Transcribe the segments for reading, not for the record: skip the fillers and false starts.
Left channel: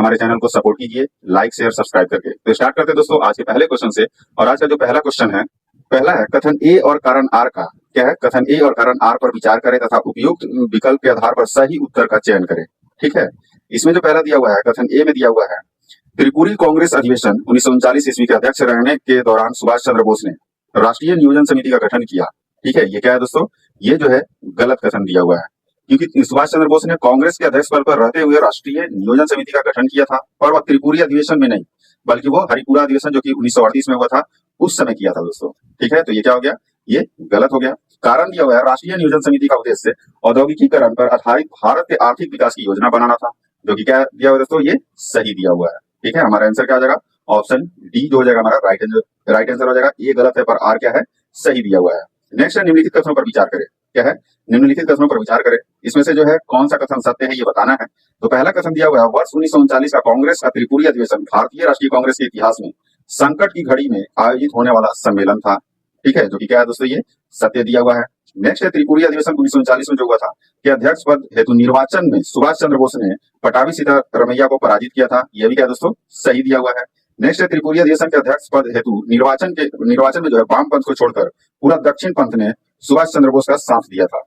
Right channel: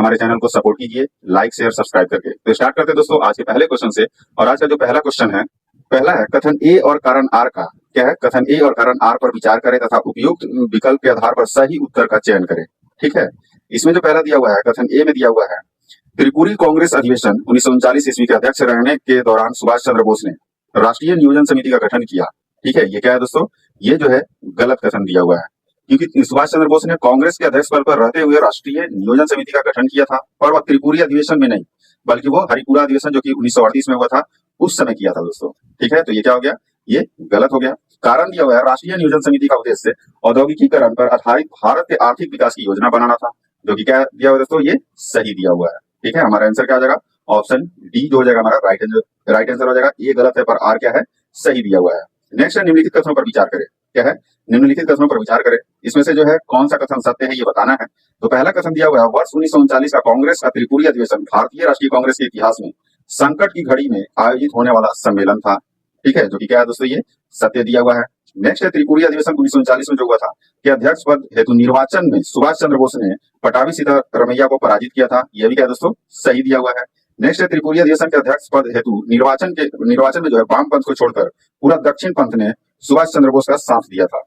हमारे चैनल को सपोर्ट कीजिए लाइक शेयर सब्सक्राइब करके। तो स्टार्ट करते हैं दोस्तों आज के पहले क्वेश्चन से। और आज का जो पहला क्वेश्चन है, पहला है कथन ए और कारण आर का क्या है। कथन ए और कारण आर पर विचार करें तथा उपयुक्त विकल्प के आधार पर सही उत्तर का चयन करें। ठीक है, इसमें जो पहला दिया हुआ है कथन ए में दिया हुआ है, त्रिपुरी कांग्रेस अधिवेशन 1939 ईस्वी के अध्यक्ष रहने के दौरान सुभाष चंद्र बोस ने राष्ट्रीय नियोजन समिति का गठन किया। ठीक है, ये क्या है दोस्तों, ये जो है गलत कथन दिया हुआ है, क्योंकि सुभाष चंद्र बोस ने कांग्रेस के अध्यक्ष पद पर रहते हुए राष्ट्रीय नियोजन समिति का गठन किया था, और वह त्रिपुरी अधिवेशन में नहीं बल्कि वो हरिपुरा अधिवेशन जो कि 1938 में हुआ था उस समय किया था दोस्तों। ठीक है, तो ये क्या हो गया, ये गलत हो गया। कारण दिया हुआ है राष्ट्रीय नियोजन समिति का उद्देश्य औद्योगिकीकरण पर आधारित भारत के आर्थिक विकास की योजना बनाना था, जो कि क्या दिया हुआ है दोस्तों, ये सही दिया हुआ है। ठीक है, हमारा आंसर क्या हो जाएगा, ऑप्शन डी जो हो जाएगा हमारा राइट आंसर हो जाएगा। ये गलत है पर आर क्या है, सही दिया हुआ है। नेक्स्ट है निम्नलिखित कथनों पर विचार करें। क्या है, निम्नलिखित कथनों पर विचार करें, इसमें से जो है कौन सा कथन सत्य है ये बताना है। तो पहला कथन दिया हुआ है वर्ष 1939 का कांग्रेस का त्रिपुरी अधिवेशन भारतीय राष्ट्रीय कांग्रेस के इतिहास में संकट की घड़ी में आयोजित होने वाला सम्मेलन था। ठीक है, जो कि क्या है दोस्तों, ये सत्य दिया हुआ है। नेक्स्ट है त्रिपुरी अधिवेशन 1939 में जो हुआ था कि अध्यक्ष पद हेतु निर्वाचन में सुभाष चंद्र बोस ने पटाभी सीतारमैया को पराजित किया था, यह भी क्या दोस्तों, सही दिया हुआ है। नेक्स्ट है त्रिपुरी अधिवेशन के अध्यक्ष पद हेतु निर्वाचन में जो है वाम पंथ को छोड़कर पूरा दक्षिण पंथ ने सुभाष चंद्र बोस का साथ दिया था।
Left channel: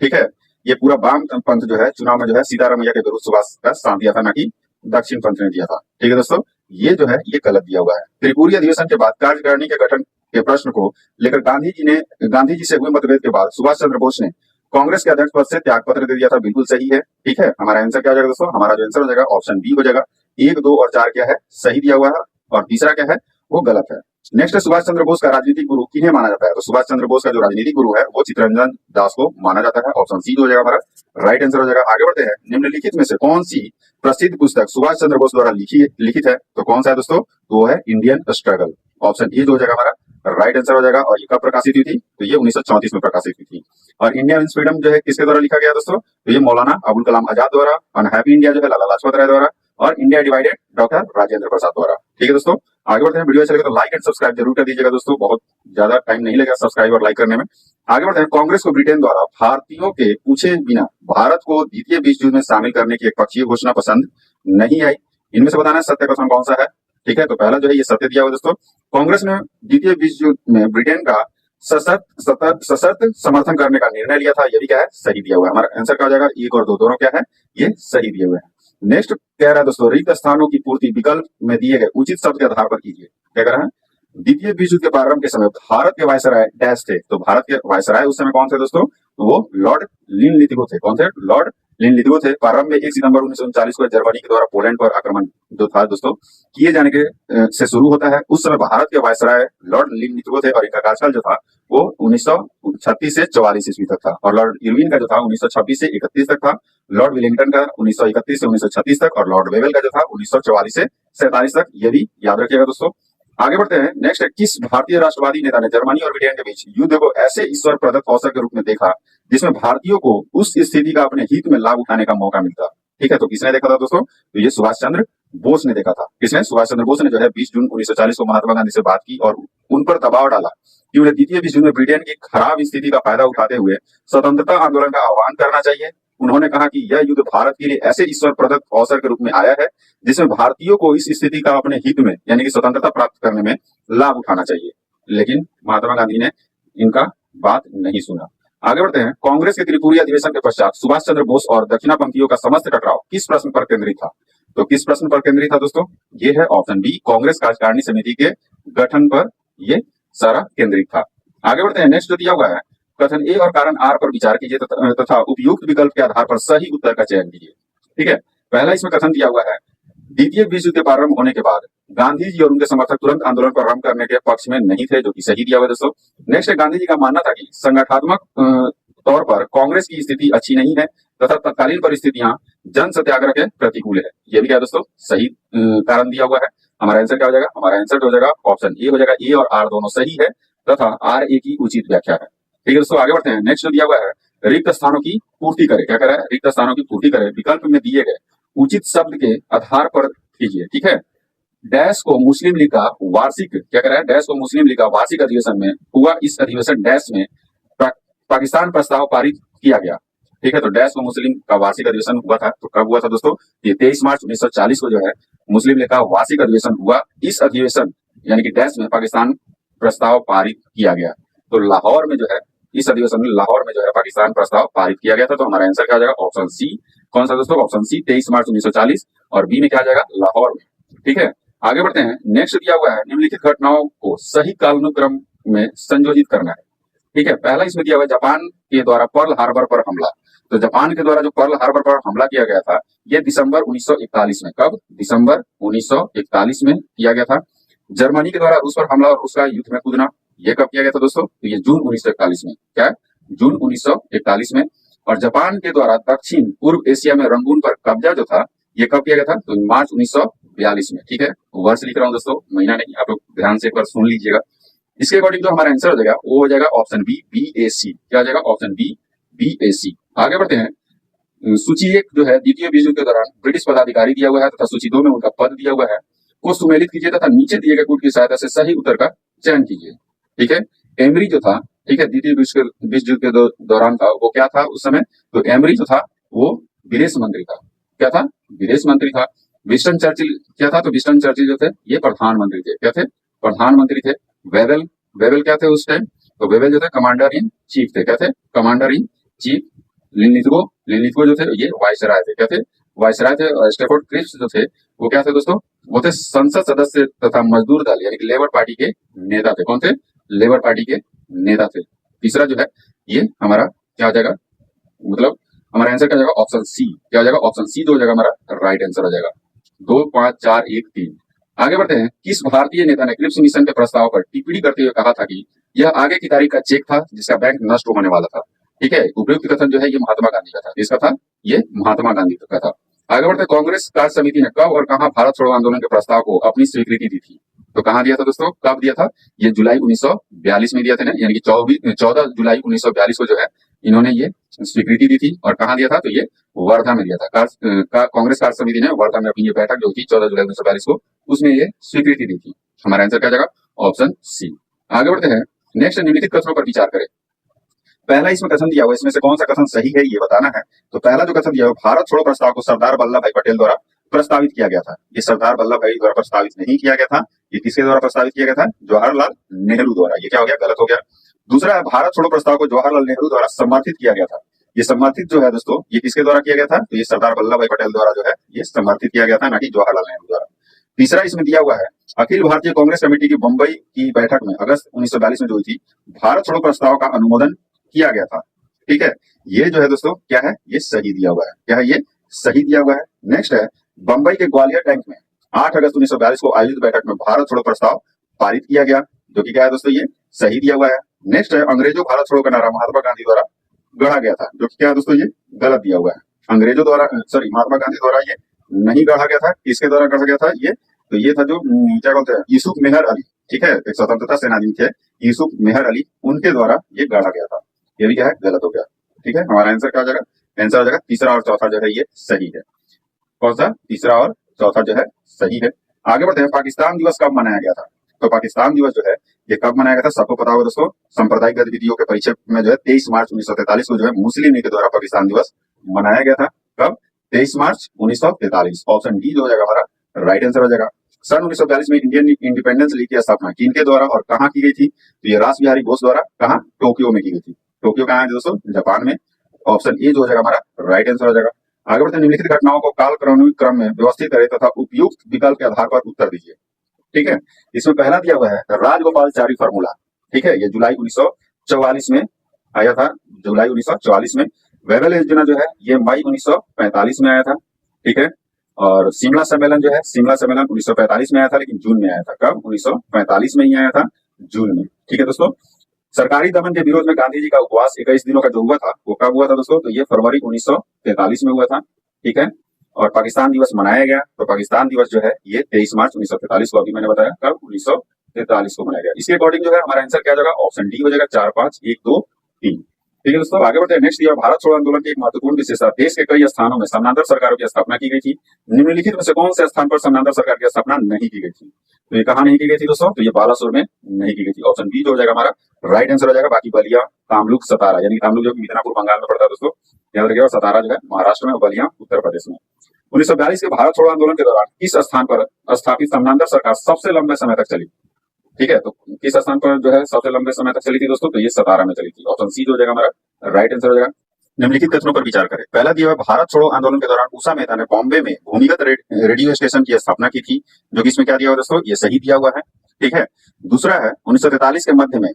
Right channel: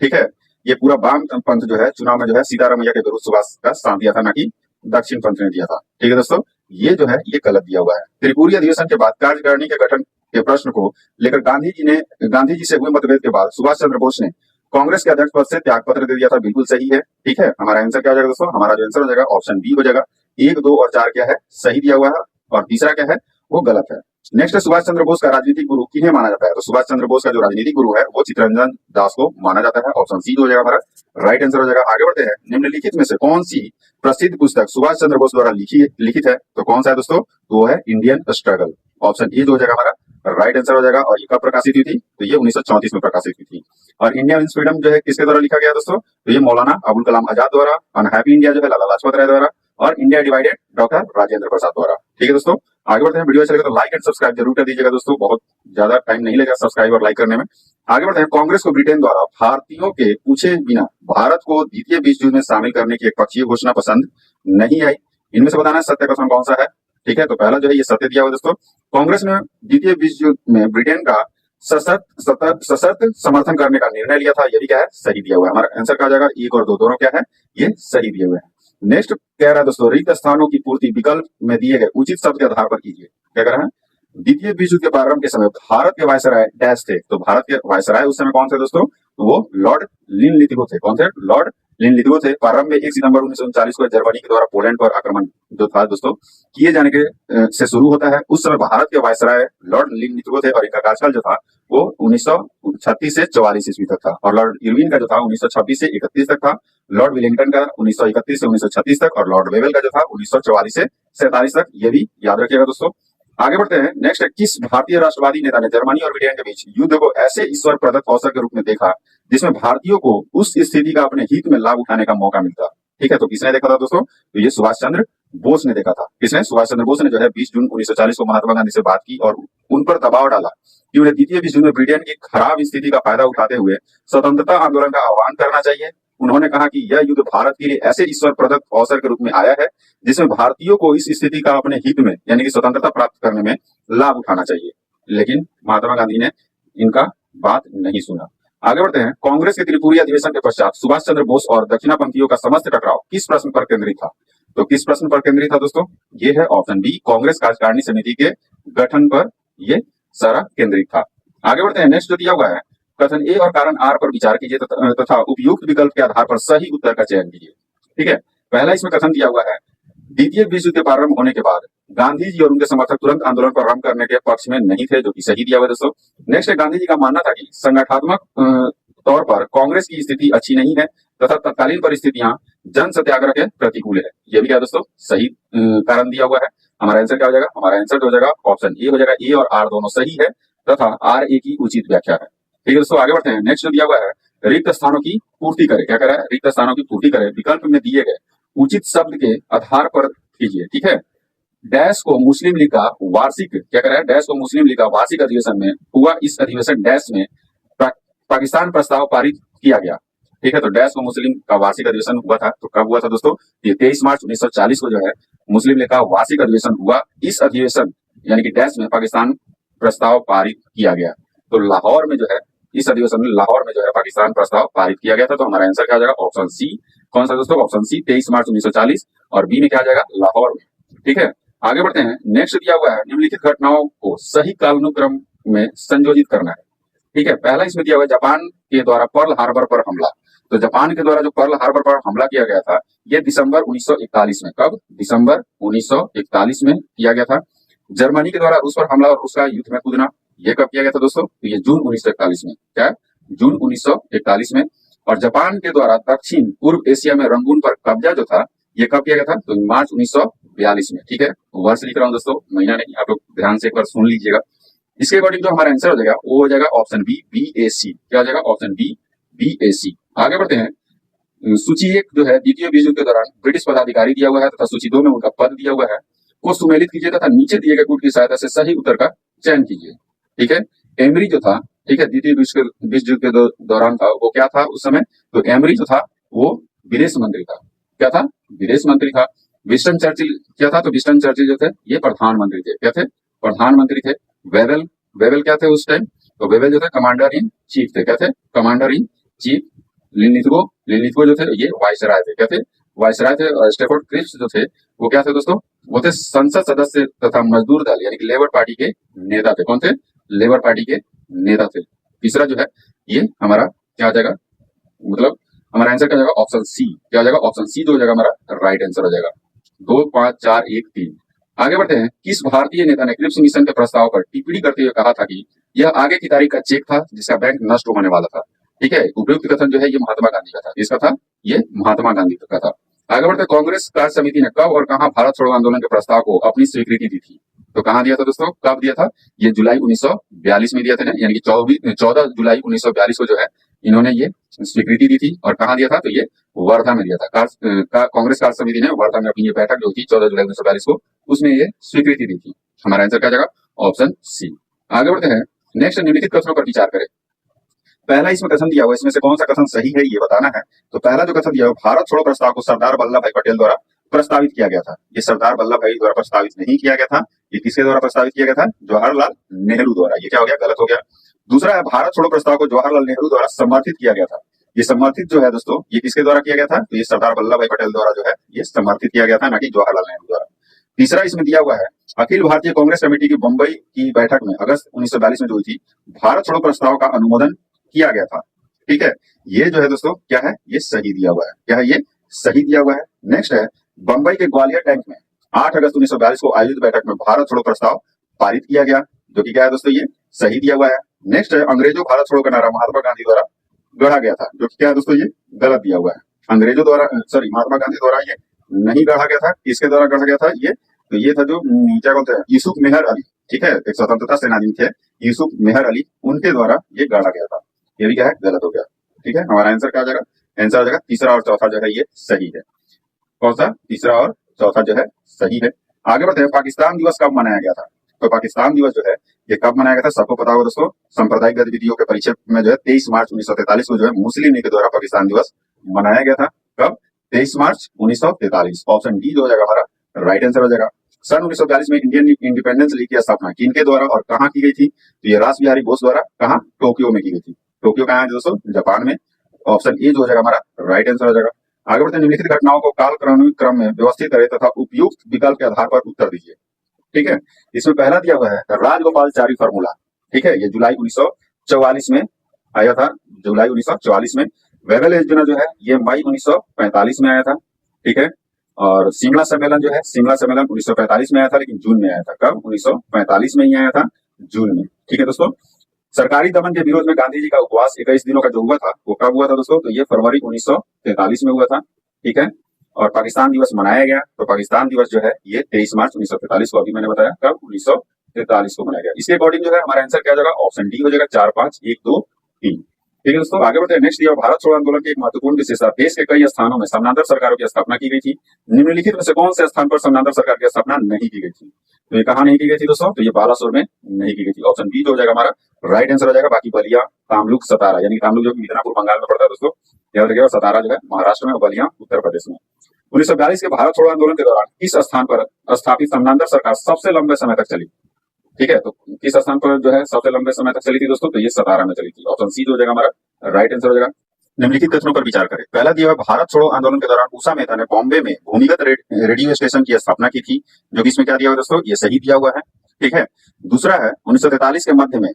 ठीक है, ये पूरा वाम पंथ जो है चुनाव में जो है सीतारमैया के विरुद्ध सुभाष का साथ दिया था, ना कि दक्षिण पंथ ने दिया था। ठीक है दोस्तों, ये जो है ये गलत दिया हुआ है। त्रिपुरी अधिवेशन के बाद कार्यकारिणी के गठन के प्रश्न को लेकर गांधी जी से हुए मतभेद के बाद सुभाष चंद्र बोस ने कांग्रेस के अध्यक्ष पद से त्याग पत्र दे दिया था, बिल्कुल सही है। ठीक है, हमारा आंसर क्या हो जाएगा दोस्तों, हमारा जो आंसर हो जाएगा ऑप्शन बी हो जाएगा। 1, 2 और 4 क्या है, सही दिया हुआ है, और तीसरा क्या है, वो गलत है। नेक्स्ट है सुभाष चंद्र बोस का राजनीतिक गुरु किन्हें माना जाता है। तो सुभाष चंद्र बोस का जो राजनीतिक गुरु है वो चित्तरंजन दास को माना जाता है, ऑप्शन सी हो जाएगा हमारा राइट आंसर हो जाएगा। आगे बढ़ते हैं, निम्नलिखित में से कौन सी प्रसिद्ध पुस्तक सुभाष चंद्र बोस द्वारा लिखित है। तो कौन सा है दोस्तों, वो है इंडियन स्ट्रगल, ऑप्शन ए जो हो जाएगा हमारा राइट आंसर हो जाएगा। और ये कब प्रकाशित हुई थी, तो ये 1934 में प्रकाशित हुई थी। और इंडिया मीन्स फ्रीडम जो है किसके द्वारा लिखा गया दोस्तों, तो ये मौलाना अबुल कलाम आजाद द्वारा। अनहैप्पी इंडिया जो है लाला लाजपत राय द्वारा। और India divided doctor Rajendra Prasad द्वारा। ठीक है दोस्तों, आगे बढ़ते हैं, वीडियो अच्छा लगे तो लाइक एंड सब्सक्राइब जरूर कर दीजिएगा दोस्तों, बहुत ज्यादा टाइम नहीं लगेगा सब्सक्राइब और लाइक करने में। आगे बढ़ते हैं, कांग्रेस को ब्रिटेन द्वारा भारतीयों के पूछे बिना भारत को द्वितीय विश्व युद्ध में शामिल करने की एक पक्षीय घोषणा पसंद नहीं आई। इनमें से बताना है सत्य कथन कौन सा है। ठीक है, तो पहला जो है ये सत्य दिया हुआ दोस्तों, कांग्रेस ने द्वितीय विश्व युद्ध में ब्रिटेन का सशर्त समर्थन करने का निर्णय लिया था, ये भी क्या है, सही दिया हुआ है। हमारा आंसर क्या हो जाएगा, 1 और 2 दोनों क्या है, ये सही दिए हुए हैं। नेक्स्ट कह रहा है दोस्तों, रिक्त स्थानों की पूर्ति विकल्प में दिए गए उचित शब्द के आधार पर कीजिए। क्या कह रहा है, द्वितीय विश्व युद्ध के प्रारंभ के समय भारत के वायसराय डैश थे। तो भारत के वायसराय उस समय कौन थे दोस्तों, तो वो लॉर्ड लिनलिथगो थे। कौन थे, लॉर्ड लिनलिथगो थे। प्रारंभ में 1 सितंबर 1939 को जर्मनी के द्वारा पोलैंड पर आक्रमण जो था दोस्तों किए जाने के से शुरू होता है। उस समय भारत के वायसराय लॉर्ड लिनलिथगो थे, और इनका कार्यकाल जो था वो 1936 से 44 ईस्वी तक था। और लॉर्ड इरविन का जो था 1926 से 31 तक था। लॉर्ड विलिंगटन का 1931 से 1936 तक, और लॉर्ड वेवेल का जो था 1944 से 47 तक, ये भी याद रखिएगा दोस्तों। आगे बढ़ते हैं, नेक्स्ट है, किस भारतीय राष्ट्रवादी नेता ने जर्मनी और ब्रिटेन के बीच युद्ध को ऐसे ईश्वर प्रदत्त अवसर के रूप में देखा जिसमें भारतीयों को उस स्थिति का अपने हित में लाभ उठाने का मौका मिलता। ठीक है, तो किसने देखा था दोस्तों, तो ये सुभाष चंद्र बोस ने देखा था। किसने, सुभाष चंद्र बोस ने जो है 20 जून 1940 को महात्मा गांधी से बात की और उन पर दबाव डाला कि उन्हें द्वितीय विश्व युद्ध में ब्रिटेन की खराब स्थिति का फायदा उठाते हुए स्वतंत्रता आंदोलन का आह्वान करना चाहिए। उन्होंने कहा कि यह युद्ध भारत के लिए ऐसे ईश्वर प्रदत्त अवसर के रूप में आया है जिसमें भारतीयों को इस स्थिति का अपने हित में यानी कि स्वतंत्रता प्राप्त करने में लाभ उठाना चाहिए। लेकिन महात्मा गांधी ने इनका बात नहीं सुना। आगे बढ़ते हैं, कांग्रेस के त्रिपुरी अधिवेशन के पश्चात सुभाष चंद्र बोस और दक्षिणापंथियों का समस्त टकराव किस प्रश्न पर केंद्रित था। तो किस प्रश्न पर केंद्रित था दोस्तों, ये है ऑप्शन बी, कांग्रेस कार्यकारिणी समिति के गठन पर ये सारा केंद्रित था। आगे बढ़ते हैं, नेक्स्ट जो दिया हुआ है, कथन ए और कारण आर पर विचार कीजिए तथा उपयुक्त विकल्प के आधार पर सही उत्तर का चयन कीजिए। ठीक है, पहला इसमें कथन दिया हुआ है, द्वितीय विश्व युद्ध के प्रारंभ होने के बाद गांधी जी और उनके समर्थक तुरंत आंदोलन को आरंभ करने के पक्ष में नहीं थे, जो कि सही दिया हुआ है दोस्तों। नेक्स्ट है, गांधी जी का मानना था कि संगठनात्मक तौर पर कांग्रेस की स्थिति अच्छी नहीं है तथा तत्कालीन परिस्थितियां जन सत्याग्रह के प्रतिकूल है, यह भी क्या दोस्तों, सही कारण दिया हुआ है। हमारा आंसर क्या हो जाएगा, हमारा आंसर हो जाएगा ऑप्शन ए हो जाएगा। ए और आर दोनों सही है तथा आर ए की उचित व्याख्या है। ठीक है दोस्तों, आगे बढ़ते हैं, नेक्स्ट दिया हुआ है, रिक्त स्थानों की पूर्ति करे। क्या करें, रिक्त स्थानों की पूर्ति करे विकल्प में दिए गए उचित शब्द के आधार पर कीजिए। ठीक है, डैश को मुस्लिम लीग का वार्षिक, क्या करें, डैश को मुस्लिम लीग का वार्षिक अधिवेशन में हुआ, इस अधिवेशन डैश में पाकिस्तान प्रस्ताव पारित किया गया। ठीक है, तो डैश को मुस्लिम का वार्षिक अधिवेशन हुआ था। तो कब हुआ था दोस्तों? ये 23 मार्च 1940 को जो है मुस्लिम लीग का वार्षिक अधिवेशन हुआ। इस अधिवेशन यानी कि डैश में पाकिस्तान प्रस्ताव पारित किया गया। तो लाहौर में जो है इस अधिवेशन में लाहौर में जो है पाकिस्तान प्रस्ताव पारित किया गया था। तो हमारा आंसर क्या हो जाएगा? Option C. कौन सा दोस्तों? Option C 23 March 1940। और बी में क्या आ जाएगा? लाहौर में। ठीक है, आगे बढ़ते हैं। नेक्स्ट दिया हुआ है निम्नलिखित घटनाओं को सही कालानुक्रम में संयोजित करना है। ठीक है, पहला इसमें दिया हुआ है जापान के द्वारा पर्ल हार्बर पर हमला। तो जापान के द्वारा जो पर्ल हार्बर पर हमला किया गया था ये दिसंबर 1941 में। कब? दिसंबर 1941 में किया गया था। जर्मनी के द्वारा रूस पर हमला और रूस का युद्ध में कूदना, ये कब किया गया था दोस्तों? तो ये जून 1941 में। क्या है? जून 1941 में। और जापान के द्वारा दक्षिण पूर्व एशिया में रंगून पर कब्जा जो था ये कब किया गया था? तो मार्च 1942 में। ठीक है, वर्ष लिख रहा हूँ दोस्तों, महीना नहीं, आप लोग ध्यान से एक बार सुन लीजिएगा। इसके अकॉर्डिंग जो हमारा आंसर हो जाएगा वो हो जाएगा ऑप्शन बी, BAC। क्या हो जाएगा? Option B, BAC। आगे बढ़ते हैं। सूची 1 जो है द्वितीय विश्व युद्ध के दौरान ब्रिटिश पदाधिकारी दिया हुआ है तथा सूची 2 में उनका पद दिया हुआ है को सुमेलित कीजिए तथा नीचे दिए गए कूट की सहायता से सही उत्तर का चयन कीजिए। ठीक है, एमरी जो था, ठीक है, द्वितीय विश्व युद्ध के दौरान था, वो क्या था उस समय? तो एमरी जो था वो विदेश मंत्री था। क्या था? विदेश मंत्री था। विंस्टन चर्चिल क्या था? तो विंस्टन चर्चिल जो थे ये प्रधानमंत्री थे। क्या थे? प्रधानमंत्री थे। वेवेल वेवेल क्या थे उस टाइम? तो वेवेल जो थे कमांडर इन चीफ थे। क्या थे? Commander in chief. लिनिथगो जो थे ये वायसराय थे। क्या थे? वायसराय थे। और स्टेफोर्ड क्रिप्स जो थे वो क्या थे दोस्तों? वो थे संसद सदस्य तथा मजदूर दल यानी कि लेबर पार्टी के नेता थे। कौन थे? लेबर पार्टी के नेता थे। तीसरा जो है ये हमारा क्या आ जाएगा? मतलब हमारा आंसर क्या हो जाएगा? Option C. क्या हो जाएगा? ऑप्शन सी जो हो जाएगा हमारा राइट आंसर हो जाएगा। 2, 5, 4, 1, 3। आगे बढ़ते हैं। किस भारतीय नेता ने क्रिप्स मिशन के प्रस्ताव पर टिप्पणी करते हुए कहा था कि यह आगे की तारीख का चेक था जिसका बैंक नष्ट होने वाला था? ठीक है, उपयुक्त कथन जो है ये महात्मा गांधी का था। इसका था ये महात्मा गांधी का था। आगे बढ़ते हैं। कांग्रेस कार्य समिति ने कब और कहां भारत छोड़ो आंदोलन के प्रस्ताव को अपनी स्वीकृति दी थी? तो कहां दिया था दोस्तों? कब दिया था? ये जुलाई 1942 में दिया था ना, यानी कि 14 जुलाई 1942 को जो है इन्होंने ये स्वीकृति दी थी। और कहां दिया था? तो ये वर्धा में दिया था। कांग्रेस कार्य समिति ने वर्धा में अपनी ये बैठक जो थी 14 जुलाई 1942 को उसमें ये स्वीकृति दी थी। हमारा आंसर क्या जाएगा? Option C. आगे बढ़ते हैं। नेक्स्ट निम्नलिखित कथनों पर विचार करें। पहला इसमें कथन दिया हुआ है, इसमें से कौन सा कथन सही है ये बताना है। तो पहला जो कथन दिया हुआ, भारत छोड़ो प्रस्ताव को सरदार वल्लभ भाई पटेल द्वारा प्रस्तावित किया गया था। ये सरदार वल्लभ भाई द्वारा प्रस्तावित नहीं किया गया था। ये किसके द्वारा प्रस्तावित किया गया था? जवाहरलाल नेहरू द्वारा। ये क्या हो गया? गलत हो गया। दूसरा है भारत छोड़ो प्रस्ताव को जवाहरलाल नेहरू द्वारा समर्थित किया गया था। ये समर्थित जो है दोस्तों ये किसके द्वारा किया गया था? तो ये सरदार वल्लभ भाई पटेल द्वारा जो है ये समर्थित किया गया था, ना कि जवाहरलाल नेहरू द्वारा। तीसरा इसमें दिया हुआ है अखिल भारतीय कांग्रेस कमेटी की बंबई की बैठक में अगस्त 1942 में जो हुई थी भारत छोड़ो प्रस्ताव का अनुमोदन किया गया था। ठीक है, ये जो है दोस्तों क्या है? ये सही दिया हुआ है। क्या है? ये सही दिया हुआ है। नेक्स्ट है बंबई के ग्वालियर टैंक में 8 अगस्त 1942 को आयोजित बैठक में भारत छोड़ो प्रस्ताव पारित किया गया, जो कि क्या है दोस्तों? ये सही दिया हुआ है। नेक्स्ट है अंग्रेजों भारत छोड़ो का नारा महात्मा गांधी द्वारा गढ़ा गया था, जो कि क्या है दोस्तों? ये गलत दिया हुआ है। अंग्रेजों द्वारा महात्मा गांधी द्वारा ये नहीं गढ़ा गया था। किसके द्वारा गढ़ा गया था? ये तो ये था जो क्या बोलते हैं यूसुफ मेहर अली। ठीक है, एक स्वतंत्रता सेनानी थे यूसुफ मेहर अली, उनके द्वारा ये गढ़ा गया था। ये भी क्या है? गलत हो गया। ठीक है, हमारा आंसर क्या हो जाएगा? आंसर हो जाएगा तीसरा और चौथा जो है ये सही है। कौन सा? तीसरा और चौथा जो है सही है। आगे बढ़ते हैं। पाकिस्तान दिवस कब मनाया गया था? तो पाकिस्तान दिवस जो है ये कब मनाया गया था? सबको पता होगा दोस्तों। सांप्रदायिक गतिविधियों के परिचय में जो है 23 मार्च 1943 को जो है मुस्लिम लीग के द्वारा पाकिस्तान दिवस मनाया गया था। कब? 23 मार्च 1943। ऑप्शन डी जो हो जाएगा हमारा राइट आंसर हो जाएगा। सन 1942 में इंडियन इंडिपेंडेंस लीग की स्थापना किनके द्वारा और कहां की गई थी? तो ये रास बिहारी बोस द्वारा कहां? टोक्यो में की गई थी। टोक्यो कहां है दोस्तों? जापान में। ऑप्शन ए जो हो जाएगा हमारा राइट आंसर हो जाएगा। आगे बढ़ते हैं। निम्नलिखित घटनाओं को कालक्रमिक क्रम में व्यवस्थित करें तथा उपयुक्त विकल्प के आधार पर उत्तर दीजिए। ठीक है, इसमें पहला दिया हुआ है राजगोपालचारी फार्मूला। ठीक है, ये जुलाई 1944 में आया था। जुलाई 1944 में। वेवेल योजना जो है ये मई 1945 में आया था। ठीक है, और शिमला सम्मेलन जो है शिमला सम्मेलन 1945 में आया था, लेकिन जून में आया था। कब? 1945 में ही आया था, जून में। ठीक है दोस्तों। सरकारी दमन के विरोध में गांधी जी का उपवास 21 दिनों का जो हुआ था वो कब हुआ था दोस्तों? तो ये फरवरी 1943 में हुआ था। ठीक है, और पाकिस्तान दिवस मनाया गया। तो पाकिस्तान दिवस जो है ये 23 मार्च 1943 को अभी मैंने बताया। कब? 1943 को मनाया गया। इसके अकॉर्डिंग जो है हमारा आंसर क्या जाएगा? ऑप्शन डी हो जाएगा। 4, 5, 1, 2, 3। ठीक है दोस्तों, आगे बढ़ते हैं। नेक्स्ट दिया भारत छोड़ो आंदोलन की एक महत्वपूर्ण विशेषता देश के कई स्थानों में समानांतर सरकारों की स्थापना की गई थी। निम्नलिखित में से कौन से स्थान पर समानांतर सरकार की स्थापना नहीं की गई थी? तो ये कहां नहीं की गई थी दोस्तों? तो ये बालासोर में नहीं की गई थी। ऑप्शन बी जो हो जाएगा हमारा राइट आंसर हो जाएगा। बाकी बलिया, तामलुक, सतारा, यानी तामलुक जो कि मिदनापुर बंगाल में पड़ता है दोस्तों, याद रखिएगा। और सतारा जो है महाराष्ट्र में और बलिया उत्तर प्रदेश में। 1942 के भारत छोड़ो आंदोलन के दौरान किस स्थान पर स्थापित समानांतर सरकार सबसे लंबे समय तक चली? ठीक है, तो किस स्थान पर जो है सबसे लंबे समय तक चली थी दोस्तों? तो ये सतारा में चली थी। ऑप्शन सी जो हो जाएगा हमारा राइट आंसर हो जाएगा। निम्नलिखित कथनों पर विचार करें। पहला दिया हुआ, भारत छोड़ो आंदोलन के दौरान उषा मेहता ने बॉम्बे में भूमिगत रेडियो स्टेशन की स्थापना की थी, जो कि इसमें क्या दिया हुआ दोस्तों? ये सही दिया हुआ है। ठीक है। दूसरा है 1943 के मध्य में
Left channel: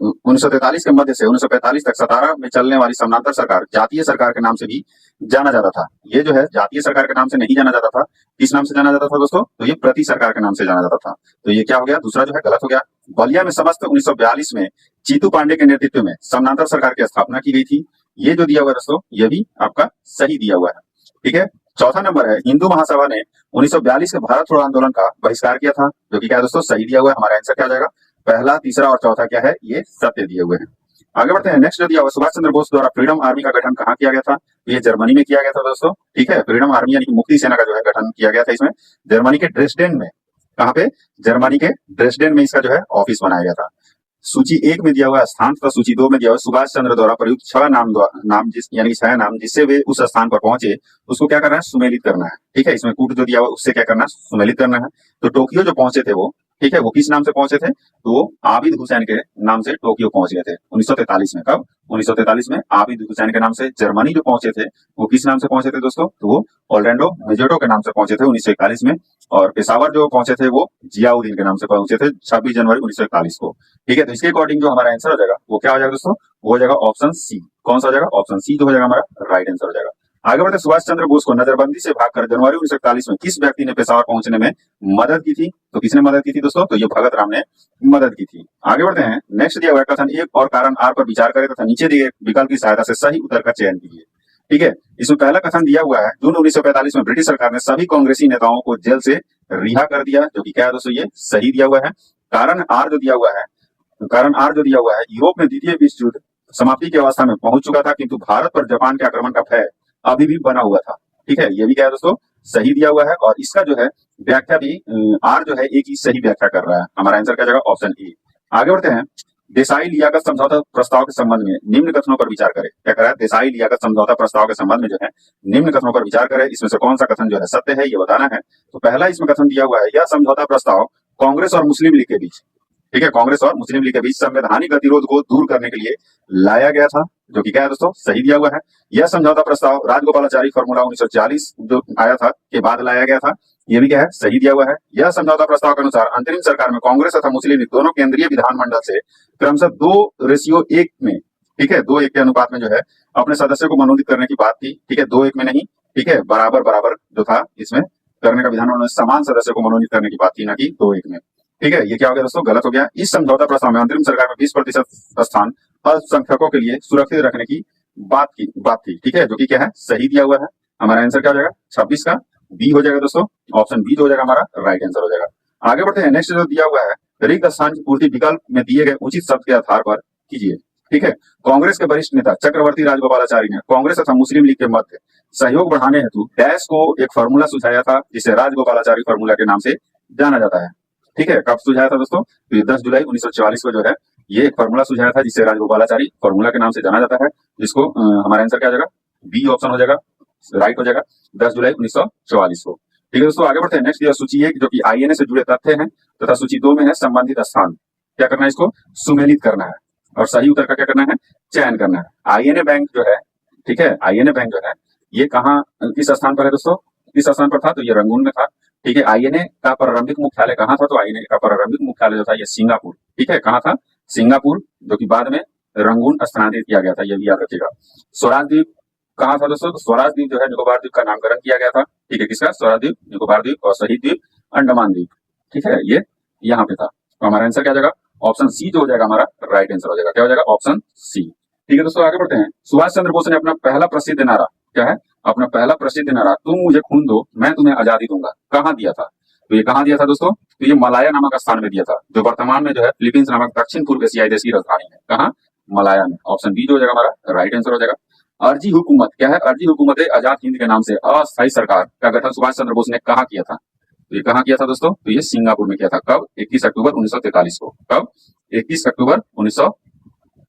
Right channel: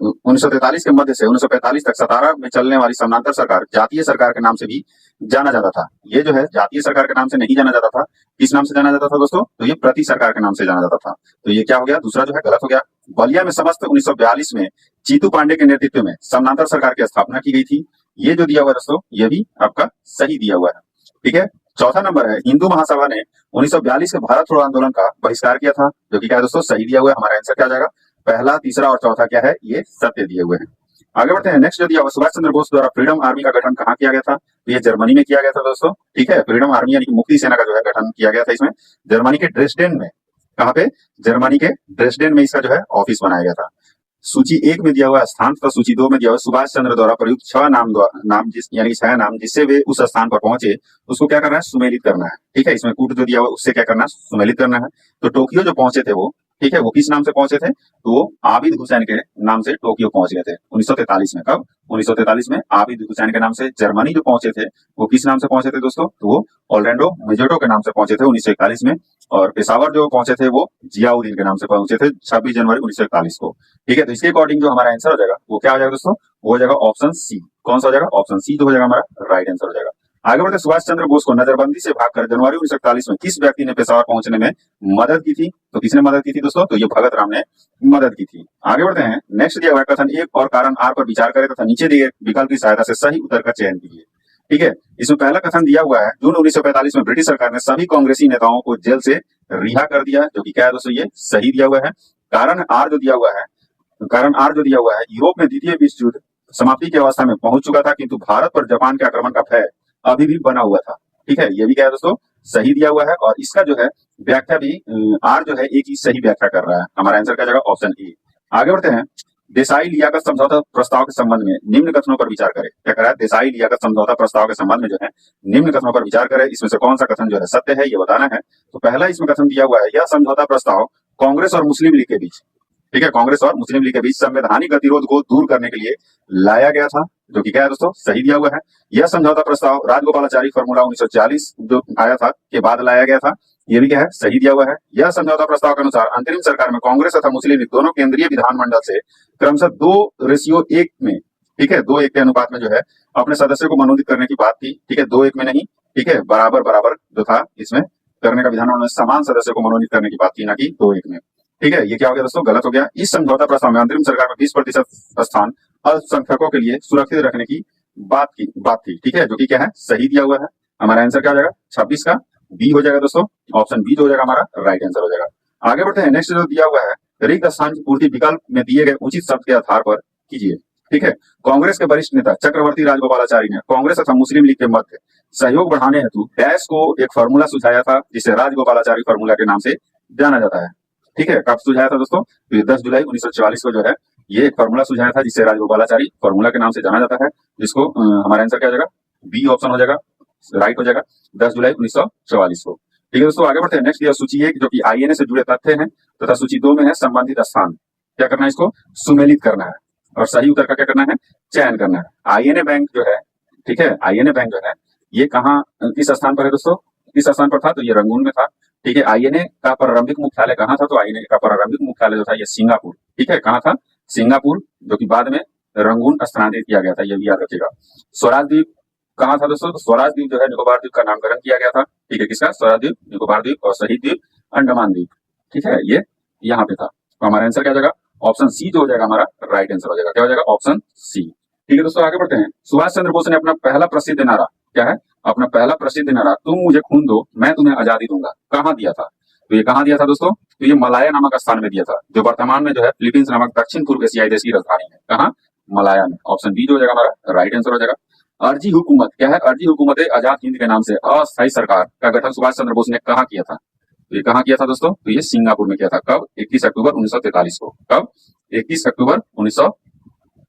1943 के मध्य से 1945 तक सतारा में चलने वाली समानांतर सरकार जातीय सरकार के नाम से भी जाना जाता था। ये जो है जातीय सरकार के नाम से नहीं जाना जाता था। किस नाम से जाना जाता था दोस्तों? तो ये प्रति सरकार के नाम से जाना जाता था। तो ये क्या हो गया? दूसरा जो है गलत हो गया। बलिया में समस्त 1942 में जीतू पांडे के नेतृत्व में समानांतर सरकार की स्थापना की गई थी। ये जो दिया हुआ दोस्तों, ये भी आपका सही दिया हुआ है। ठीक है। चौथा नंबर है, हिंदू महासभा ने 1942 के भारत छोड़ो आंदोलन का बहिष्कार किया था, जो कि क्या है दोस्तों? सही दिया हुआ है। हमारा आंसर क्या आ जाएगा? पहला, तीसरा और चौथा क्या है? ये सत्य दिए हुए हैं। आगे बढ़ते हैं। नेक्स्ट जो दिया हुआ, सुभाष चंद्र बोस द्वारा फ्रीडम आर्मी का गठन कहाँ किया गया था? तो ये जर्मनी में किया गया था दोस्तों। ठीक है। फ्रीडम आर्मी यानी कि मुक्ति सेना का जो है गठन किया गया था इसमें जर्मनी के ड्रेसडेन में। कहाँ पे? जर्मनी के ड्रेसडेन में इसका जो है ऑफिस बनाया गया था। सूची 1 में दिया हुआ स्थान तथा सूची 2 में दिया हुआ सुभाष चंद्र द्वारा प्रयुक्त 6 नाम यानी 6 नाम जिससे वे उस स्थान पर पहुंचे, उसको क्या करना है? सुमेलित करना है। ठीक है। इसमें कूट जो दिया हुआ उससे क्या करना है? सुमेलित करना है। तो टोक्यो जो पहुंचे थे वो, ठीक है, वो किस नाम से पहुंचे थे? तो वो आबिद हुसैन के नाम से टोक्यो पहुंच गए थे 1943 में। कब? 1943 में आबिद हुसैन के नाम से। जर्मनी जो पहुंचे थे वो किस नाम से पहुंचे थे दोस्तों? तो वो ऑर्लैंडो मेजेटो के नाम से पहुंचे थे 1941 में। और पेशावर जो पहुंचे थे वो जियाउद्दीन के नाम से पहुंचे थे 26 जनवरी 1941 को। ठीक है। तो इसके अकॉर्डिंग जो हमारा आंसर हो जाएगा वो क्या हो जाएगा दोस्तों? वो हो जाएगा ऑप्शन सी। कौन सा हो जाएगा? ऑप्शन सी जो हो जाएगा हमारा राइट आंसर हो जाएगा। आगे बढ़ते, सुभाष चंद्र बोस को नजरबंदी से भागकर जनवरी 1941 में किस व्यक्ति ने पेशावर पहुंचने में मदद की थी? तो किसने मदद की थी दोस्तों? तो ये भगत राम ने मदद की थी। आगे बढ़ते हैं। नेक्स्ट दिया हुआ कथन एक और कारण आर पर विचार करें तथा नीचे दिए विकल्प की सहायता से सही उत्तर का चयन कीजिए। ठीक है। इसमें पहला कथन दिया हुआ है, जून 1945 में ब्रिटिश सरकार ने सभी कांग्रेसी नेताओं को जेल से रिहा कर दिया, जो कि क्या है दोस्तों? ये सही दिया हुआ है। कारण आर जो दिया हुआ है, यूरोप में द्वितीय विश्व युद्ध समाप्ति की अवस्था में पहुंच चुका था, किंतु भारत पर जापान के आक्रमण का भय अभी भी बना हुआ था। ठीक है। ये भी क्या है दोस्तों? सही दिया हुआ है। और इसका जो है व्याख्या भी आर जो है एक ही सही व्याख्या कर रहा है। हमारा आंसर क्या जाएगा? Option A. आगे बढ़ते हैं। देसाई लियाकत समझौता प्रस्ताव के संबंध में निम्न कथनों पर विचार करें। क्या कर रहा है? देसाई लियाकत समझौता प्रस्ताव के संबंध में जो है निम्न कथनों पर विचार करें। इसमें से कौन सा कथन जो है सत्य है, ये बताना है। तो पहला इसमें कथन दिया हुआ है, यह समझौता प्रस्ताव कांग्रेस और मुस्लिम लीग के बीच, ठीक है, कांग्रेस और मुस्लिम लीग के बीच संवैधानिक गतिरोध को दूर करने के लिए लाया गया था, जो कि क्या है दोस्तों? सही दिया हुआ है। यह समझौता प्रस्ताव राजगोपालाचारी फॉर्मूला 1940 जो आया था के बाद लाया गया था। ये भी क्या है? सही दिया हुआ है। यह समझौता प्रस्ताव के अनुसार अंतरिम सरकार में कांग्रेस तथा मुस्लिम लीग दोनों केंद्रीय विधानमंडल से क्रमशः 2:1 में, ठीक है, 2:1 के अनुपात में जो है अपने सदस्यों को मनोनीत करने की बात थी। ठीक है। 2:1 में नहीं, ठीक है, बराबर बराबर जो था इसमें करने का, विधानमंडल में समान सदस्यों को मनोनीत करने की बात थी, ना कि 2:1 में। ठीक है। ये क्या हो गया दोस्तों? गलत हो गया। इस समझौता प्रस्ताव में अंतरिम सरकार में 20% स्थान अल्पसंख्यकों के लिए सुरक्षित रखने की बात थी। ठीक है। जो कि क्या है? सही दिया हुआ है। हमारा आंसर क्या हो जाएगा? 26 का बी हो जाएगा दोस्तों। ऑप्शन बी जो हो जाएगा हमारा राइट आंसर हो जाएगा। आगे बढ़ते हैं। नेक्स्ट जो दिया हुआ है, रिक्त स्थान की पूर्ति विकल्प में दिए गए उचित शब्द के आधार पर कीजिए। ठीक है। कांग्रेस के वरिष्ठ नेता चक्रवर्ती राजगोपालाचारी ने कांग्रेस तथा मुस्लिम लीग के मध्य सहयोग बढ़ाने हेतु डैश को एक फार्मूला सुझाया था, जिसे राजगोपालाचारी फार्मूला के नाम से जाना जाता है। ठीक है। कब सुझाया था दोस्तों? तो 10 जुलाई 1944 को जो है ये एक फार्मूला सुझाया था, जिसे राजगोपालाचारी फार्मूला के नाम से जाना जाता है, जिसको हमारा आंसर क्या हो जाएगा? बी ऑप्शन हो जाएगा, राइट हो जाएगा, 10 जुलाई 1944 को। ठीक है दोस्तों। आगे बढ़ते हैं। नेक्स्ट दिया सूची 1 जो कि आईएनए से जुड़े तथ्य हैं तथा सूची 2 में है संबंधित स्थान। क्या करना है? इसको सुमेलित करना है और सही उत्तर का क्या करना है? चयन करना है। आईएनए बैंक जो है, ठीक है, आईएनए बैंक जो है ये कहाँ किस स्थान पर है दोस्तों? किस स्थान पर था? तो ये रंगून में था। ठीक है। आईएनए का प्रारंभिक मुख्यालय कहाँ था? तो आईएनए का प्रारंभिक मुख्यालय जो था ये सिंगापुर। ठीक है। कहाँ था? सिंगापुर, जो कि बाद में रंगून स्थानांतरित किया गया था, ये भी याद रखिएगा। स्वराज द्वीप कहाँ था दोस्तों? तो स्वराज द्वीप जो है निकोबार द्वीप का नामकरण किया गया था। ठीक है। किसका? स्वराज द्वीप, निकोबार द्वीप और शहीद द्वीप, अंडमान द्वीप। ठीक है। ये यहाँ पे था। तो हमारा आंसर क्या हो जाएगा? ऑप्शन सी जो हो जाएगा हमारा राइट आंसर हो जाएगा। क्या हो जाएगा? Option C. ठीक है दोस्तों। आगे बढ़ते हैं। सुभाष चंद्र बोस ने अपना पहला प्रसिद्ध नारा, क्या है? अपना पहला प्रसिद्ध नारा, तुम मुझे खून दो मैं तुम्हें आजादी दूंगा, कहाँ दिया था? तो ये कहाँ दिया था दोस्तों? तो ये मलाया नामक स्थान में दिया था, जो वर्तमान में जो है फिलीपींस नामक दक्षिण पूर्व एशियाई देश की राजधानी है। कहाँ? मलाया में। ऑप्शन बी जो हो जाएगा हमारा राइट आंसर हो जाएगा। अर्जी हुकूमत, क्या है? अर्जी हुकूमत आजाद हिंद के नाम से अस्थायी सरकार का गठन सुभाष चंद्र बोस ने कहाँ किया था? तो ये कहाँ किया था दोस्तों? तो ये सिंगापुर में किया था। कब? 31 अक्टूबर 1943 को। कब? 31 अक्टूबर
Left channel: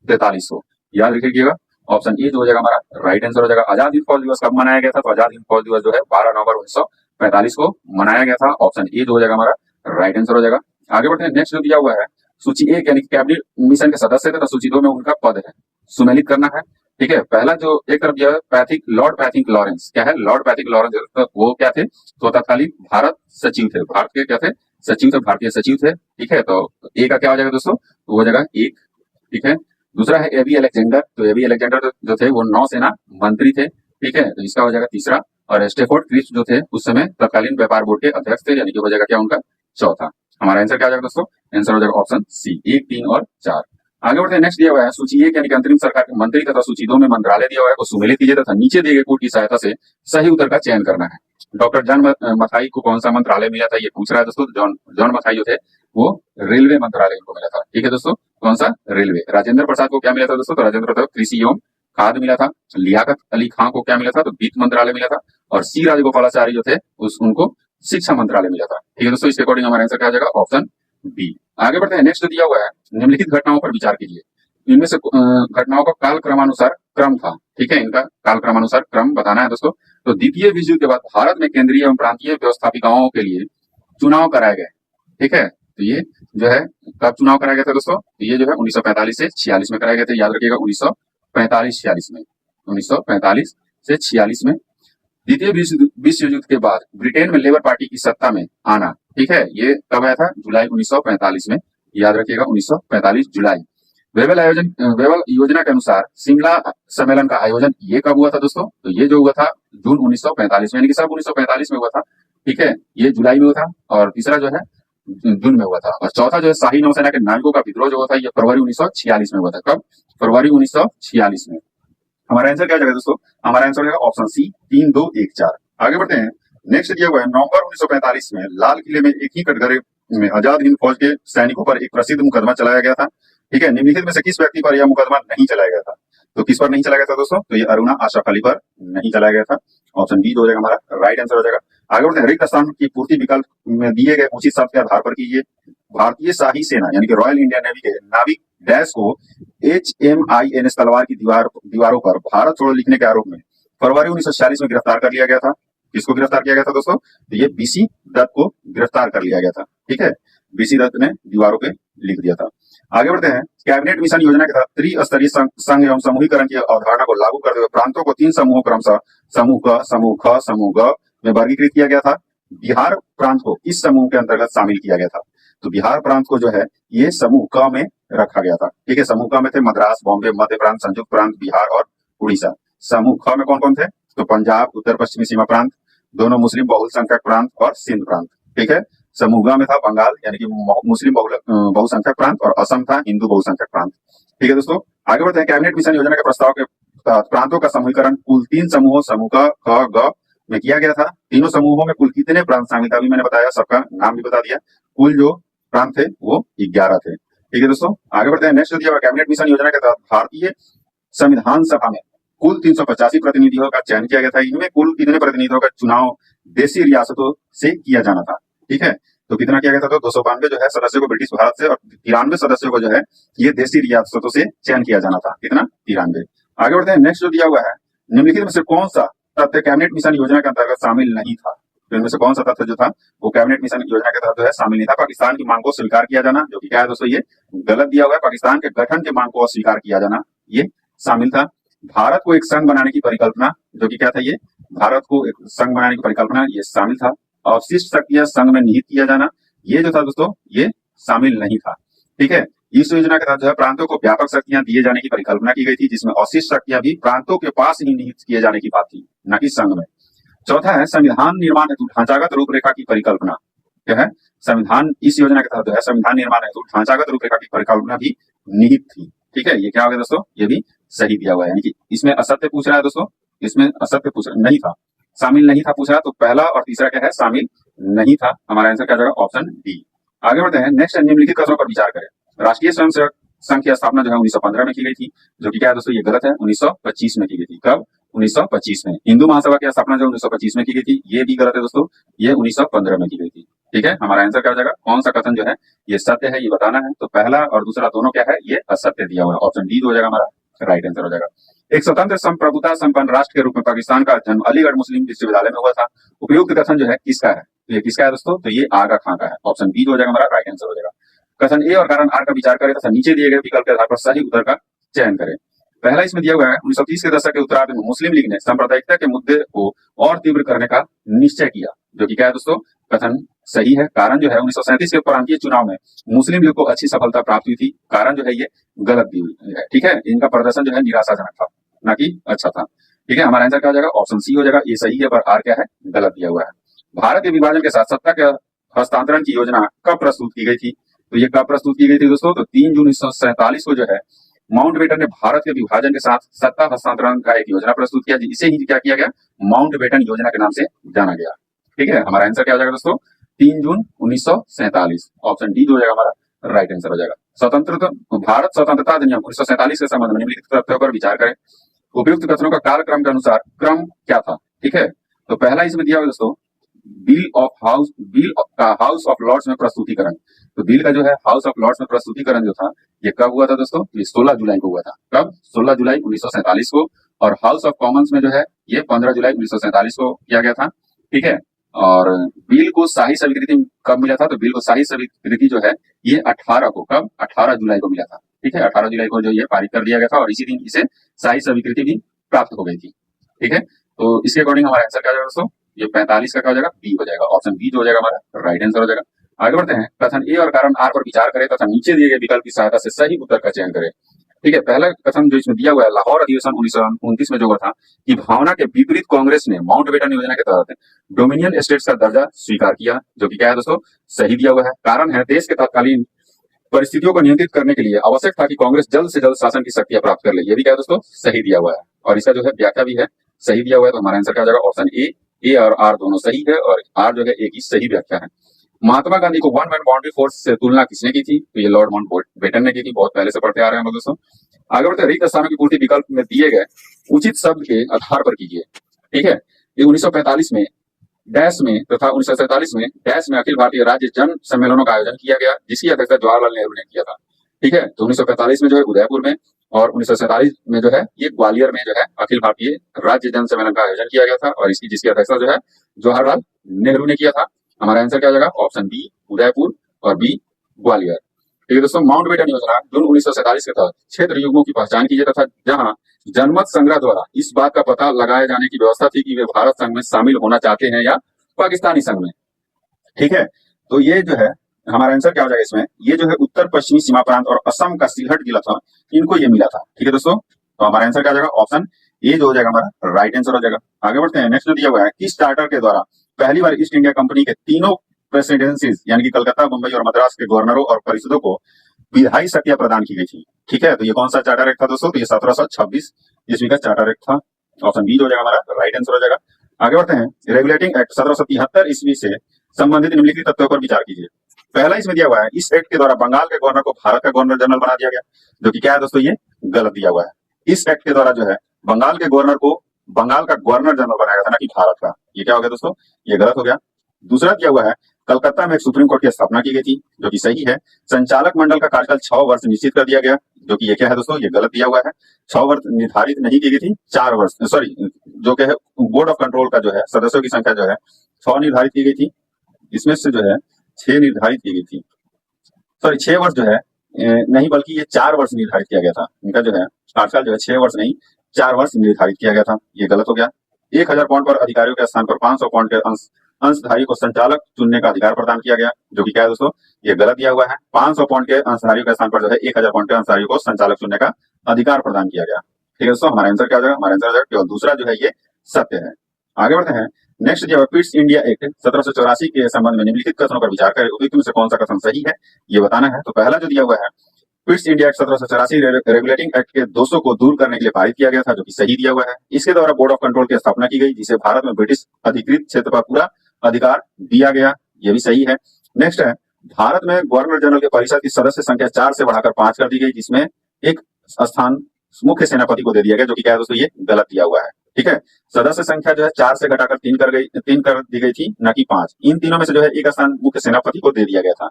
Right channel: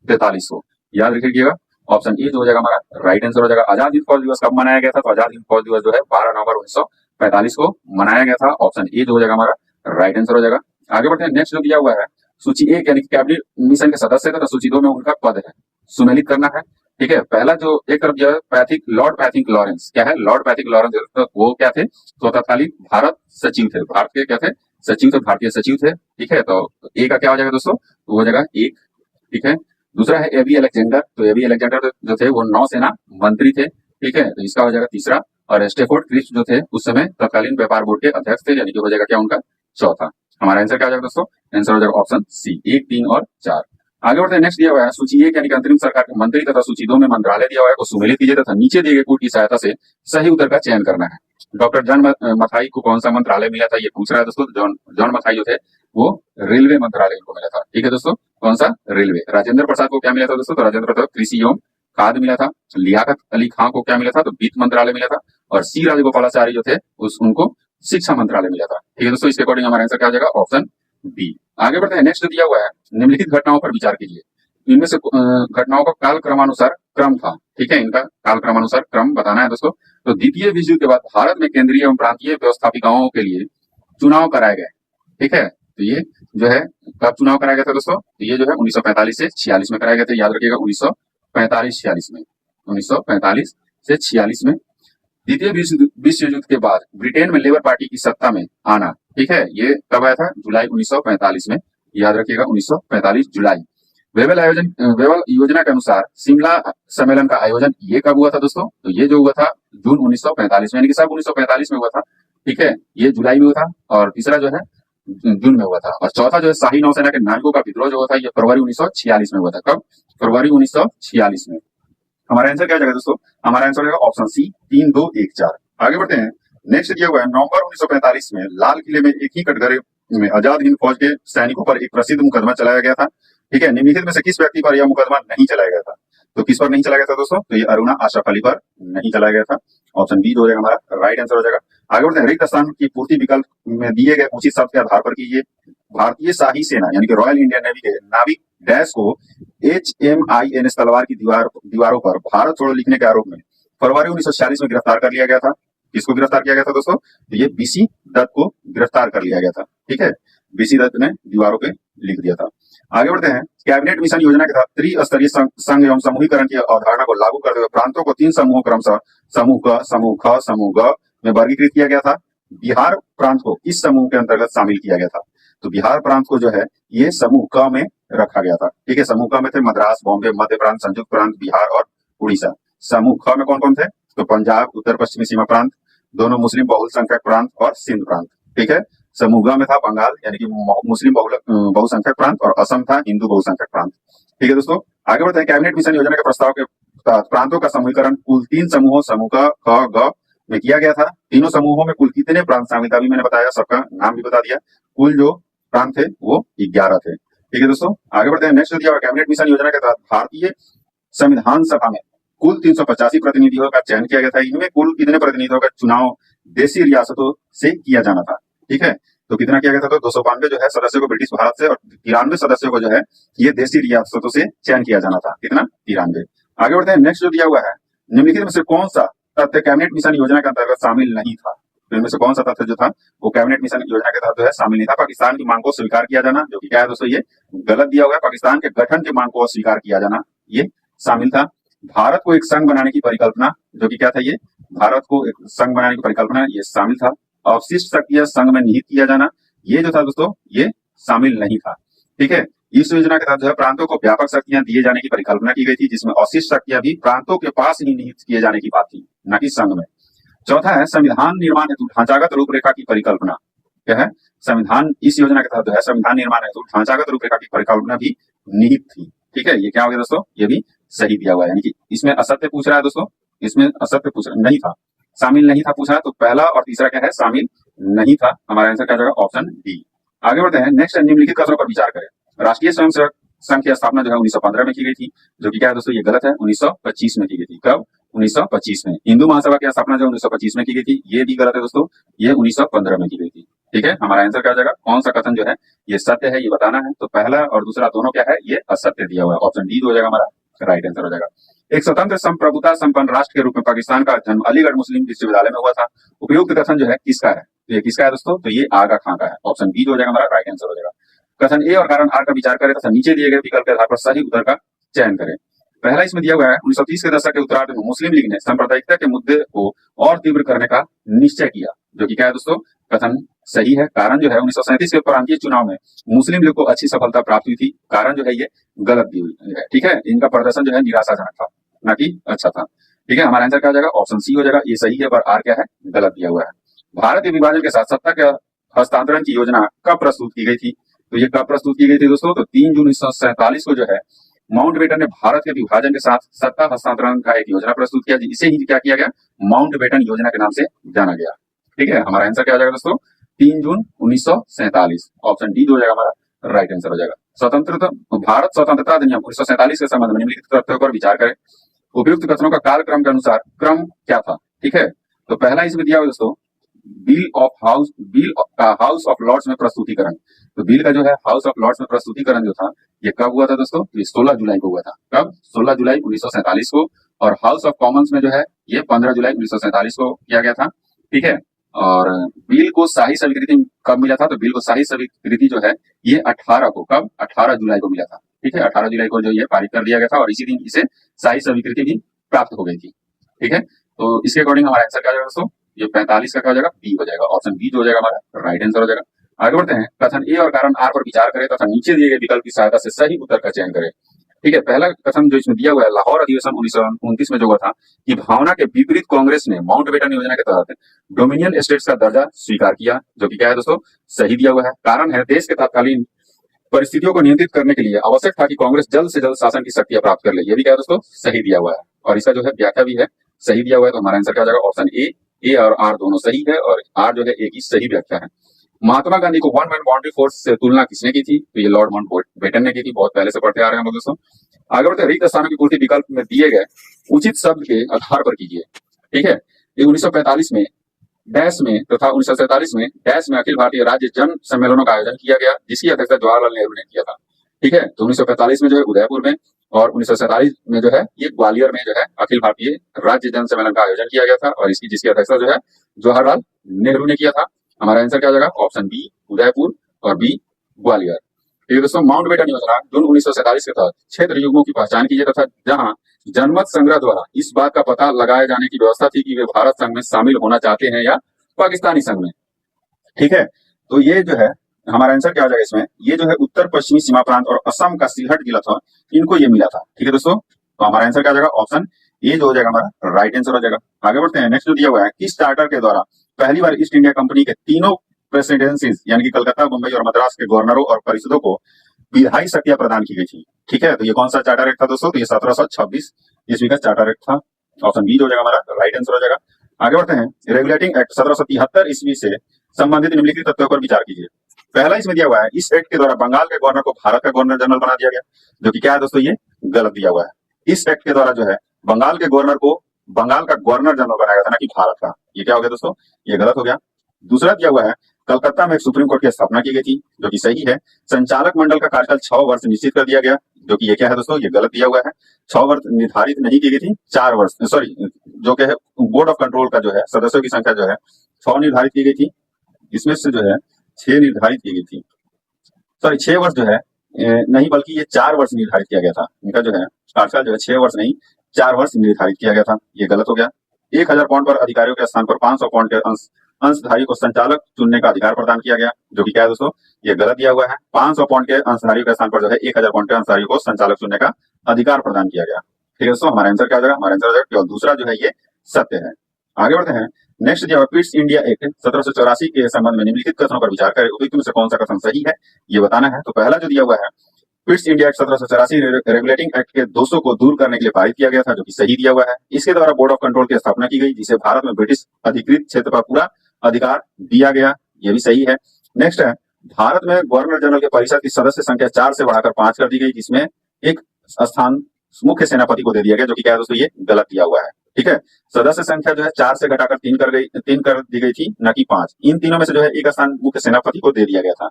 1943 को। याद रखिएगा ऑप्शन ए जो हो जाएगा हमारा राइट आंसर हो जाएगा। आजाद हिंद फौज दिवस कब मनाया गया था? तो आजाद हिंद फौज दिवस जो है 12 नवंबर 1945 को मनाया गया था। ऑप्शन ए जो हो जाएगा हमारा राइट आंसर हो जाएगा। आगे बढ़ते हैं, नेक्स्ट जो दिया हुआ है सूची एक यानी कैबिनेट मिशन के सदस्य थे, तो सूची दो में उनका पद है, सुमेलित करना है। ठीक है, पहला जो एक तरफ दिया है पैथिक, लॉर्ड पैथिक लॉरेंस, क्या है? लॉर्ड पैथिक लॉरेंस, तो वो क्या थे? तो तत्कालीन भारत सचिव थे, भारत के क्या थे? सचिव थे, भारतीय सचिव थे। ठीक है, तो ए का क्या हो जाएगा दोस्तों? तो हो जाएगा एक। ठीक है, दूसरा है एबी अलेक्जेंडर, तो एबी अलेक्जेंडर जो थे वो नौसेना मंत्री थे। ठीक है, तो इसका हो जाएगा तीसरा। और स्टेफोर्ड क्रिप्स जो थे उस समय तत्कालीन व्यापार बोर्ड के अध्यक्ष थे, यानी कि हो जाएगा क्या उनका? चौथा। हमारा आंसर क्या हो जाएगा दोस्तों? आंसर हो जाएगा ऑप्शन सी, 1, 3 और 4। आगे बढ़ते हैं, नेक्स्ट दिया हुआ है सूची एक यानी कि अंतरिम सरकार के मंत्री तथा सूची दो में मंत्रालय दिया हुआ है को सुमेलित कीजिए तथा नीचे दिए गए कोड की सहायता से सही उत्तर का चयन करना है। डॉक्टर जॉन मथाई को कौन सा मंत्रालय मिला था? ये पूछ रहा है दोस्तों। जॉन मथाई जो थे वो रेलवे मंत्रालय इनको मिला था। ठीक है दोस्तों, कौन सा? रेलवे। राजेंद्र प्रसाद को क्या मिला था दोस्तों? तो राजेंद्र प्रसाद कृषि एवं खाद्य मिला था। लियाकत अली खां को क्या मिला था? तो वित्त मंत्रालय मिला था। और सी राजगोपालाचारी जो थे उनको शिक्षा मंत्रालय मिला था। ठीक है दोस्तों, इसके अकॉर्डिंग हमारा आंसर क्या हो जाएगा? Option B. आगे बढ़ते हैं, नेक्स्ट दिया हुआ है निम्नलिखित घटनाओं पर विचार कीजिए। इनमें से घटनाओं का काल क्रमानुसार क्रम था। ठीक है, इनका काल क्रमानुसार क्रम बताना है दोस्तों। तो द्वितीय विश्व युद्ध के बाद भारत में केंद्रीय एवं प्रांतीय व्यवस्थापिकाओं के लिए चुनाव कराए गए। ठीक है, तो ये जो है कब चुनाव कराया गया था दोस्तों? तो ये जो है 1945 से 46 में कराया गया था। याद रखिएगा 1945-46 में, 1945 से 46 में। द्वितीय विश्व युद्ध के बाद ब्रिटेन में लेबर पार्टी की सत्ता में आना। ठीक है, ये कब आया था? जुलाई 1945 में। याद रखिएगा 1945 जुलाई। वेबल योजना के अनुसार शिमला सम्मेलन का आयोजन ये कब हुआ था दोस्तों? तो ये जो हुआ था जून 1945 में, यानी कि सब 1945 में हुआ था। ठीक है, ये जुलाई में हुआ था। और तीसरा जो है जून में हुआ था। और चौथा जो है शाही नौसेना के नाविकों का विद्रोह जो हुआ था ये फरवरी 1946 में हुआ था। कब? फरवरी 1946 में। हमारा आंसर क्या हो जाएगा दोस्तों? हमारा आंसर हो जाएगा ऑप्शन सी, 3, 2, 1, 4। आगे बढ़ते हैं, नेक्स्ट दिया हुआ है नवंबर 1945 में लाल किले में एक ही कटघरे में आजाद हिंद फौज के सैनिकों पर एक प्रसिद्ध मुकदमा चलाया गया था। ठीक है, निम्नलिखित में से किस व्यक्ति पर यह मुकदमा नहीं चलाया गया था? तो किस पर नहीं चलाया गया था दोस्तों? तो ये अरुणा आशरफ अली पर नहीं चलाया गया था। ऑप्शन बी जो हो जाएगा हमारा राइट आंसर हो जाएगा। आगे बढ़ते हैं, रिक्त स्थान की पूर्ति विकल्प में दिए गए उचित शब्द के आधार पर कीजिए। भारतीय शाही सेना यानी कि रॉयल इंडियन नेवी के नाविक डैश को HMINS तलवार की दीवारों पर भारत छोड़ो लिखने के आरोप में फरवरी 1946 में गिरफ्तार कर लिया गया था। किसको गिरफ्तार किया गया था दोस्तों? तो ये BC दत्त को गिरफ्तार कर लिया गया था। ठीक है, BC दत्त ने दीवारों पे लिख दिया था। आगे बढ़ते हैं, कैबिनेट मिशन योजना के तहत त्रिस्तरीय संघ एवं समूहीकरण की अवधारणा को लागू करते हुए प्रांतों को 3 समूहों क्रमशः समूह क, समूह ख, समूह ग में वर्गीकृत किया गया था। बिहार प्रांत को इस समूह के अंतर्गत शामिल किया गया था। तो बिहार प्रांत को जो है ये समूह क में रखा गया था। ठीक है, समूह क में थे मद्रास, बॉम्बे, मध्य प्रांत, संयुक्त प्रांत, बिहार और उड़ीसा। समूह ख में कौन कौन थे? तो पंजाब, उत्तर पश्चिमी सीमा प्रांत, दोनों मुस्लिम बहुसंख्यक प्रांत और सिंध प्रांत। ठीक है, समूह ग में था बंगाल यानी कि मुस्लिम बहुसंख्यक प्रांत और असम था हिंदू बहुसंख्यक प्रांत। ठीक है दोस्तों, आगे बढ़ते हैं, कैबिनेट मिशन योजना के प्रस्ताव के प्रांतों का समूहीकरण कुल 3 समूहों समूह क, ख, ग में किया गया था। तीनों समूहों में कुल कितने प्रांत शामिल थे? अभी मैंने बताया, सबका नाम भी बता दिया। कुल जो प्रांत थे वो 11 थे। ठीक है दोस्तों, आगे बढ़ते हैं, नेक्स्ट दिया हुआ कैबिनेट मिशन योजना के तहत भारतीय संविधान सभा में कुल 385 प्रतिनिधियों का चयन किया गया था। इनमें कुल कितने प्रतिनिधियों का चुनाव देशी रियासतों से किया जाना था? ठीक है, तो कितना किया गया था? तो 292 जो है सदस्यों को ब्रिटिश भारत से और 93 सदस्यों को जो है ये देशी रियासतों से चयन किया जाना था। कितना? 93। आगे बढ़ते हैं, नेक्स्ट जो दिया हुआ है निम्नलिखित में से कौन सा तथ्य कैबिनेट मिशन योजना के अंतर्गत शामिल नहीं था? तो इनमें से कौन सा तथ्य जो था वो कैबिनेट मिशन योजना के तहत जो है शामिल नहीं था? पाकिस्तान की मांग को स्वीकार किया जाना, जो कि क्या है दोस्तों? ये गलत दिया हुआ है। पाकिस्तान के गठन के मांग को अस्वीकार किया जाना ये शामिल था। भारत को एक संघ बनाने की परिकल्पना, जो कि क्या था? ये भारत को एक संघ बनाने की परिकल्पना ये शामिल था। अवशिष्ट शक्तियां संघ में निहित किया जाना ये जो था दोस्तों ये शामिल नहीं था। ठीक है, इस योजना के तहत जो है प्रांतों को व्यापक शक्तियां दिए जाने की परिकल्पना की गई थी, जिसमें अवशिष्ट शक्तियां भी प्रांतों के पास ही निहित किए जाने की बात थी, न कि संघ में। चौथा है संविधान निर्माण हेतु ढांचागत रूपरेखा की परिकल्पना। क्या है? संविधान इस योजना के तहत जो है संविधान निर्माण हेतु ढांचागत रूपरेखा की परिकल्पना भी निहित थी। ठीक है, ये क्या हो गया दोस्तों? ये भी सही दिया हुआ है, यानी कि इसमें असत्य पूछ रहा है दोस्तों, इसमें असत्य पूछ रहा नहीं था, शामिल नहीं था पूछ रहा है। तो पहला और तीसरा क्या है? शामिल नहीं था। हमारा आंसर क्या जाएगा? Option D. आगे बढ़ते हैं, नेक्स्ट निम्नलिखित कथनों पर विचार करें। राष्ट्रीय स्वयंसेवक संघ की स्थापना जो है 1915 में की गई थी, जो कि क्या है दोस्तों? ये गलत है, 1925 में की गई थी। कब? 1925 में। हिंदू महासभा की स्थापना जो 1925 में की गई थी, ये भी गलत है दोस्तों, ये 1915 में की गई थी। ठीक है, हमारा आंसर क्या हो जाएगा, कौन सा कथन जो है ये सत्य है ये बताना है। तो पहला और दूसरा दोनों क्या है, ये असत्य दिया हुआ है। ऑप्शन डी हो जाएगा हमारा राइट आंसर हो जाएगा। एक स्वतंत्र संप्रभुता संपन्न राष्ट्र के रूप में पाकिस्तान का जन्म अलीगढ़ मुस्लिम विश्वविद्यालय में हुआ था। उपयुक्त कथन जो है किसका है, तो ये किसका है दोस्तों, तो ये आगा खां का है। ऑप्शन बी जो हो जाएगा हमारा राइट आंसर हो जाएगा। कथन ए और कारण आर का विचार करें तथा नीचे दिए गए विकल्प के आधार पर सही उत्तर का चयन करें। पहला इसमें दिया हुआ है 1930 के दशक के उत्तरार्ध में मुस्लिम लीग ने सांप्रदायिकता के मुद्दे को और तीव्र करने का निश्चय किया, जो कि क्या है दोस्तों, कथन सही है। कारण जो है 1937 के प्रांतीय चुनाव में मुस्लिम लीग को अच्छी सफलता प्राप्त हुई थी। कारण जो है ये गलत दी हुई है, ठीक है, इनका प्रदर्शन जो है निराशाजनक था, ना कि अच्छा था। ठीक है, हमारा आंसर क्या हो जाएगा, ऑप्शन सी हो जाएगा, ये सही है, पर आर क्या है, गलत दिया हुआ है। भारत के विभाजन के साथ सत्ता के हस्तांतरण की योजना कब प्रस्तुत की गई थी, तो ये कब प्रस्तुत की गई थी दोस्तों, तो 3 जून 1947 को जो है माउंटबेटन ने भारत के विभाजन के साथ सत्ता हस्तांतरण का एक योजना प्रस्तुत किया, इसे ही क्या किया गया, माउंटबेटन योजना के नाम से जाना गया। ठीक है, हमारा आंसर क्या हो जाएगा दोस्तों, 3 जून 1947। ऑप्शन डी जो हो जाएगा हमारा राइट आंसर हो जाएगा। स्वतंत्रता भारत स्वतंत्रता अधिनियम 1947 के संबंध में निम्नलिखित तथ्यों पर विचार करें। उपयुक्त कथनों का कालक्रम के अनुसार क्रम क्या था। ठीक है, तो पहला इसमें दिया हुआ दोस्तों बिल का हाउस ऑफ लॉर्ड्स में प्रस्तुतिकरण। तो बिल का जो है हाउस ऑफ लॉर्ड्स में प्रस्तुतिकरण जो था ये कब हुआ था दोस्तों, ये 16 जुलाई को हुआ था। कब, 16 जुलाई 1947 को। और हाउस ऑफ कॉमन्स में जो है ये 15 जुलाई 1947 को किया गया था। ठीक है, और बिल को शाही स्वीकृति कब मिला था, तो बिल को शाही स्वीकृति जो है ये 18 को, कब, 18 जुलाई को मिला था। ठीक है, 18 जुलाई को जो ये पारित कर दिया गया था और इसी दिन इसे शाही स्वीकृति भी प्राप्त हो गई थी। ठीक है, तो इसके अकॉर्डिंग हमारा आंसर क्या हो जाएगा दोस्तों, ये 45 का क्या हो जाएगा, बी हो जाएगा। ऑप्शन बी जो हो जाएगा हमारा राइट आंसर हो जाएगा। आगे बढ़ते हैं, कथन ए और कारण आर पर विचार करें तथा नीचे दिए गए विकल्प की सहायता से सही उत्तर का चयन करें। ठीक है, पहला कथन जो इसमें दिया हुआ है, लाहौर अधिवेशन 1929 में जो हुआ था कि भावना के विपरीत कांग्रेस ने माउंटबेटन योजना के तहत डोमिनियन स्टेट्स का दर्जा स्वीकार किया, जो कि क्या है दोस्तों, सही दिया हुआ है। कारण है देश के तत्कालीन परिस्थितियों को नियंत्रित करने के लिए आवश्यक था कि कांग्रेस जल्द से जल्द शासन की शक्तियां प्राप्त कर ले, ये भी क्या है दोस्तों, सही दिया हुआ है। और इसका जो है व्याख्या भी है, सही दिया हुआ है। तो हमारा आंसर क्या हो जाएगा, ऑप्शन ए और आर दोनों सही है और आर जो है ए की सही व्याख्या है। महात्मा गांधी को वन मैन बाउंड्री फोर्स से तुलना किसने की थी, तो ये लॉर्ड माउंटबेटन ने की थी, बहुत पहले से पढ़ते आ रहे हैं हम लोग दोस्तों। आगे बढ़ते हैं, रिक्त स्थानों की पूर्ति विकल्प में दिए गए उचित शब्द के आधार पर कीजिए। ठीक है, ये 1945 में डैश में तथा 1947 में डैश में अखिल भारतीय राज्य जन सम्मेलनों का आयोजन किया गया, जिसकी अध्यक्षता जवाहरलाल नेहरू ने किया था। ठीक है, तो 1945 में जो है उदयपुर में और 1947 में जो है ये ग्वालियर में जो है अखिल भारतीय राज्य जन सम्मेलन का आयोजन किया गया था और जिसकी अध्यक्षता जो है जवाहरलाल नेहरू ने किया था। हमारा आंसर क्या हो जाएगा, ऑप्शन बी उदयपुर और बी ग्वालियर। ठीक है दोस्तों, माउंटबेटन योजना जून 1947 के तहत क्षेत्र युग्मों की पहचान कीजिए तथा जहां जनमत संग्रह द्वारा इस बात का पता लगाए जाने की व्यवस्था थी कि वे भारत संघ में शामिल होना चाहते हैं या पाकिस्तानी संघ में। ठीक है, तो ये जो है हमारा आंसर क्या हो जाएगा इसमें, ये जो है उत्तर पश्चिमी सीमा प्रांत और असम का सिलहट जिला था, इनको ये मिला था। ठीक है दोस्तों, तो हमारा आंसर क्या हो जाएगा, ऑप्शन ए जो हो जाएगा हमारा राइट आंसर हो जाएगा। आगे बढ़ते हैं, नेक्स्ट जो दिया हुआ है, किस चार्टर के द्वारा पहली बार ईस्ट इंडिया कंपनी के तीनों प्रेसिडेंसीज यानी कि कलकत्ता, मुंबई और मद्रास के गवर्नरों और परिषदों को विधायी शक्तियां प्रदान की गई थी। ठीक है, तो ये कौन सा चार्टर एक्ट था दोस्तों, तो ये 1726 ईस्वी का चार्टर एक्ट था। ऑप्शन बी जो हो जाएगा हमारा राइट आंसर हो जाएगा। आगे बढ़ते हैं, रेगुलेटिंग एक्ट 1773 ईस्वी से संबंधित निम्नलिखित तथ्यों पर विचार कीजिए। पहला इसमें दिया हुआ है, इस एक्ट के द्वारा बंगाल के गवर्नर को भारत का गवर्नर जनरल बना दिया गया, जो कि क्या है दोस्तों, ये गलत दिया हुआ है। इस एक्ट के द्वारा जो है बंगाल के गवर्नर को बंगाल का गवर्नर जनरल बनाया गया था, ना कि भारत का। ये क्या हो गया दोस्तों, ये गलत हो गया। दूसरा दिया हुआ है, कलकत्ता में एक सुप्रीम कोर्ट की स्थापना की गई थी, जो कि सही है। संचालक मंडल का कार्यकाल 6 वर्ष निश्चित कर दिया गया, जो कि ये क्या है दोस्तों, ये गलत दिया हुआ है। 6 वर्ष निर्धारित नहीं की गई थी, 4 वर्ष, सॉरी, जो कि है बोर्ड ऑफ कंट्रोल का जो है सदस्यों की संख्या जो है 6 निर्धारित की गई थी, इसमें से जो है 6 निर्धारित की गई थी, सॉरी 6 वर्ष जो है नहीं बल्कि ये 4 वर्ष निर्धारित किया गया था। इनका जो है कार्यकाल जो है 6 वर्ष नहीं 4 वर्ष निर्धारित किया गया था, ये गलत हो गया। 1000 पाउंड पर अधिकारियों के स्थान पर 500 पाउंड के अंशधारी को संचालक चुनने का अधिकार प्रदान किया गया, जो कि क्या है दोस्तों, ये गलत दिया हुआ है। 500 पाउंड के अंशधारियों के स्थान पर जो है 1000 पाउंड के अंशधारियों को संचालक चुनने का अधिकार प्रदान किया गया। ठीक है दोस्तों, हमारा आंसर क्या हो जाएगा, हमारा आंसर हो जाएगा केवल दूसरा जो है ये सत्य है। आगे बढ़ते हैं, नेक्स्ट दिया हुआ पिट्स इंडिया एक्ट 1784 के संबंध में निम्नलिखित कथनों पर विचार करें, उपयुक्त में से कौन सा कथन सही है ये बताना है। तो पहला जो दिया हुआ है, Pitt's India act 1784 regulating act के दोषों को दूर करने के लिए पारित किया गया था, जो कि सही दिया हुआ है। इसके द्वारा बोर्ड ऑफ कंट्रोल की स्थापना की गई, जिसे भारत में ब्रिटिश अधिकृत क्षेत्र पर पूरा अधिकार दिया गया, ये भी सही है। नेक्स्ट है, भारत में गवर्नर जनरल के परिषद की सदस्य संख्या 4 से बढ़ाकर 5 कर दी गई, जिसमें एक स्थान मुख्य सेनापति को दे दिया गया, जो कि क्या है दोस्तों, ये गलत दिया हुआ है। ठीक है। सदस्य संख्या जो है 4 से घटाकर 3 कर दी गई थी, न कि 5। इन तीनों में से जो है एक स्थान मुख्य सेनापति को दे दिया गया था।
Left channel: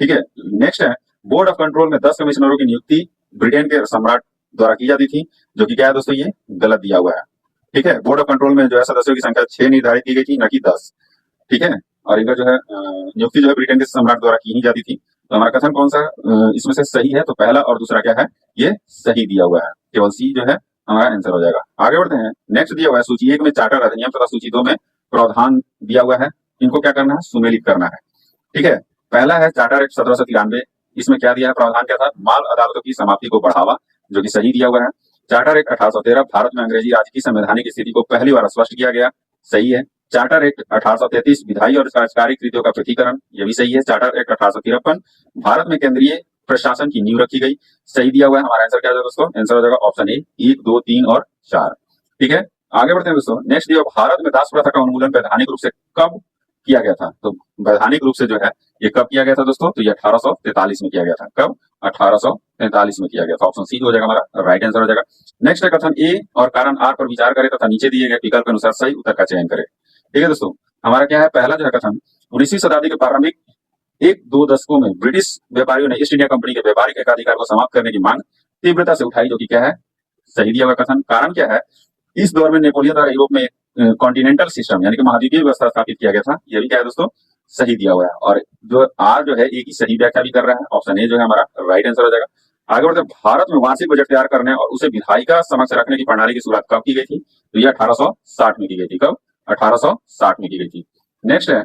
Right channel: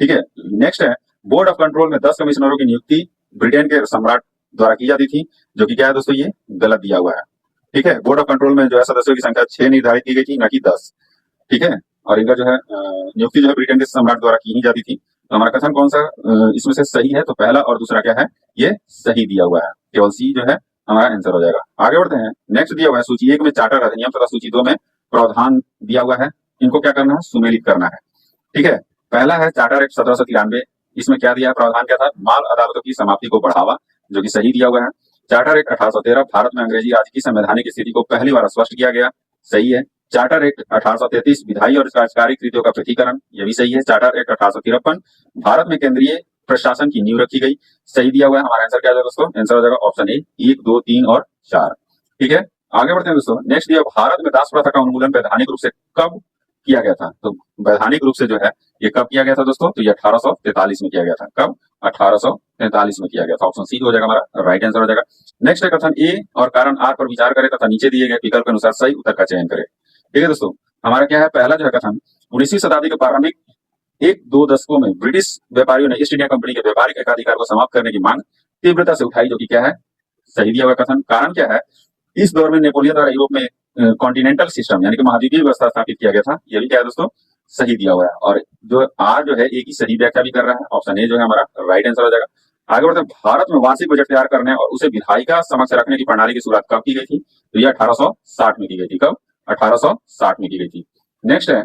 ठीक है। नेक्स्ट है बोर्ड ऑफ कंट्रोल में 10 कमिश्नरों की नियुक्ति ब्रिटेन के सम्राट द्वारा की जाती थी, जो कि क्या है दोस्तों, ये गलत दिया हुआ है। ठीक है। बोर्ड ऑफ कंट्रोल में जो है सदस्यों की संख्या 6 निर्धारित की गई थी, न कि 10। ठीक है। और इनका जो है नियुक्ति जो है ब्रिटेन के सम्राट द्वारा की ही जाती थी। तो हमारा कथन कौन सा इसमें से सही है? तो पहला और दूसरा क्या है, ये सही दिया हुआ है। केवल सी जो है हमारा आंसर हो जाएगा। आगे बढ़ते हैं। नेक्स्ट दिया हुआ है सूची 1 में चार्टर अधिनियम तथा सूची 2 में प्रावधान दिया हुआ है। इनको क्या करना है? सुमेलित करना है। ठीक है। पहला है चार्टर एक्ट 1793। इसमें क्या दिया है? प्रावधान क्या था? माल अदालतों की समाप्ति को बढ़ावा, जो कि सही दिया हुआ है। चार्टर एक्ट 1813 भारत में अंग्रेजी राज की संवैधानिक स्थिति को पहली बार स्पष्ट किया गया, सही है। चार्टर एक्ट 1833 विधायी और कार्यकारी कृतियों का पृथकीकरण, यह भी सही है। चार्टर एक्ट 1853 भारत में केंद्रीय प्रशासन की नींव रखी गई, सही दिया हुआ है। हमारा आंसर क्या हो जाएगा दोस्तों? आंसर हो जाएगा ऑप्शन ए, 1, 2, 3 और 4। ठीक है। आगे बढ़ते हैं दोस्तों। नेक्स्ट दिया भारत में दास प्रथा का उन्मूलन वैधानिक रूप से कब किया गया था? तो वैधानिक रूप से जो है ये कब किया गया था दोस्तों? तो ये 1843 में किया गया था। कब? 1843 में किया गया था। ऑप्शन सी हो जाएगा हमारा राइट आंसर हो जाएगा। नेक्स्ट है कथन ए और कारण आर पर विचार करें तथा नीचे दिए गए विकल्प के अनुसार सही उत्तर का चयन करें। ठीक है दोस्तों। हमारा क्या है? पहला जो है कथन 19वीं शताब्दी के प्रारंभिक 1-2 दशकों में ब्रिटिश व्यापारियों ने ईस्ट इंडिया कंपनी के व्यापारिक एकाधिकार को समाप्त करने की मांग तीव्रता से उठाई, जो कि क्या है? सही दिया हुआ कथन। कारण क्या है? इस दौर में नेपोलियन द्वारा यूरोप में कॉन्टिनेंटल सिस्टम यानी कि महाद्वीपीय व्यवस्था स्थापित किया गया था, ये भी क्या है दोस्तों? सही दिया हुआ है। और जो आर जो है ए की सही व्याख्या भी कर रहा है। ऑप्शन ए जो है हमारा राइट आंसर हो जाएगा। आगे बढ़ते हैं। भारत में वार्षिक बजट तैयार करने और उसे विधायिका समक्ष रखने की प्रणाली की शुरुआत कब की गई थी? तो ये 1860 में की गई थी। कब? 1860 में की गई थी। नेक्स्ट है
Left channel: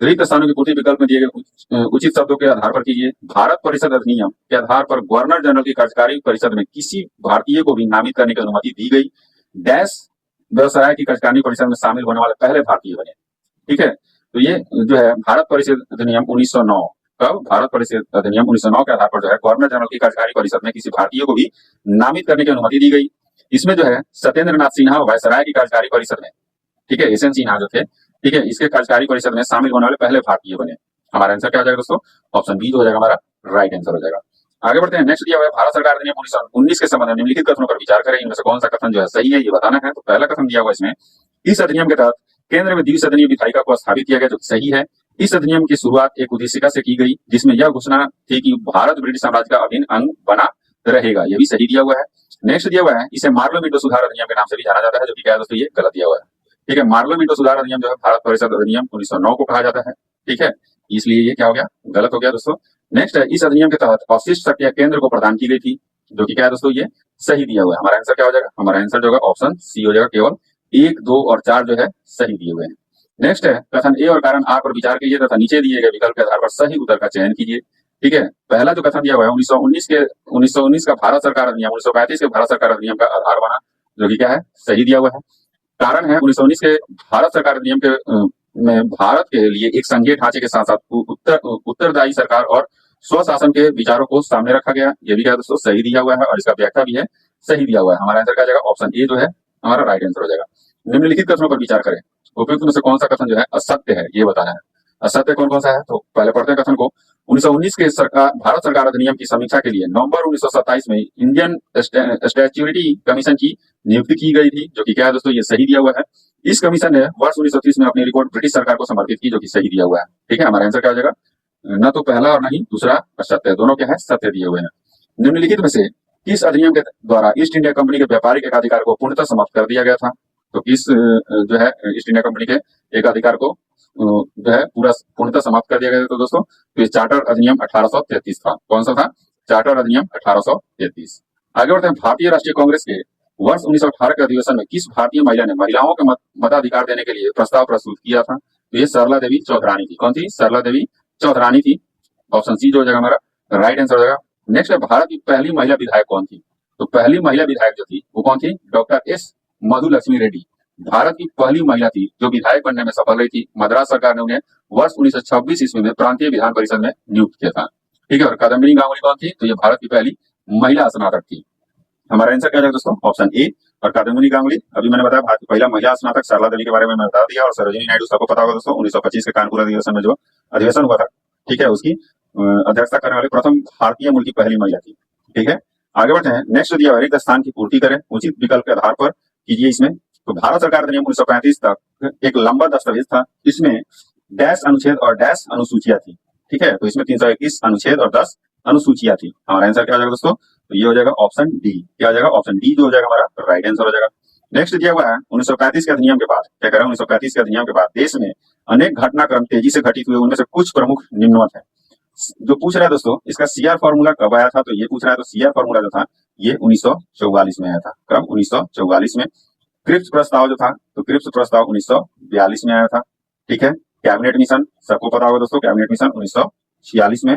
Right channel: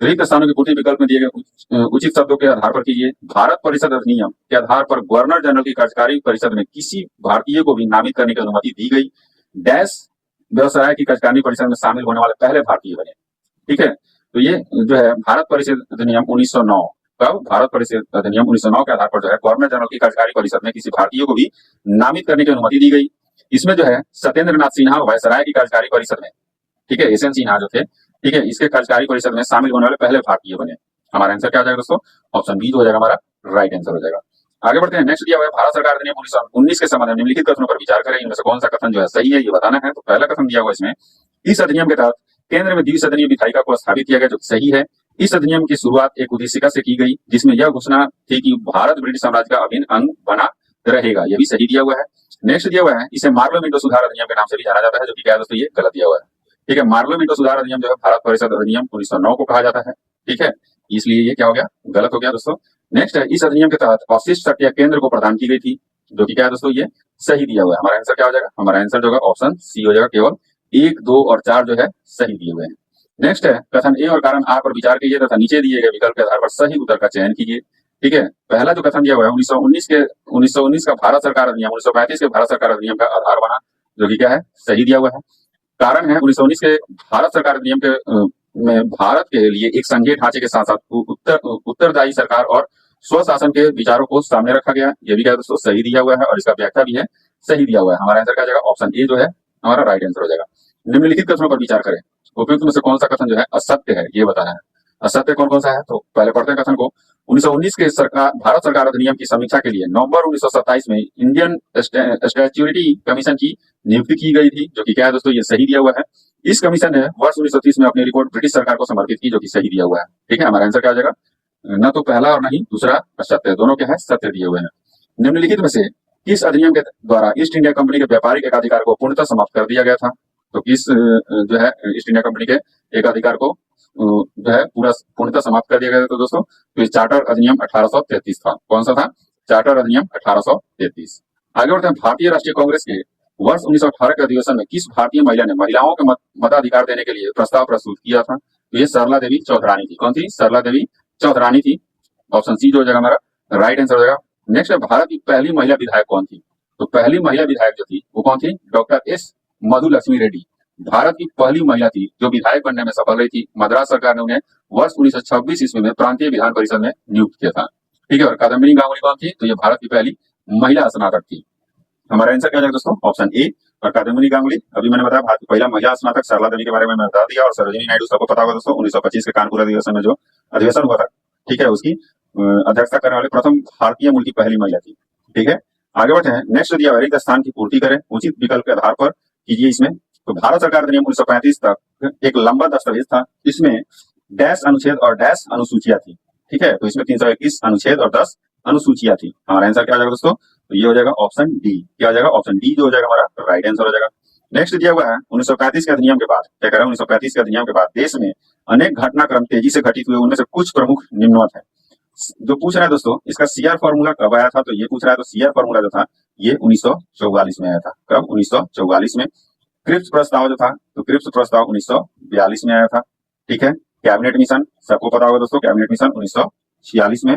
रिक्त स्थानों की पूर्ति विकल्प में दिए गए उचित शब्दों के आधार पर कीजिए। भारत परिषद अधिनियम के आधार पर गवर्नर जनरल की कार्यकारी परिषद में किसी भारतीय को भी नामित करने की अनुमति दी गई। डैश व्यवसाय की कार्यकारिणी परिषद में शामिल होने वाले पहले भारतीय बने। ठीक है। तो ये जो है भारत परिषद अधिनियम 1909, कब? भारत परिषद अधिनियम 1909 के आधार पर जो है गवर्नर जनरल की कार्यकारी परिषद में किसी भारतीय को भी नामित करने की अनुमति दी गई। इसमें जो है सत्येंद्र नाथ सिन्हा वायसराय की कार्यकारी परिषद में, ठीक है, एस.एन. सिन्हा जो थे, ठीक है, इसके कार्यकारी परिषद में शामिल होने वाले पहले भारतीय बने। हमारा आंसर क्या हो जाएगा दोस्तों? ऑप्शन बी जो हो जाएगा हमारा राइट आंसर हो जाएगा। आगे बढ़ते हैं। नेक्स्ट दिया हुआ है भारत सरकार अधिनियम 1919 के संबंध में निम्नलिखित कथनों पर विचार करें। इनमें से कौन सा कथन जो है सही है, ये बताना है। तो पहला कथन दिया हुआ इसमें, इस अधिनियम के तहत केंद्र में द्विसदनीय विधायिका को स्थापित किया गया, जो सही है। इस अधिनियम की शुरुआत एक उद्देशिका से की गई, जिसमें यह घोषणा थी कि भारत ब्रिटिश साम्राज्य का अभिन्न अंग बना रहेगा, यह भी सही दिया हुआ है। नेक्स्ट दिया हुआ है, इसे मार्लो मिंटो सुधार अधिनियम के नाम से भी जाना जाता है, जो कि क्या है दोस्तों? ये गलत दिया हुआ है। ठीक है। मार्लो मिंटो सुधार अधिनियम जो है भारत परिषद अधिनियम 1909 को कहा जाता है। ठीक है। इसलिए ये क्या हो गया? गलत हो गया दोस्तों। नेक्स्ट है, इस अधिनियम के तहत अवशिष्ट शक्तियां केंद्र को प्रदान की गई थी, जो कि क्या है दोस्तों? ये सही दिया हुआ है। हमारा आंसर क्या हो जाएगा? हमारा आंसर जो है ऑप्शन सी हो जाएगा। केवल 1, 2 और 4 जो है सही दिए हुए हैं। नेक्स्ट है कथन ए और कारण आर पर विचार कीजिए तथा नीचे दिए गए विकल्प के आधार पर सही उत्तर का चयन कीजिए। ठीक है। पहला जो कथन दिया हुआ है 1919 का भारत सरकार अधिनियम 1935 के भारत सरकार अधिनियम का आधार बना, जो कि क्या है? सही दिया हुआ है। कारण है 1919 के भारत सरकार अधिनियम के में भारत के लिए एक संघीय ढांचे के साथ साथ उत्तरदायी सरकार और स्वशासन के विचारों को सामने रखा गया, ये भी क्या है दोस्तों? सही दिया हुआ है। और इसका व्याख्या भी है, सही दिया हुआ है। हमारा आंसर क्या जाएगा? ऑप्शन ए जो है हमारा राइट आंसर हो जाएगा। निम्नलिखित कथनों पर विचार करें। उपयुक्त में से कौन सा कथन जो है असत्य है, ये बताना है। असत्य कौन कौन सा है? तो पहले पढ़ते हैं कथन को। 1919 के भारत सरकार अधिनियम की समीक्षा के लिए नवंबर 1927 में इंडियन स्टैट्यूटरी कमीशन की नियुक्ति की गई थी, जो कि क्या है दोस्तों? ये सही दिया हुआ है। इस कमीशन ने वर्ष 1930 में अपनी रिपोर्ट ब्रिटिश सरकार को समर्पित की, जो कि सही दिया हुआ है। ठीक है। हमारा आंसर क्या हो जाएगा? न तो पहला और न ही दूसरा सत्य, दोनों क्या है? सत्य दिए हुए हैं। निम्नलिखित में से किस अधिनियम के द्वारा ईस्ट इंडिया कंपनी के व्यापारिक एकाधिकार को पूर्णतः समाप्त कर दिया गया था? तो किस जो है ईस्ट इंडिया कंपनी के एकाधिकार को जो है पूर्णतः समाप्त कर दिया गया था? तो दोस्तों तो इस चार्टर अधिनियम 1833 था। कौन सा था? चार्टर अधिनियम 1833। आगे बढ़ते हैं। भारतीय राष्ट्रीय कांग्रेस के वर्ष 1918 के अधिवेशन में किस भारतीय महिला ने महिलाओं के मताधिकार देने के लिए प्रस्ताव प्रस्तुत किया था? तो ये सरला देवी चौधरानी थी। कौन थी? सरला देवी चौधरानी थी। ऑप्शन सी जो हो जाएगा हमारा राइट आंसर हो जाएगा। नेक्स्ट है, भारत की पहली महिला विधायक कौन थी? तो पहली महिला विधायक जो थी वो कौन थी? डॉक्टर एस मधुलक्ष्मी रेड्डी भारत की पहली महिला थी जो विधायक बनने में सफल रही थी। मद्रास सरकार ने उन्हें वर्ष 1926 ईस्वी में प्रांतीय विधान परिषद में नियुक्त किया था। ठीक है। और कादम्बिनी गांगुली कौन थी? तो ये भारत की पहली महिला स्नातक थी। हमारा आंसर क्या है दोस्तों? Option A. और कादम्बिनी गांगुली, अभी मैंने बताया भारत की पहला महिला स्नातक सरला देवी के बारे में मैं बता दिया। और सरोजिनी नायडू सबको पता होगा दोस्तों, 1925 के कानपुर अधिवेशन में जो अधिवेशन हुआ था, ठीक है, उसकी अध्यक्षता करने वाले प्रथम भारतीय मूल की पहली महिला थी। ठीक है। आगे बढ़ते हैं। नेक्स्ट दिया रिक्त स्थान की पूर्ति करें, उचित विकल्प के आधार पर कीजिए। इसमें तो भारत सरकार अधिनियम 1935 तक एक लंबा दस्तावेज था। इसमें डैश अनुच्छेद और डैश अनुसूचियां थी। ठीक है, तो इसमें 321 अनुच्छेद और 10 अनुसूचियां थी। हमारा आंसर क्या हो जाएगा दोस्तों? तो ये हो जाएगा ऑप्शन डी। क्या हो जाएगा? ऑप्शन डी जो हो जाएगा हमारा राइट आंसर हो जाएगा। नेक्स्ट दिया हुआ है 1935 के अधिनियम के बाद, क्या कह रहा है? 1935 के अधिनियम के बाद देश में अनेक घटनाक्रम तेजी से घटित हुए, उनमें से कुछ प्रमुख निम्नवत है। जो पूछ रहा है दोस्तों, इसका सीआर फॉर्मूला कब आया था? तो ये पूछ रहा है, तो सीआर फॉर्मूला जो था ये 1944 में आया था। कब? 1944 में। क्रिप्स प्रस्ताव जो था, तो क्रिप्स प्रस्ताव 1942 में आया था। ठीक है, कैबिनेट मिशन सबको पता होगा दोस्तों, कैबिनेट मिशन 1946 में।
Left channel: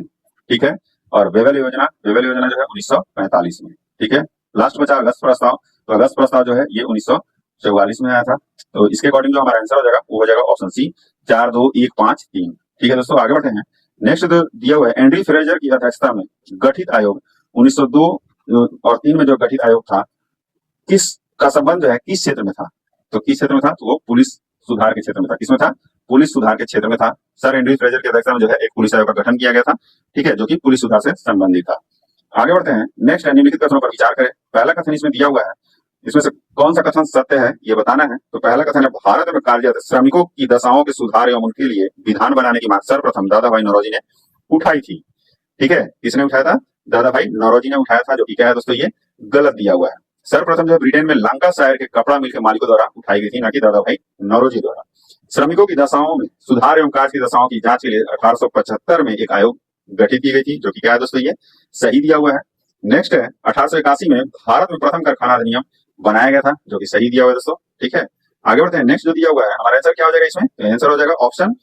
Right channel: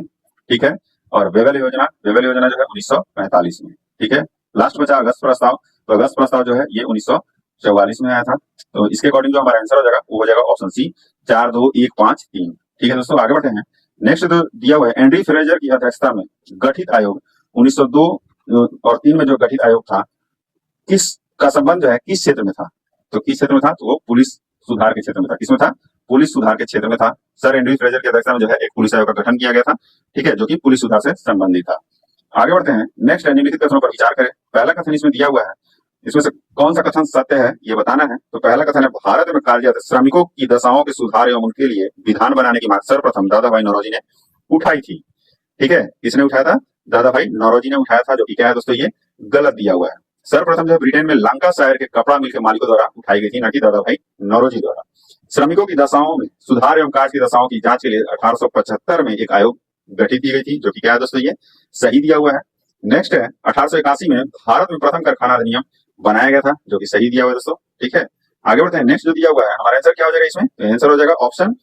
ठीक है, और वेबल योजना जो है 1945 में। ठीक है, लास्ट बचा अगस्त प्रस्ताव, तो अगस्त प्रस्ताव जो है ये 1944 में आया था। तो इसके अकॉर्डिंग जो हमारा आंसर हो जाएगा वो हो जाएगा ऑप्शन सी, 4 2 1 5 3। ठीक है दोस्तों, आगे बढ़ते हैं। नेक्स्ट जो दिया हुआ है, एंड्री फ्रेजर की अध्यक्षता में गठित आयोग 1902 और 3 में जो गठित आयोग था, किस का संबंध जो है किस क्षेत्र में था? तो किस क्षेत्र में था? तो वो पुलिस सुधार के क्षेत्र में था। किसमें था? पुलिस सुधार के क्षेत्र में था। सर एंड्री फ्रेजर की अध्यक्षता में जो है एक पुलिस आयोग का गठन किया गया था। ठीक है, जो कि पुलिस सुधार से संबंधित था। आगे बढ़ते हैं। नेक्स्ट है, निम्नलिखित कथनों पर विचार करें। पहला कथन इसमें दिया हुआ है, इसमें से कौन सा कथन सत्य है ये बताना है। तो पहला कथन है, भारत में कार्यरत श्रमिकों की दशाओं के सुधार एवं उनके लिए विधान बनाने की मांग सर्वप्रथम दादा भाई नौरोजी ने उठाई थी। ठीक है, किसने उठाया था? दादा भाई नौरोजी ने उठाया था, जो कि क्या है दोस्तों? ये गलत दिया हुआ है। सर्वप्रथम जो ब्रिटेन में लंकाशायर के कपड़ा मिल के मालिकों द्वारा उठाई गई थी, ना कि दादा भाई नौरोजी द्वारा। श्रमिकों की दशाओं में सुधार एवं कार्य की दशाओं की जांच के लिए 1875 में एक आयोग गठित की गई थी, जो कि क्या है दोस्तों? ये सही दिया हुआ है। नेक्स्ट है, 1881 में भारत में प्रथम कारखाना अधिनियम बनाया गया था, जो कि सही दिया हुआ है दोस्तों। ठीक है, आगे बढ़ते हैं। नेक्स्ट जो दिया हुआ है, हमारा आंसर क्या हो जाएगा इसमें? तो आंसर हो जाएगा ऑप्शन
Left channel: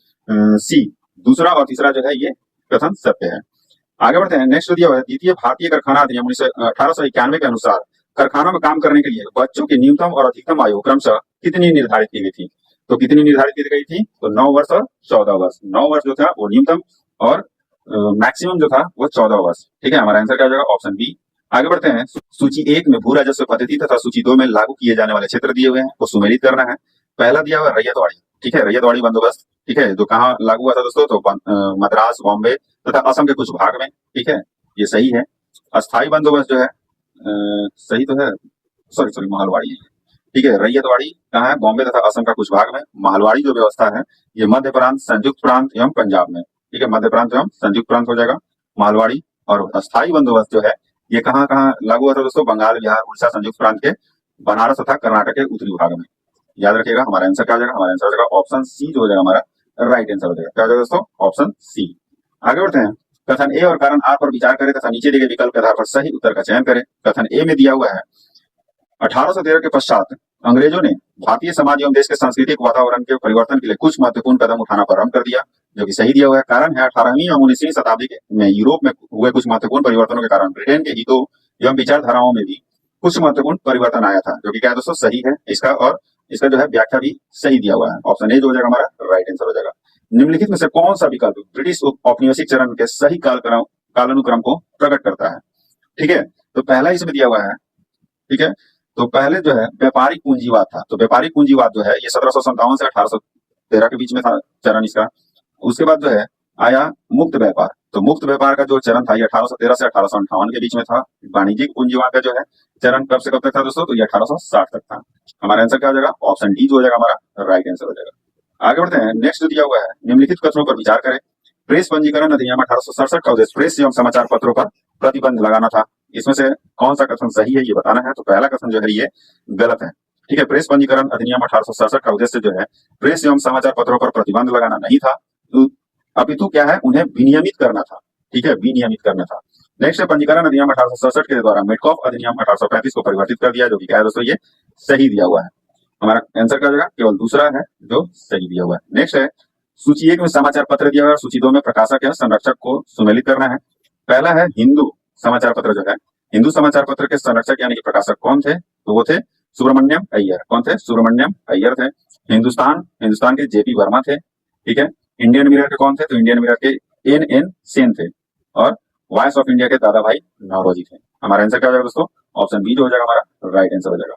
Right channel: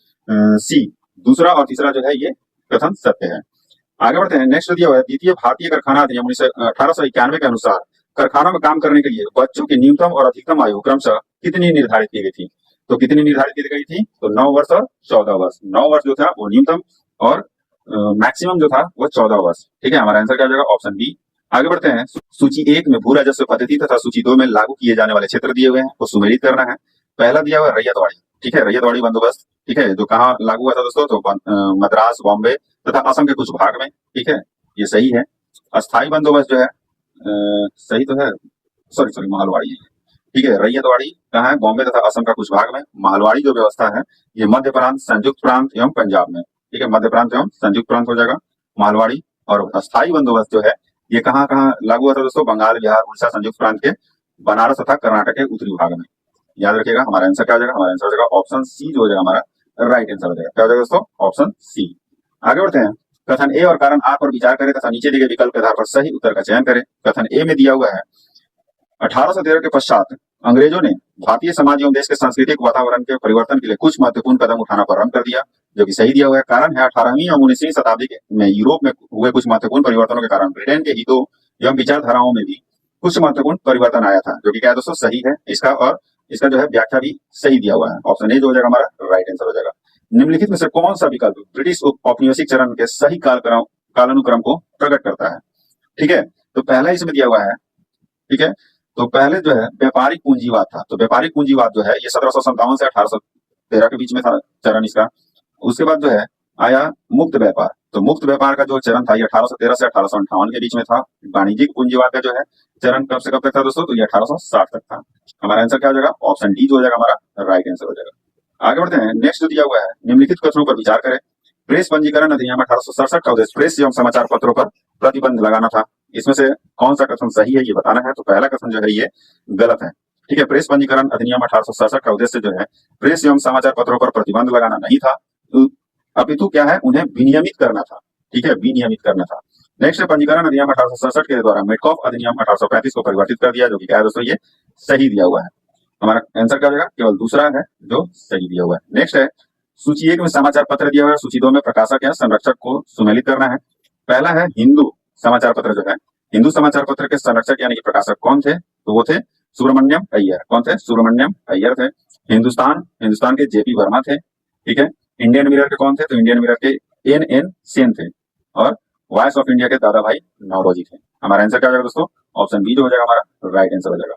सी, दूसरा और तीसरा जो है ये कथन सत्य है। आगे बढ़ते हैं। नेक्स्ट दिया हुआ है, द्वितीय भारतीय कारखाना अधिनियम 1891 के अनुसार कारखानों में काम करने के लिए बच्चों की न्यूनतम और अधिकतम आयु क्रमशः कितनी निर्धारित की गई थी? तो कितनी निर्धारित की गई थी? तो 9 वर्ष और 14 वर्ष। 9 वर्ष जो था वो न्यूनतम और मैक्सिमम जो था वो 14 वर्ष। ठीक है, हमारा आंसर क्या हो जाएगा? Option B. आगे बढ़ते हैं। सूची 1 में भू राजस्व पद्धति तथा सूची 2 में लागू किए जाने वाले क्षेत्र दिए हुए हैं, वो सुमेलित करना है। पहला दिया हुआ है रैयतवाड़ी। ठीक है, रैयतवाड़ी बंदोबस्त। ठीक है, जो कहाँ लागू हुआ था दोस्तों? तो मद्रास, बॉम्बे तथा असम के कुछ भाग में। ठीक है, ये सही है। अस्थाई बंदोबस्त जो है सही तो है, सॉरी महलवाड़ी है। ठीक है, रैयतवाड़ी कहाँ है? बॉम्बे तथा असम का कुछ भाग में। महलवाड़ी जो व्यवस्था है ये मध्य प्रांत, संयुक्त प्रांत एवं पंजाब में। ठीक है, मध्य प्रांत एवं संयुक्त प्रांत हो जाएगा महलवाड़ी। और अस्थाई बंदोबस्त जो है ये कहाँ कहाँ लागू हुआ था दोस्तों? बंगाल, बिहार, उड़ीसा, संयुक्त प्रांत के बनारस तथा कर्नाटक के उत्तरी भाग में। याद रखिएगा, हमारा आंसर क्या हो जाएगा? हमारा आंसर हो जाएगा ऑप्शन सी जो हो जाएगा हमारा राइट आंसर हो जाएगा। क्या हो जाएगा दोस्तों? Option C. आगे बढ़ते हैं। कथन ए और कारण आर पर विचार करें तथा नीचे दिए गए विकल्प के आधार पर सही उत्तर का चयन करें। कथन ए में दिया हुआ है, 1813 के पश्चात अंग्रेजों ने भारतीय समाज एवं देश के सांस्कृतिक वातावरण के परिवर्तन के लिए कुछ महत्वपूर्ण कदम उठाना प्रारंभ कर दिया, जो कि सही दिया हुआ है। कारण है, 18वीं एवं 19वीं शताब्दी में यूरोप में हुए कुछ महत्वपूर्ण परिवर्तनों के कारण ब्रिटेन के हितों एवं विचारधाराओं में भी कुछ महत्वपूर्ण परिवर्तन आया था, जो कि क्या है दोस्तों? सही है इसका, और इसका जो है व्याख्या भी सही दिया हुआ है। ऑप्शन ए जो हो जाएगा हमारा राइट आंसर हो जाएगा। निम्नलिखित में से कौन सा विकल्प ब्रिटिश औपनिवेशिक चरण के सही कालानुक्रम को प्रकट करता है? ठीक है, तो पहला इसमें दिया हुआ है। ठीक है, तो पहले जो है व्यापारिक पूंजीवाद था। तो व्यापारिक पूंजीवाद जो है ये 1757 से 1813 के बीच में था चरण इसका। उसके बाद जो है आया मुक्त व्यापार। तो मुक्त व्यापार का जो चरण था ये 1813 से 1858 के बीच में था। वाणिज्यिक पूंजीवाद का जो है चरण कब से कब तक था दोस्तों? तो ये 1860 तक था। हमारा आंसर क्या हो जाएगा? ऑप्शन डी जो हो जाएगा हमारा राइट आंसर हो जाएगा। आगे बढ़ते हैं। नेक्स्ट जो दिया हुआ है, निम्नलिखित कथनों पर विचार करें। प्रेस पंजीकरण अधिनियम 1867 का उद्देश्य प्रेस एवं समाचार पत्रों पर प्रतिबंध लगाना था। इसमें से कौन सा कथन सही है ये बताना है। तो पहला कथन जो है ये गलत है। ठीक है, प्रेस पंजीकरण अधिनियम 1867 का उद्देश्य जो है प्रेस एवं समाचार पत्रों पर प्रतिबंध लगाना नहीं था, अपितु क्या है? उन्हें विनियमित करना था। ठीक है, विनियमित करना था। नेक्स्ट है, पंजीकरण अधिनियम 1867 के द्वारा मेडकॉफ अधिनियम 1835 को परिवर्तित कर दिया, जो कि क्या है दोस्तों? ये सही दिया हुआ है। हमारा आंसर क्या हो जाएगा? केवल दूसरा है जो सही दिया हुआ है। नेक्स्ट है, सूची 1 में समाचार पत्र दिया हुआ है, सूची 2 में प्रकाशक या संरक्षक को सुमेलित करना है। पहला है हिंदू समाचार पत्र जो है, हिंदू समाचार पत्र के संरक्षक यानी कि प्रकाशक कौन थे? तो वो थे सुब्रमण्यम अय्यर। कौन थे? सुब्रमण्यम अय्यर थे। हिंदुस्तान के जेपी वर्मा थे। ठीक है, इंडियन मिरर के कौन थे? तो इंडियन मिरर के एन सेन थे। और वॉइस ऑफ इंडिया के दादा भाई नौरोजी थे। हमारा आंसर क्या हो जाएगा दोस्तों? ऑप्शन बी जो हो जाएगा हमारा राइट आंसर हो जाएगा।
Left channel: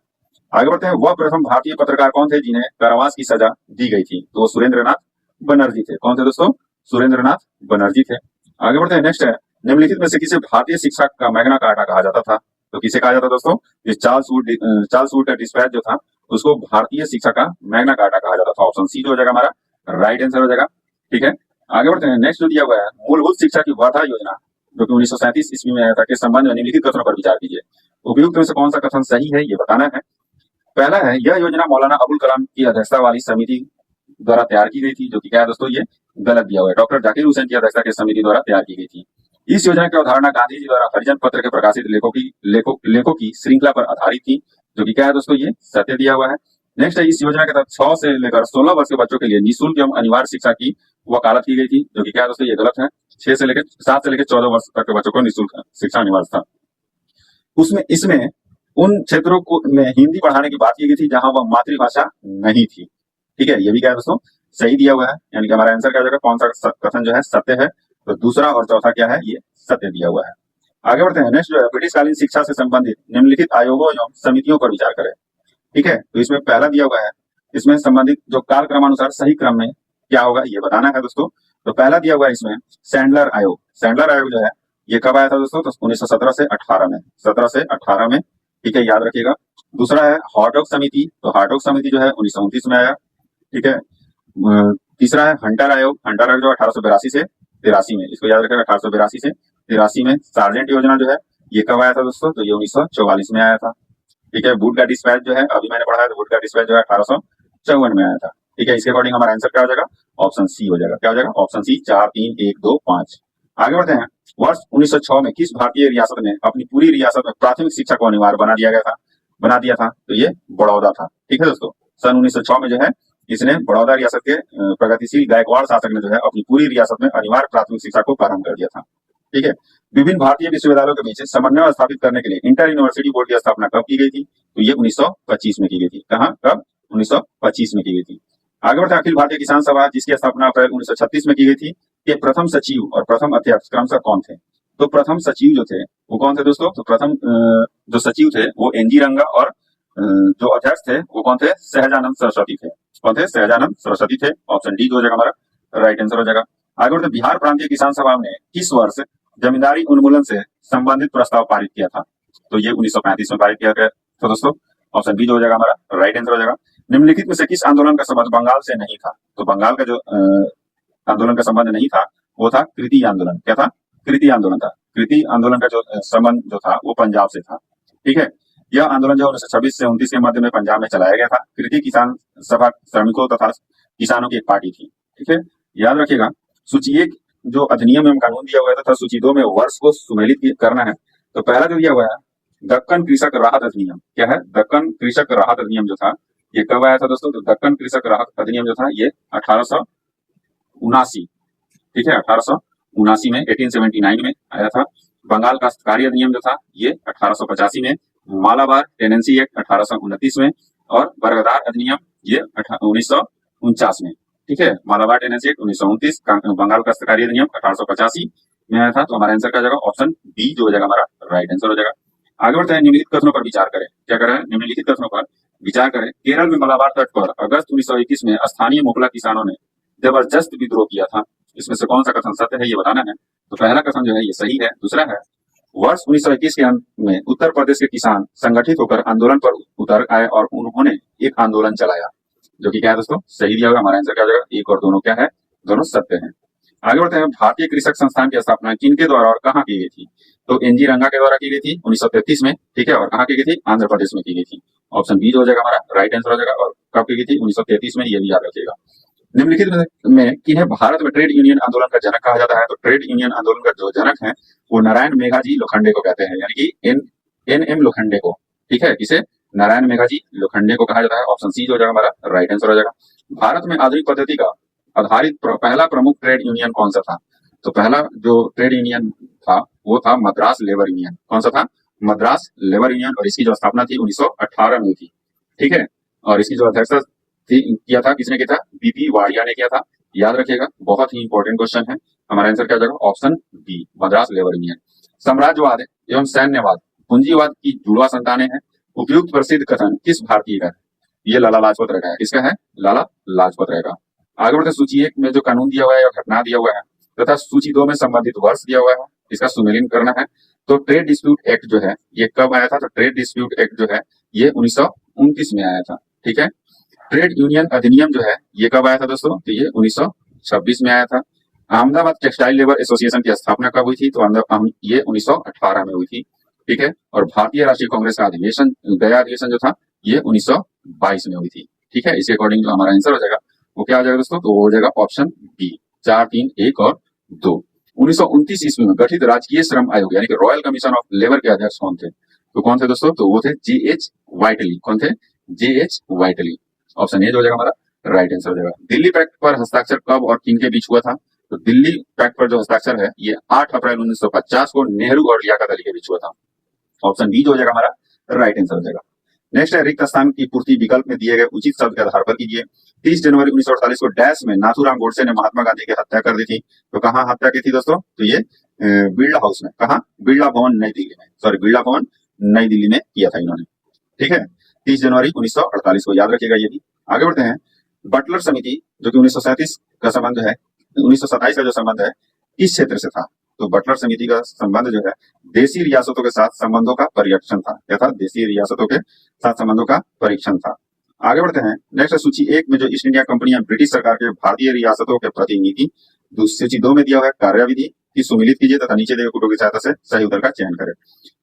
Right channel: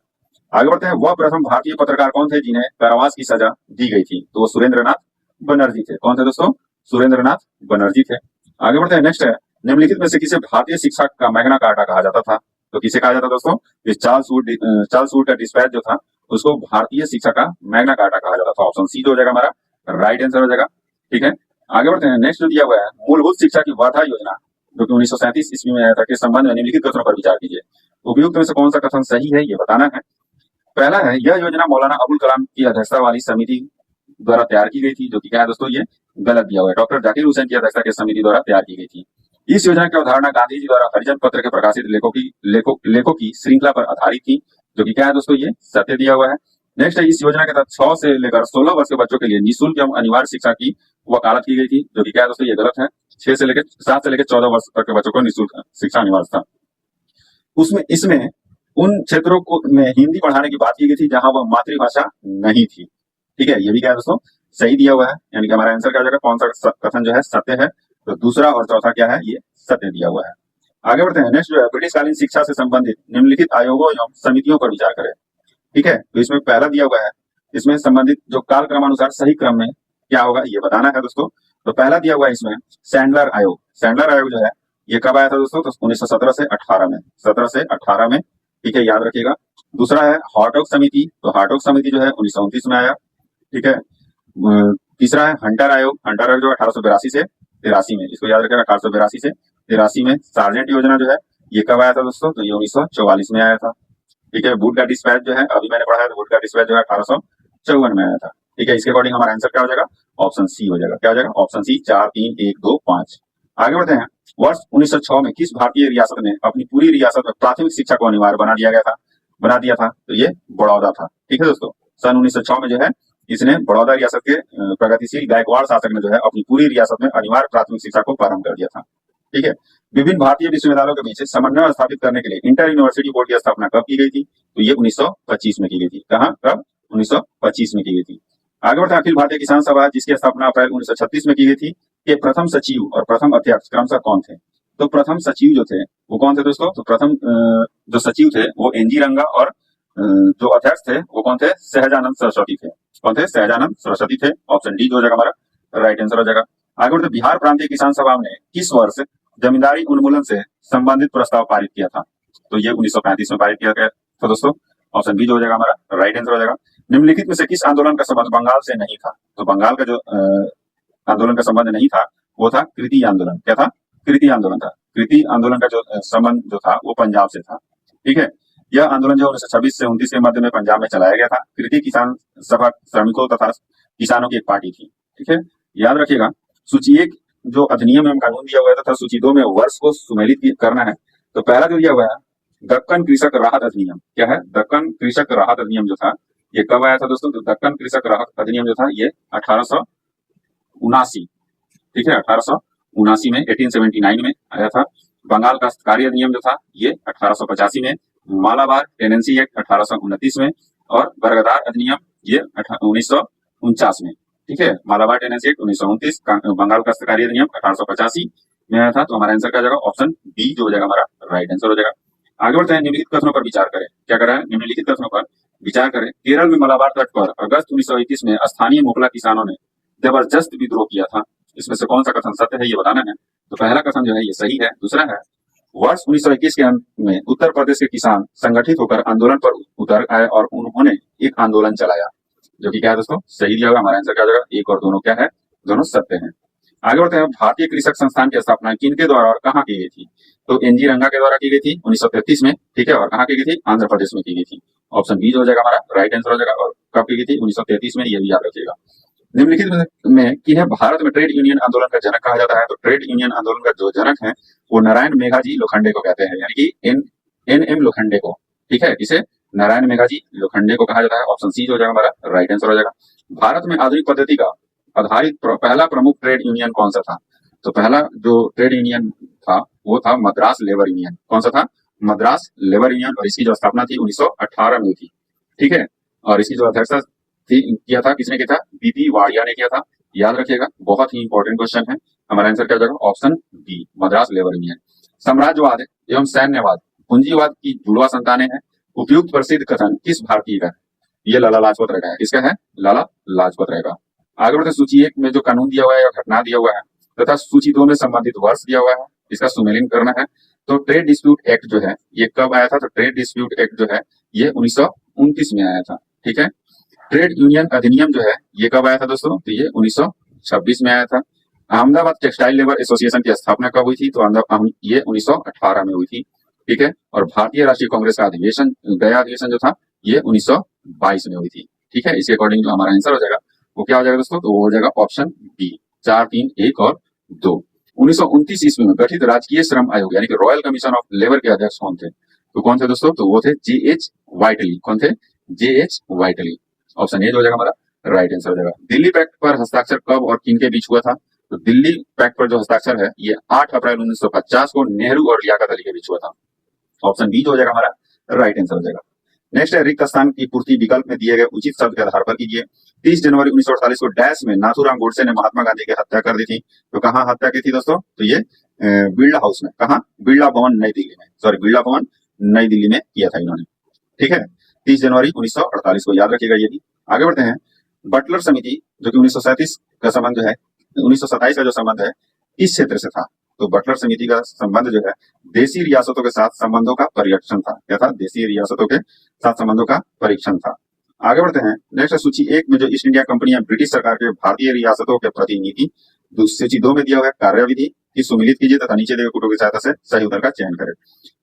आगे बढ़ते हैं। वह प्रथम भारतीय पत्रकार कौन थे जिन्हें कारावास की सजा दी गई थी? तो वो सुरेंद्रनाथ बनर्जी थे। कौन थे दोस्तों? सुरेंद्रनाथ बनर्जी थे। आगे बढ़ते हैं। नेक्स्ट है, निम्नलिखित में से किसे भारतीय शिक्षा का मैग्ना कार्टा कहा जाता था? तो किसे कहा जाता दोस्तों? चार्ल्स वुड का डिस्पैच जो था उसको भारतीय शिक्षा का मैग्ना कार्टा कहा जाता था। ऑप्शन सी जो हो जाएगा हमारा राइट आंसर हो जाएगा। ठीक है, आगे बढ़ते हैं। नेक्स्ट जो दिया हुआ है, मूलभूत शिक्षा की वर्धा योजना जो कि 1937 ईस्वी में आया था, के संबंध में निम्नलिखित कथनों पर विचार कीजिए। उपयुक्त में से कौन सा कथन सही है, ये बताना है। पहला है, यह योजना मौलाना अबुल कलाम की अध्यक्षता वाली समिति द्वारा तैयार की गई थी, जो कि क्या है दोस्तों, ये गलत दिया हुआ है। डॉक्टर जाकिर हुसैन की अध्यक्षता की समिति द्वारा तैयार की गई थी। इस योजना की अवधारणा गांधी जी द्वारा हरिजन पत्र के प्रकाशित लेखों की श्रृंखला पर आधारित थी, जो कि क्या है दोस्तों, ये सत्य दिया हुआ है। नेक्स्ट है, इस योजना के तहत 6 से लेकर 16 वर्ष के बच्चों के लिए निःशुल्क एवं अनिवार्य शिक्षा की वकालत की गई थी, जो कि क्या है दोस्तों, ये गलत है। 7 से लेकर 14 वर्ष तक के बच्चों को निःशुल्क शिक्षा अनिवार्य था। इसमें उन क्षेत्रों को में हिंदी पढ़ाने की बात की गई थी जहां वह मातृभाषा नहीं थी। ठीक है, ये भी क्या है दोस्तों, सही दिया हुआ है। यानी कि हमारा आंसर क्या हो जाएगा, कौन सा कथन जो है सत्य है, तो दूसरा और चौथा क्या है, ये सत्य दिया हुआ है। आगे बढ़ते हैं। नेक्स्ट जो है, ब्रिटिशकालीन शिक्षा से संबंधित निम्नलिखित आयोगों एवं समितियों पर विचार करें। ठीक है, तो इसमें पहला दिया हुआ है, इसमें संबंधित जो काल क्रमानुसार सही क्रम में क्या होगा, ये बताना है दोस्तों। तो पहला दिया हुआ है इसमें सैंडलर आयोग। सैंडलर आयोग जो है ये कब आया था दोस्तों, तो 1917 से 18 में, 17 से 18 में। ठीक है, याद रखिएगा। दूसरा है हार्टोग समिति, तो हार्टोग समिति जो है 1929 में आया। ठीक है, तीसरा है हंटर आयोग। हंटर आयोग जो 1882 से 83 में, इसको याद रखिएगा, 1882 से 83 में। सार्जेंट योजना जो है ये कब आया था दोस्तों, तो ये 1944 में आया था। ठीक है, वुड का डिस्पैच जो है अभी मैंने पढ़ा है, तो वुड का डिस्पैच जो है 1854 में आया था। ठीक है, इसके अकॉर्डिंग हमारा आंसर क्या हो जाएगा, ऑप्शन सी हो जाएगा। क्या हो जाएगा, ऑप्शन सी, 4 3 1 2 5। आगे बढ़ते हैं। वर्ष 1906 में किस भारतीय रियासत ने अपनी पूरी रियासत में प्राथमिक शिक्षा को अनिवार्य बना दिया था, तो ये बड़ौदा था। ठीक है दोस्तों, सन 1906 में जो है इसने बड़ौदा रियासत के प्रगतिशील गायकवाड़ शासक ने जो है अपनी पूरी रियासत में अनिवार्य प्राथमिक शिक्षा को प्रारंभ कर दिया था। ठीक है, विभिन्न भारतीय विश्वविद्यालयों के बीच समन्वय स्थापित करने के लिए इंटर यूनिवर्सिटी बोर्ड की स्थापना कब की गई थी, तो ये 1925 में की गई थी। कहाँ, कब, 1925 में की गई थी। आगे बढ़ते हैं। अखिल भारतीय किसान सभा जिसकी स्थापना अप्रैल 1936 में की गई थी, के प्रथम सचिव और प्रथम अध्यक्ष क्रमशः कौन थे, तो प्रथम सचिव जो थे वो कौन थे दोस्तों, तो प्रथम जो सचिव थे वो एनजी रंगा, और जो अध्यक्ष थे वो कौन थे, सहजानंद सरस्वती थे। कौन थे, सहजानंद सरस्वती थे। ऑप्शन डी हो जाएगा हमारा राइट आंसर हो जाएगा। आगे बढ़ते, बिहार प्रांतीय किसान सभा ने किस वर्ष जमींदारी उन्मूलन से संबंधित प्रस्ताव पारित किया था, तो ये 1935 में पारित किया गया था दोस्तों। ऑप्शन बी जो हो जाएगा हमारा राइट आंसर हो जाएगा। निम्नलिखित में से किस आंदोलन का संबंध बंगाल से नहीं था, तो बंगाल का जो आंदोलन का संबंध नहीं था वो था कृति आंदोलन। क्या था, कृति आंदोलन था। कृति आंदोलन का जो संबंध जो था वो पंजाब से था। ठीक है, यह आंदोलन जो 1926 से 29 के मध्य में पंजाब में चलाया गया था। कृति किसान सभा श्रमिकों तथा किसानों की एक पार्टी थी। ठीक है, याद रखिएगा। सूची 1 जो अधिनियम एवं कानून दिया हुआ था तथा सूची 2 में वर्ष को सुमेलित करना है। तो पहला जो दिया हुआ है दक्कन कृषक राहत अधिनियम। क्या है, दक्कन कृषक राहत अधिनियम जो था ये कब आया था दोस्तों, तो दक्कन कृषक राहत अधिनियम जो था ये 1879। ठीक है, 1879 में, 1879 में आया था। बंगाल काश्तकारी अधिनियम जो था ये 1885 में। मालाबार टेनेंसी एक्ट 1829 में, और बरगदार अधिनियम ये 1949 में। ठीक है, मालाबार टेनेंसी एक्ट 1929, बंगाल काश्तकारी अधिनियम 1885 में आया था। तो हमारा आंसर क्या हो जाएगा, ऑप्शन बी जो हो जाएगा हमारा राइट आंसर हो जाएगा। आगे बढ़ते हैं। निम्नलिखित कथनों पर विचार करें। क्या कर रहा है, निम्नलिखित कथनों पर विचार करें। केरल में मलाबार तट पर अगस्त 1921 में स्थानीय मोकला किसानों ने जबरदस्त विद्रोह किया था। इसमें से कौन सा कथन सत्य है, ये बताना है। तो पहला कथन जो है ये सही है। दूसरा है, वर्ष 1921 के अंत में उत्तर प्रदेश के किसान संगठित होकर आंदोलन पर उतर आए और उन्होंने एक आंदोलन चलाया, जो कि क्या है दोस्तों, सही दिया हुआ। हमारा आंसर क्या हो जाएगा, एक और दोनों क्या है, दोनों सत्य हैं। आगे बढ़ते हैं। भारतीय कृषक संस्थान की स्थापना किनके द्वारा और कहाँ की गई थी, तो एनजी रंगा के द्वारा की गई थी 1933 में। ठीक है, और कहाँ की गई थी, आंध्र प्रदेश में की गई थी। ऑप्शन बी जो हो जाएगा हमारा राइट आंसर हो जाएगा। और कब की गई थी, 1933 में, ये भी याद रखिएगा। निम्नलिखित में किन्हें भारत में ट्रेड यूनियन आंदोलन का जनक कहा जाता है, तो ट्रेड यूनियन आंदोलन का जो जनक है वो नारायण मेघाजी लोखंडे को कहते हैं, यानी कि एन एम लोखंडे को। ठीक है, किसे, नारायण मेघाजी लोखंडे को कहा जाता है। ऑप्शन सी जो हो जाएगा हमारा राइट आंसर हो जाएगा। भारत में आधुनिक पद्धति का आधारित पहला प्रमुख ट्रेड यूनियन कौन सा था, तो पहला जो ट्रेड यूनियन था वो था मद्रास लेबर यूनियन। कौन सा था, मद्रास लेबर यूनियन। और इसकी जो स्थापना थी 1918 में थी। ठीक है, और इसकी जो अध्यक्षता किया था किसने किया था, बीपी वाड़िया ने किया था। याद रखिएगा, बहुत ही इंपॉर्टेंट क्वेश्चन है। हमारा आंसर क्या हो जाएगा, option B, Madras labour union. साम्राज्यवाद एवं सैन्यवाद पूंजीवाद की जुड़वा संतानें हैं। उपयुक्त प्रसिद्ध कथन किस भारतीय का है, ये लाला लाजपत राय का है। किसका है, लाला लाजपत राय का। आगे बढ़ते, सूची 1 में जो कानून दिया हुआ है या घटना दिया हुआ है तथा सूची 2 में संबंधित वर्ष दिया हुआ है, इसका सुमेलित करना है। तो ट्रेड डिस्प्यूट एक्ट जो है ये कब आया था, तो ट्रेड डिस्प्यूट एक्ट जो है ये 1929 में आया था। ठीक है। ट्रेड यूनियन अधिनियम जो है ये कब आया था दोस्तों? तो ये 1926 में आया था। अहमदाबाद टेक्सटाइल लेबर एसोसिएशन की स्थापना कब हुई थी? तो ये 1918 में हुई थी। ठीक है। और भारतीय राष्ट्रीय कांग्रेस का अधिवेशन, गया अधिवेशन जो था ये 1922 में हुई थी। ठीक है। इसके अकॉर्डिंग जो हमारा आंसर हो जाएगा वो क्या हो जाएगा दोस्तों? तो वो हो जाएगा ऑप्शन बी, 4, 3, 1 और 2। 1929 ईस्वी में गठित राजकीय श्रम आयोग यानी कि रॉयल कमीशन ऑफ लेबर के अध्यक्ष कौन थे? तो कौन थे दोस्तों? तो वो थे J.H. व्हाइटली। कौन थे? J.H. व्हाइटली। ऑप्शन ए जो हो जाएगा हमारा राइट आंसर हो जाएगा। दिल्ली पैक्ट पर हस्ताक्षर कब और किन के बीच हुआ था? तो दिल्ली पैक्ट पर जो हस्ताक्षर है ये 8 अप्रैल 1950 को नेहरू और लियाकत अली के बीच हुआ था। ऑप्शन बी जो हो जाएगा हमारा राइट आंसर हो जाएगा। नेक्स्ट है रिक्त स्थान की पूर्ति विकल्प में दिए गए उचित शब्द के आधार पर कीजिए। 30 जनवरी 1948 को डैश में नाथूराम गोडसे ने महात्मा गांधी की हत्या कर दी थी। तो कहाँ हत्या की थी दोस्तों? तो ये बिरला हाउस में। कहाँ? बिरला भवन नई दिल्ली में। सॉरी, बिरला भवन नई दिल्ली में किया था इन्होंने। ठीक है। 30 जनवरी 1948 को याद रखिएगा ये भी। आगे बढ़ते हैं। बटलर समिति जो कि 1937 का संबंध है, 1927 का जो संबंध है किस क्षेत्र से था? तो बटलर समिति का संबंध जो है देशी रियासतों के साथ संबंधों का परीक्षण था। क्या था? देशी रियासतों के साथ संबंधों का परीक्षण था। आगे बढ़ते हैं। नेक्स्ट सूची 1 में जो ईस्ट इंडिया कंपनी या ब्रिटिश सरकार के भारतीय रियासतों के प्रतिनिधि, सूची 2 में दिया हुआ है कार्यविधि की सुमिलित कीजिए तथा नीचे दिए कुटुंब की सहायता से सही उत्तर का चयन करें।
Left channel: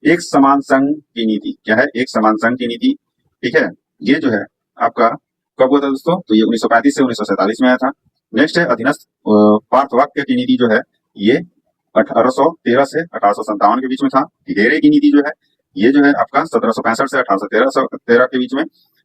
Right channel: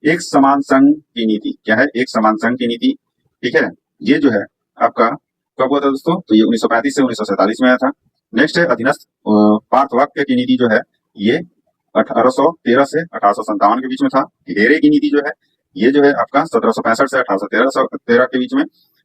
एक समान संघ की नीति क्या है? एक समान संघ की नीति। ठीक है। ये जो है आपका कब हुआ था दोस्तों? तो ये 1935 से 1947 में आया था। नेक्स्ट है अधीनस्थ पार्थवाक्य की नीति जो है ये 1813 से 1857 के बीच में था। घेरे की नीति जो है ये जो है आपका 1765 से 1813 के बीच में।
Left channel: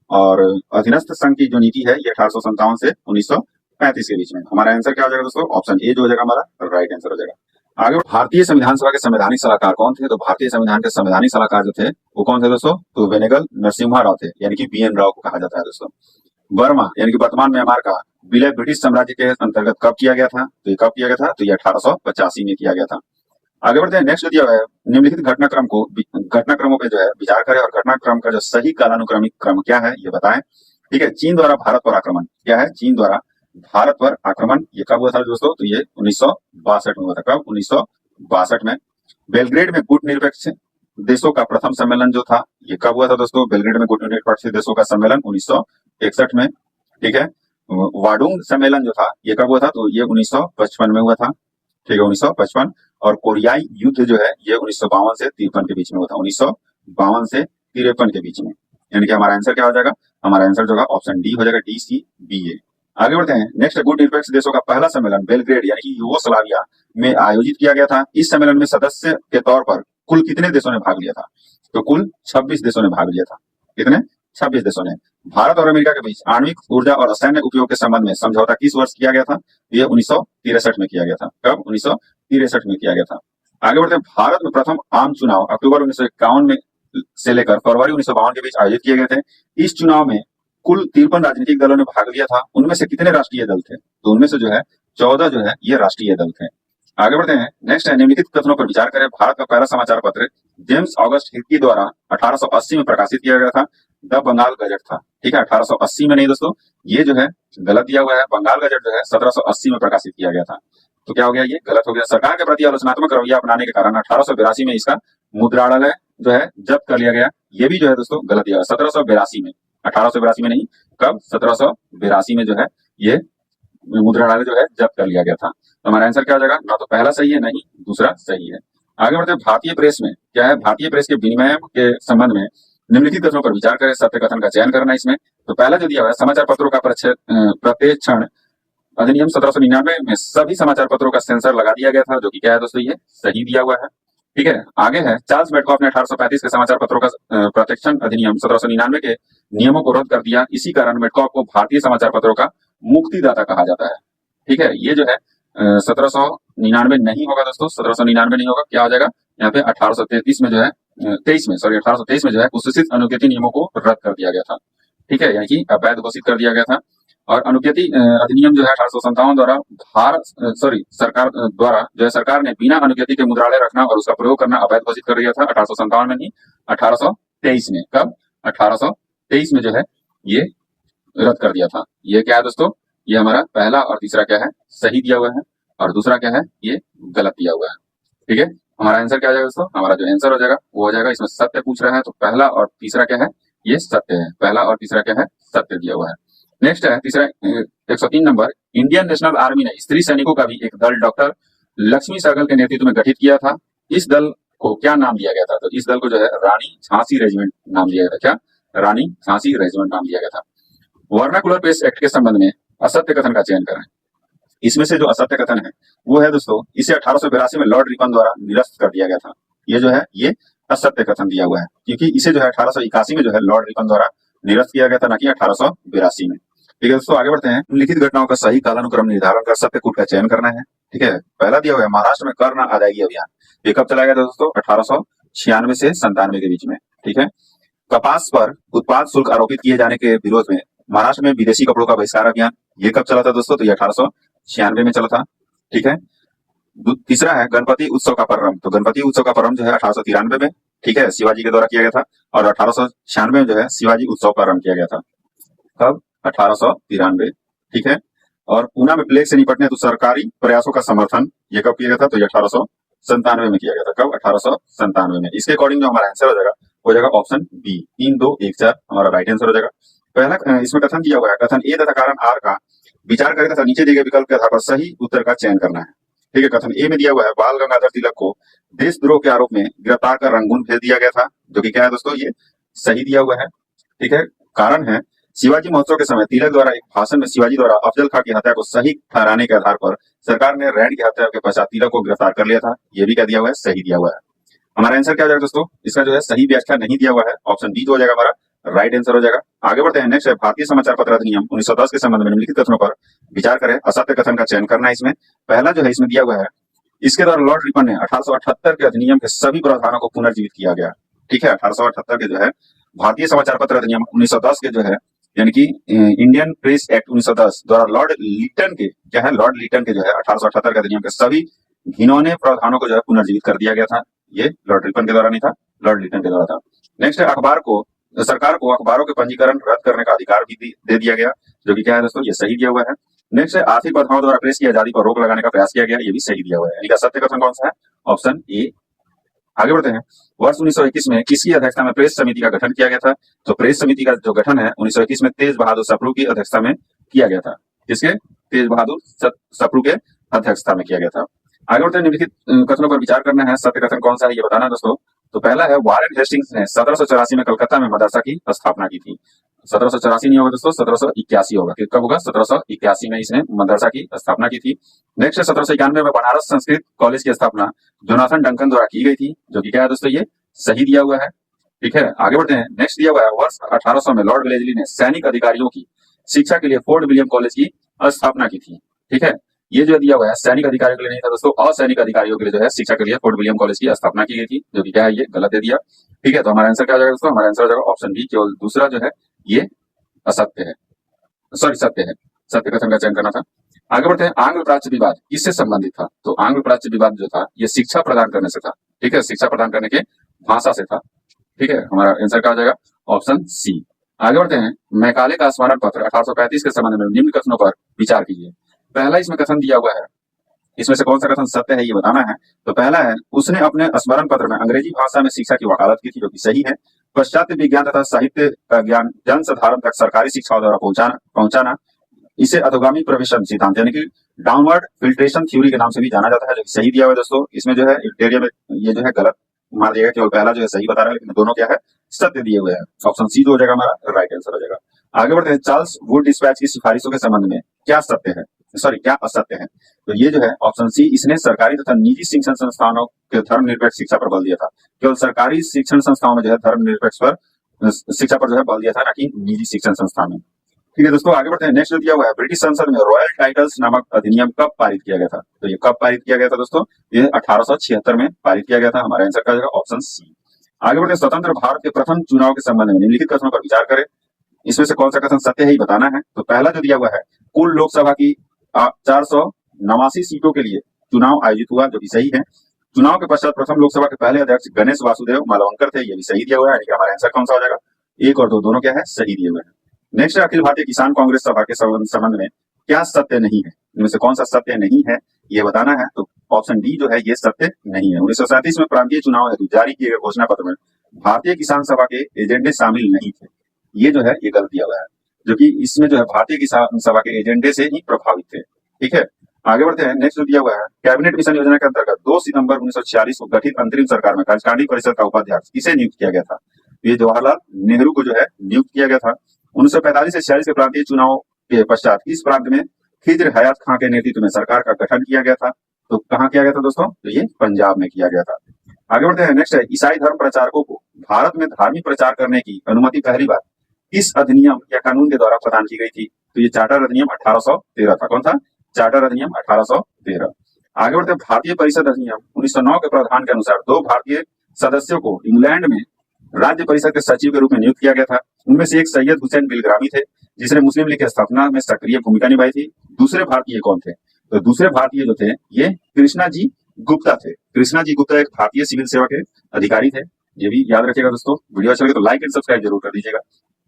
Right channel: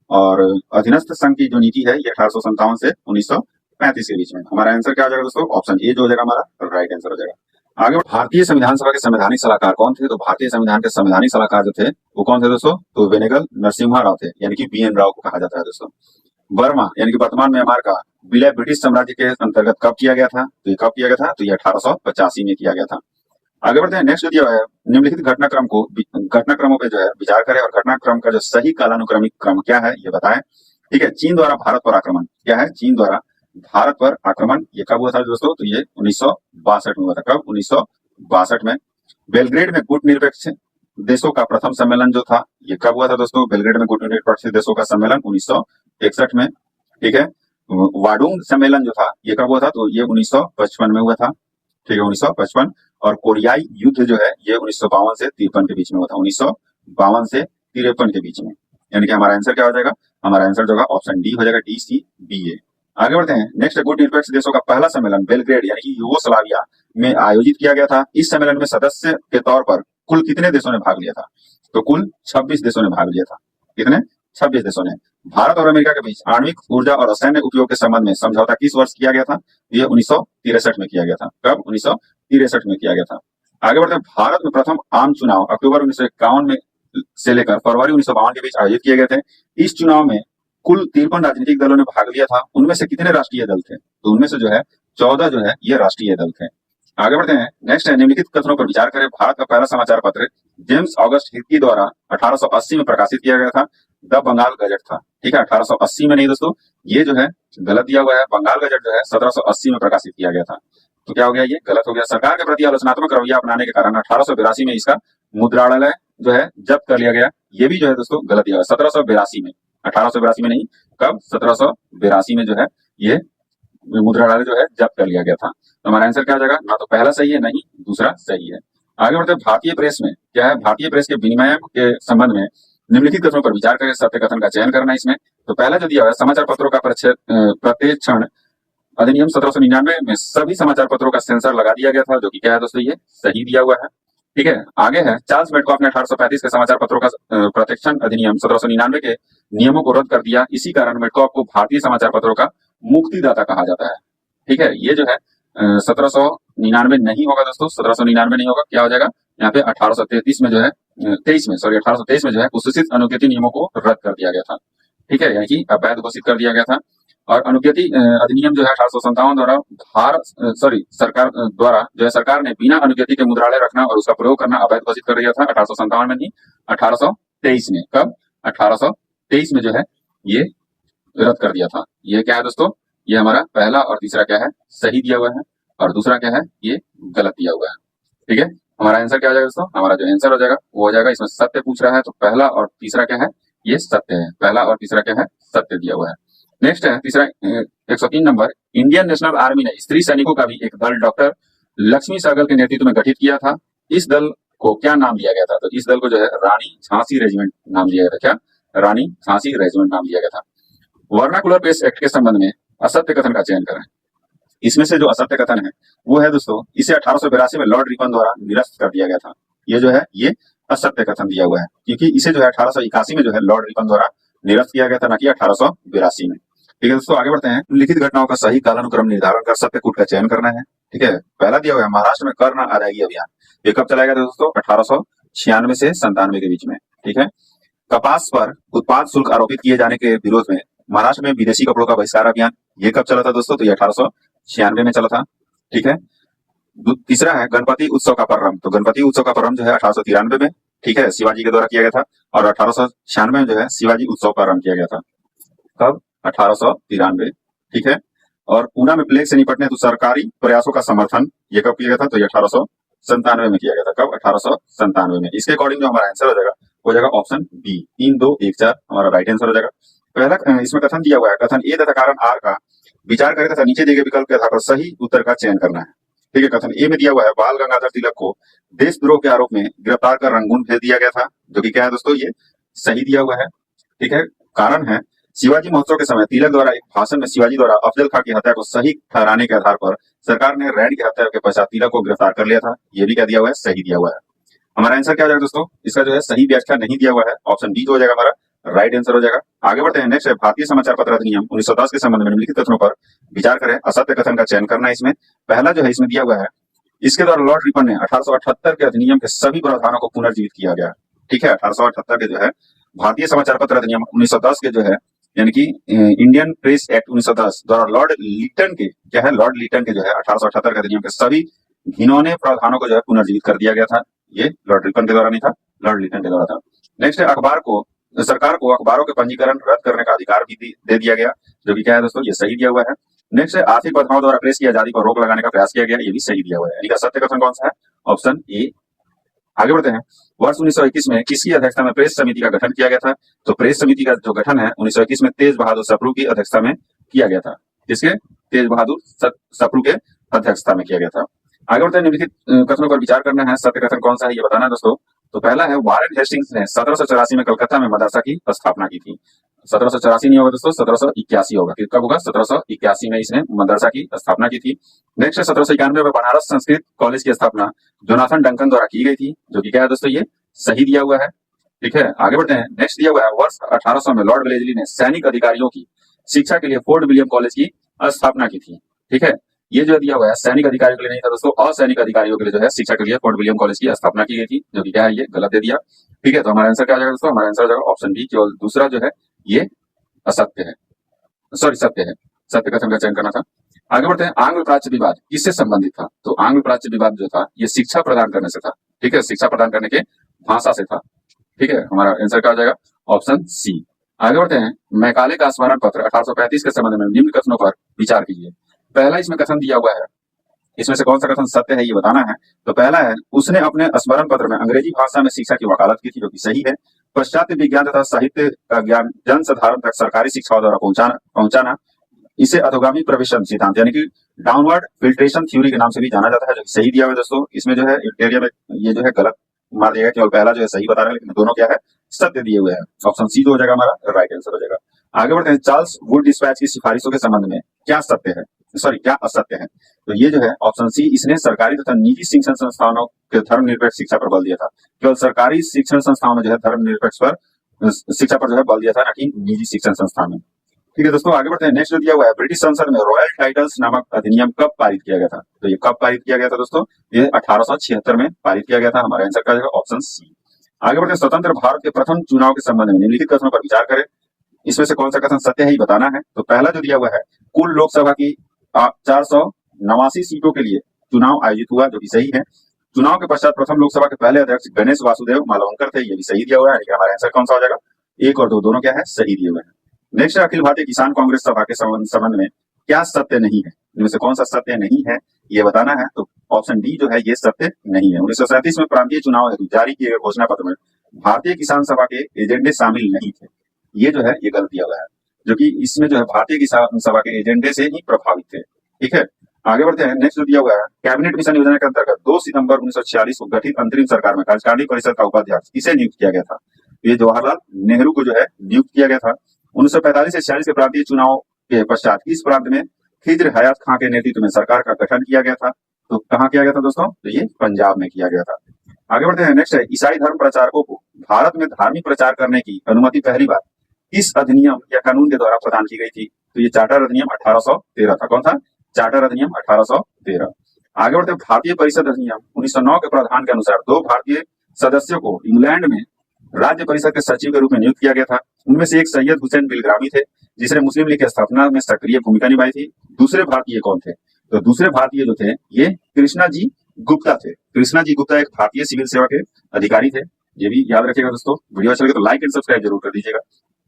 और अधीनस्थ संघ की जो नीति है ये 1857 से 1935 के बीच में। हमारा आंसर क्या हो जाएगा दोस्तों? ऑप्शन ए जो हो जाएगा हमारा राइट आंसर हो जाएगा। आगे भारतीय संविधान सभा के संवैधानिक सलाहकार कौन थे? तो भारतीय संविधान के संवैधानिक सलाहकार जो थे वो कौन थे दोस्तों? तो वेनेगल नरसिम्हा राव थे, यानी कि BN राव को कहा जाता है दोस्तों। बर्मा यानी कि वर्तमान म्यांमार का विलय ब्रिटिश साम्राज्य के अंतर्गत कब किया गया था? तो ये कब किया गया था? तो ये 1885 में किया गया था। आगे बढ़ते हैं। नेक्स्ट दिया हुआ है निम्नलिखित घटनाक्रमों पे जो है विचार करें और घटनाक्रम का जो सही कालानुक्रमिक क्रम क्या है ये बताएं। ठीक है। चीन द्वारा भारत पर आक्रमण क्या है? चीन द्वारा भारत पर आक्रमण ये कब हुआ था दोस्तों? तो ये 1962 में हुआ था। कब? 1962 में। बेलग्रेड में गुट निरपेक्ष देशों का प्रथम सम्मेलन जो था ये कब हुआ था दोस्तों? बेलग्रेड में गुट निरपेक्ष देशों का सम्मेलन 1961 में। ठीक है। वाडुंग सम्मेलन जो था ये कब हुआ था? तो ये 1955 में हुआ था। ठीक है, 1955। और कोरियाई युद्ध जो है ये 1952 से 53 के बीच में हुआ था। 1952 से 53 के बीच में। यानी कि हमारा आंसर क्या हो जाएगा? हमारा आंसर जो होगा ऑप्शन डी हो जाएगा, DCBA। आगे बढ़ते हैं। नेक्स्ट गुट निरपेक्ष देशों का पहला सम्मेलन बेलग्रेड यानी कि यूगोस्लाविया में आयोजित किया गया था। इस सम्मेलन में सदस्य के तौर पर कुल कितने देशों ने भाग लिया था? तो कुल 26 देशों ने भाग लिया था। कितने? 26 देशों ने। भारत और अमेरिका के बीच आणविक ऊर्जा और सैन्य उपयोग के संबंध में समझौता किस वर्ष किया गया था? ये 1963 में किया गया था। कब? 1963 में किया गया था। आगे बढ़ते हैं। भारत में प्रथम आम चुनाव अक्टूबर 1951 में से लेकर फरवरी 1952 के बीच आयोजित किए गए थे। इस चुनाव में कुल 53 राजनीतिक दलों ने भाग लिया था। उनमें से कितने राष्ट्रीय दल थे? तो उनमें से जो है 14 जो है ये राष्ट्रीय दल थे। आगे बढ़ते हैं। नेक्स्ट है निम्नलिखित कथनों पर विचार करें। भारत का पहला समाचार पत्र जेम्स ऑगस्ट हिर्की द्वारा 1880 में प्रकाशित किया गया था। द बंगाल गजट था। ठीक है। 1880 में नहीं दोस्तों, ये जो है गलत दिया हुआ है। बंगाल गजट जो है 1780 में प्रकाशित किया गया था। तो क्या हो गया? ये गलत हो गया। सरकार के प्रति आलोचनात्मक रवैया अपनाने के कारण 1882 में इसका मुद्रालय जो है जब्त कर लिया गया। ये भी जो है दोस्तों गलत दिया हुआ। 1782 में, 1882 में नहीं, कब? 1782 में जो है ये मुद्रालय जो है जब्त कर लिया गया था। तो हमारा आंसर क्या हो जाएगा? ना तो पहला सही है, नहीं दूसरा सही है। आगे बढ़ते हैं। भारतीय प्रेस में क्या है? भारतीय प्रेस के विनिमय के संबंध में निम्नलिखित कथनों पर विचार करें, सत्य कथन का चयन करना इसमें। तो पहला जो दिया हुआ है समाचार पत्रों का प्रत्यक्षण अधिनियम 1799 में सभी समाचार पत्रों का सेंसर लगा दिया गया था, जो कि क्या है दोस्तों? ये सही दिया हुआ है। ठीक है। आगे है चार्ल्स मेडकॉफ ने 1835 के समाचार पत्रों का प्रत्यक्षण अधिनियम 1799 के नियमों को रद्द कर दिया। इसी कारण मेडकॉफ को भारतीय समाचार पत्रों का मुक्तिदाता कहा जाता है। ठीक है। ये जो है 1799 नहीं होगा दोस्तों, 1799 नहीं होगा। क्या हो जाएगा यहाँ पे? 1833 में जो है 1823 में जो है कुत्सित अनुज्ञप्ति नियमों को रद्द कर दिया गया था। ठीक है। यानी कि अवैध घोषित कर दिया गया था। और अनुज्ञप्ति अधिनियम जो है 1857 द्वारा सरकार द्वारा जो है सरकार ने बिना अनुज्ञप्ति के मुद्रालय रखना और उसका प्रयोग करना अवैध घोषित कर दिया था। 1857 में नहीं, 1823 में। कब? 1823 में जो है ये रद्द कर दिया था। ये क्या है दोस्तों? ये हमारा पहला और तीसरा क्या है? सही दिया हुआ है। और दूसरा क्या है? ये गलत दिया हुआ है। ठीक है। हमारा आंसर क्या हो जाएगा दोस्तों? हमारा जो आंसर हो जाएगा वो हो जाएगा, इसमें सत्य पूछ रहा है तो पहला और तीसरा क्या है? ये सत्य है। पहला और तीसरा क्या है, सत्य दिया हुआ है। नेक्स्ट है तीसरा 103 नंबर, इंडियन नेशनल आर्मी ने स्त्री सैनिकों का भी एक दल डॉक्टर लक्ष्मी सहगल के नेतृत्व में गठित किया था। इस दल को क्या नाम दिया गया था? तो इस दल को जो है रानी झांसी रेजिमेंट नाम दिया गया था। क्या? रानी झांसी रेजिमेंट नाम दिया गया था। वर्नाकुलर प्रेस एक्ट के संबंध में असत्य कथन का चयन करें। इसमें से जो असत्य कथन है वो है दोस्तों, इसे 1882 में लॉर्ड रिपन द्वारा निरस्त कर दिया गया था। ये जो है ये असत्य कथन दिया हुआ है, क्योंकि इसे जो है 1881 में जो है लॉर्ड रिपन द्वारा निरस्त किया गया था, ना कि 1882 में। ठीक है दोस्तों, आगे बढ़ते हैं। लिखित घटनाओं का सही कालानुक्रम निर्धारण कर सत्य कूट का चयन करना है। ठीक है, पहला दिया हुआ है महाराष्ट्र में कर न अदायगी अभियान। ये कब चलाया गया था दोस्तों? 1896 से 97 के बीच में। ठीक है, कपास पर उत्पाद शुल्क आरोपित किए जाने के विरोध में महाराष्ट्र में विदेशी कपड़ों का बहिष्कार अभियान, ये कब चला था दोस्तों? तो ये 1896 में चला था। ठीक है, तीसरा है गणपति उत्सव का प्रारंभ। तो गणपति उत्सव का प्रारंभ जो है 1893 में, ठीक है, शिवाजी के द्वारा किया गया था। और 1896 में जो है शिवाजी उत्सव प्रारंभ किया गया था। कब? 1893। ठीक है, और पूना में प्लेग से निपटने तो सरकारी प्रयासों का समर्थन, ये कब किया गया था? तो ये 1897 में किया गया था। कब? 1897 में। इसके अकॉर्डिंग जो हमारा आंसर हो जाएगा हो जाएगा ऑप्शन बी, 3, 2, 1, 4 हमारा राइट आंसर हो जाएगा। पहला इसमें कथन दिया हुआ है, कथन ए तथा कारण आर का विचार करें तथा नीचे दिए गए विकल्प के आधार पर सही उत्तर का चयन करना है। ठीक है, कथन ए में दिया हुआ है बाल गंगाधर तिलक को देशद्रोह के आरोप में गिरफ्तार कर रंगून भेज दिया गया था, जो कि क्या है दोस्तों? ये सही दिया हुआ है। ठीक है, कारण है शिवाजी महोत्सव के समय तिलक द्वारा एक भाषण में शिवाजी द्वारा अफजल खां की हत्या को सही ठहराने के आधार पर सरकार ने रैंड की हत्या के पश्चात तिलक को गिरफ्तार कर लिया था। ये भी क्या दिया हुआ है? सही दिया हुआ है। हमारा आंसर क्या हो जाएगा दोस्तों? इसका जो है सही व्याख्या नहीं दिया हुआ है, ऑप्शन बी जो हो जाएगा हमारा राइट आंसर हो जाएगा। आगे बढ़ते हैं। नेक्स्ट है भारतीय समाचार पत्र अधिनियम 1910 के संबंध में निम्नलिखित कथनों पर विचार करें। असत्य कथन का चयन करना है इसमें। पहला जो है इसमें दिया हुआ है, इसके द्वारा लॉर्ड रिपन ने 1878 के अधिनियम के सभी प्रावधानों को पुनर्जीवित किया गया। ठीक है, 1878 के जो है भारतीय समाचार पत्र अधिनियम 1910 के जो है यानी कि इंडियन प्रेस एक्ट 1910 द्वारा लॉर्ड लिटन के क्या है, लॉर्ड लिटन के जो है 1878 के अधिनियम के सभी घिनौने प्रावधानों को जो है पुनर्जीवित कर दिया गया था। ये लॉर्ड रिपन के द्वारा नहीं था, लॉर्ड लिटन के द्वारा था। नेक्स्ट है सरकार को अखबारों के पंजीकरण रद्द करने का अधिकार भी दे दिया गया, जो कि क्या है दोस्तों? ये सही दिया हुआ है। नेक्स्ट है आर्थिक बाधाओं द्वारा प्रेस की आजादी पर रोक लगाने का प्रयास किया गया, ये भी सही दिया हुआ है। यानी कि सत्य कथन कौन सा है? Option A. आगे बढ़ते हैं। वर्ष 1921 में किसकी अध्यक्षता में प्रेस समिति का गठन किया गया था? तो प्रेस समिति का जो गठन है 1921 में तेज बहादुर सप्रू की अध्यक्षता में किया गया था। किसके? तेज बहादुर सप्रू के अध्यक्षता में किया गया था। आगे बढ़ते हैं। निम्नलिखित कथनों पर विचार करना है, सत्य कथन कौन सा है ये बताना है दोस्तों। तो पहला है वारेन हेस्टिंग्स ने 1784 में कलकत्ता में मदरसा की स्थापना की थी। 1784 नहीं होगा दोस्तों, 1781 होगा। कब होगा? 1781 में इसने मदरसा की स्थापना की थी। नेक्स्ट है 1791 में बनारस संस्कृत कॉलेज की स्थापना जोनाथन डंकन द्वारा की गई थी, जो कि क्या है दोस्तों? ये सही दिया हुआ है। ठीक है, आगे बढ़ते हैं। नेक्स्ट दिया हुआ है वर्ष 1800 में लॉर्ड वेलेस्ली ने सैनिक अधिकारियों की शिक्षा के लिए फोर्ट विलियम कॉलेज की स्थापना की थी। ठीक है, ये जो दिया हुआ है सैनिक अधिकारियों के लिए नहीं था दोस्तों, असैनिक अधिकारियों के लिए जो है शिक्षा के लिए फोर्ट विलियम कॉलेज की स्थापना की गई थी, जो कि क्या है? ये गलत दे दिया। ठीक है, तो हमारा आंसर क्या हो जाएगा दोस्तों? हमारा आंसर हो जाएगा ऑप्शन बी, केवल दूसरा जो है ये असत्य है, सॉरी सत्य है। सत्य कथन का चयन करना था। आगे बढ़ते हैं। आंग्ल प्राच्य विवाद किससे संबंधित था? तो आंग्ल प्राच्य विवाद जो था ये शिक्षा प्रदान करने से था। ठीक है, शिक्षा प्रदान करने के भाषा से था। ठीक है, हमारा आंसर क्या हो जाएगा? Option C. आगे बढ़ते हैं। मैकाले का स्मरण पत्र 1835 के संबंध में निम्न कथनों पर विचार कीजिए। पहला इसमें कथन दिया हुआ है, इसमें से कौन सा कथन सत्य है ये बताना है। तो पहला है उसने अपने स्मरण पत्र में अंग्रेजी भाषा में शिक्षा की वकालत की थी, जो कि सही है। पाश्चात्य विज्ञान तथा साहित्य का ज्ञान जन साधारण तक सरकारी शिक्षा द्वारा पहुंचाना इसे अधोगामी प्रवेशन सिद्धांत यानी कि डाउनवर्ड फिल्ट्रेशन थ्योरी के नाम से भी जाना जाता है, जो सही दिया हुआ है दोस्तों। इसमें जो है एरिया में ये जो है गलत मार दिया गया, केवल पहला जो है सही बता रहा है, लेकिन दोनों क्या है? सत्य दिए हुए हैं। ऑप्शन सी हो जाएगा हमारा राइट आंसर हो जाएगा। आगे बढ़ते हैं। चार्ल्स वुड डिस्पैच की सिफारिशों के संबंध में क्या सत्य है, सॉरी क्या असत्य है? तो ये जो है ऑप्शन सी, इसने सरकारी तथा निजी शिक्षण संस्थानों के धर्मनिरपेक्ष शिक्षा पर बल दिया था। केवल सरकारी शिक्षण संस्थाओं में जो है धर्मनिरपेक्ष पर शिक्षा पर जो है बल दिया था, ना कि निजी शिक्षण संस्थान में। ठीक है दोस्तों, आगे बढ़ते हैं। नेक्स्ट जो दिया हुआ है ब्रिटिश संसद में रॉयल टाइटल्स नामक अधिनियम कब पारित किया गया था? तो ये कब पारित किया गया था दोस्तों? ये 1876 में पारित किया गया था। हमारा आंसर क्या हो जाएगा? Option C. आगे बढ़ते हैं। स्वतंत्र भारत के प्रथम चुनाव के संबंध में निम्नलिखित कथनों पर विचार करें। इसमें से कौन सा कथन सत्य है ये बताना है। तो पहला जो दिया हुआ है, कुल लोकसभा की 489 सीटों के लिए चुनाव आयोजित हुआ, जो कि सही है। चुनाव के पश्चात प्रथम लोकसभा के पहले अध्यक्ष गणेश वासुदेव मालवंकर थे, ये भी सही दिया हुआ है। हमारा आंसर कौन सा हो जाएगा? 1 और 2 दोनों क्या है? सही दिए हुए हैं। नेक्स्ट अखिल भारतीय किसान कांग्रेस सभा के संबंध में क्या सत्य नहीं है? इनमें से कौन सा सत्य नहीं है ये बताना है। तो ऑप्शन डी जो है ये सत्य नहीं है। 1937 में प्रांतीय चुनाव हेतु जारी किए गए घोषणा पत्र में भारतीय किसान सभा के एजेंडे शामिल नहीं थे। ये जो है ये गलत दिया हुआ है, जो कि इसमें जो है भारतीय किसान सभा के एजेंडे से ही प्रभावित थे। ठीक है, आगे बढ़ते हैं। नेक्स्ट जो दिया हुआ है, कैबिनेट मिशन योजना के अंतर्गत 2 सितंबर 1946 को गठित अंतरिम सरकार में कार्यकारिणी परिषद का उपाध्यक्ष किसे नियुक्त किया गया था? ये जवाहरलाल नेहरू को जो है नियुक्त किया गया था। 1945 से 46 के प्रांतीय चुनाव के पश्चात इस प्रांत में खिज्र हयात खां के नेतृत्व में सरकार का गठन किया गया था। तो कहाँ किया गया था दोस्तों? तो ये पंजाब में किया गया था। आगे बढ़ते हैं। नेक्स्ट है, ईसाई धर्म प्रचारकों को भारत में धार्मिक प्रचार करने की अनुमति पहली बार किस अधिनियम या कानून के द्वारा प्रदान की गई थी? तो ये चार्टर अधिनियम 1813 था। कौन था? चार्टर अधिनियम 1813। आगे बढ़ते हैं। भारतीय परिषद अधिनियम 1909 के प्रावधान के अनुसार 2 भारतीय सदस्यों को इंग्लैंड में राज्य परिषद के सचिव के रूप में नियुक्त किया गया था। उनमें से एक सैयद हुसैन बिलग्रामी थे, जिसने मुस्लिम लीग की स्थापना में सक्रिय भूमिका निभाई थी। दूसरे भारतीय कौन थे? तो दूसरे भारतीय जो थे ये कृष्णा जी गुप्ता थे। कृष्णा जी गुप्ता एक भारतीय सिविल सेवा के अधिकारी थे। ये भी याद रखिएगा दोस्तों। वीडियो अच्छा लगे तो लाइक एंड सब्सक्राइब जरूर कर दीजिएगा।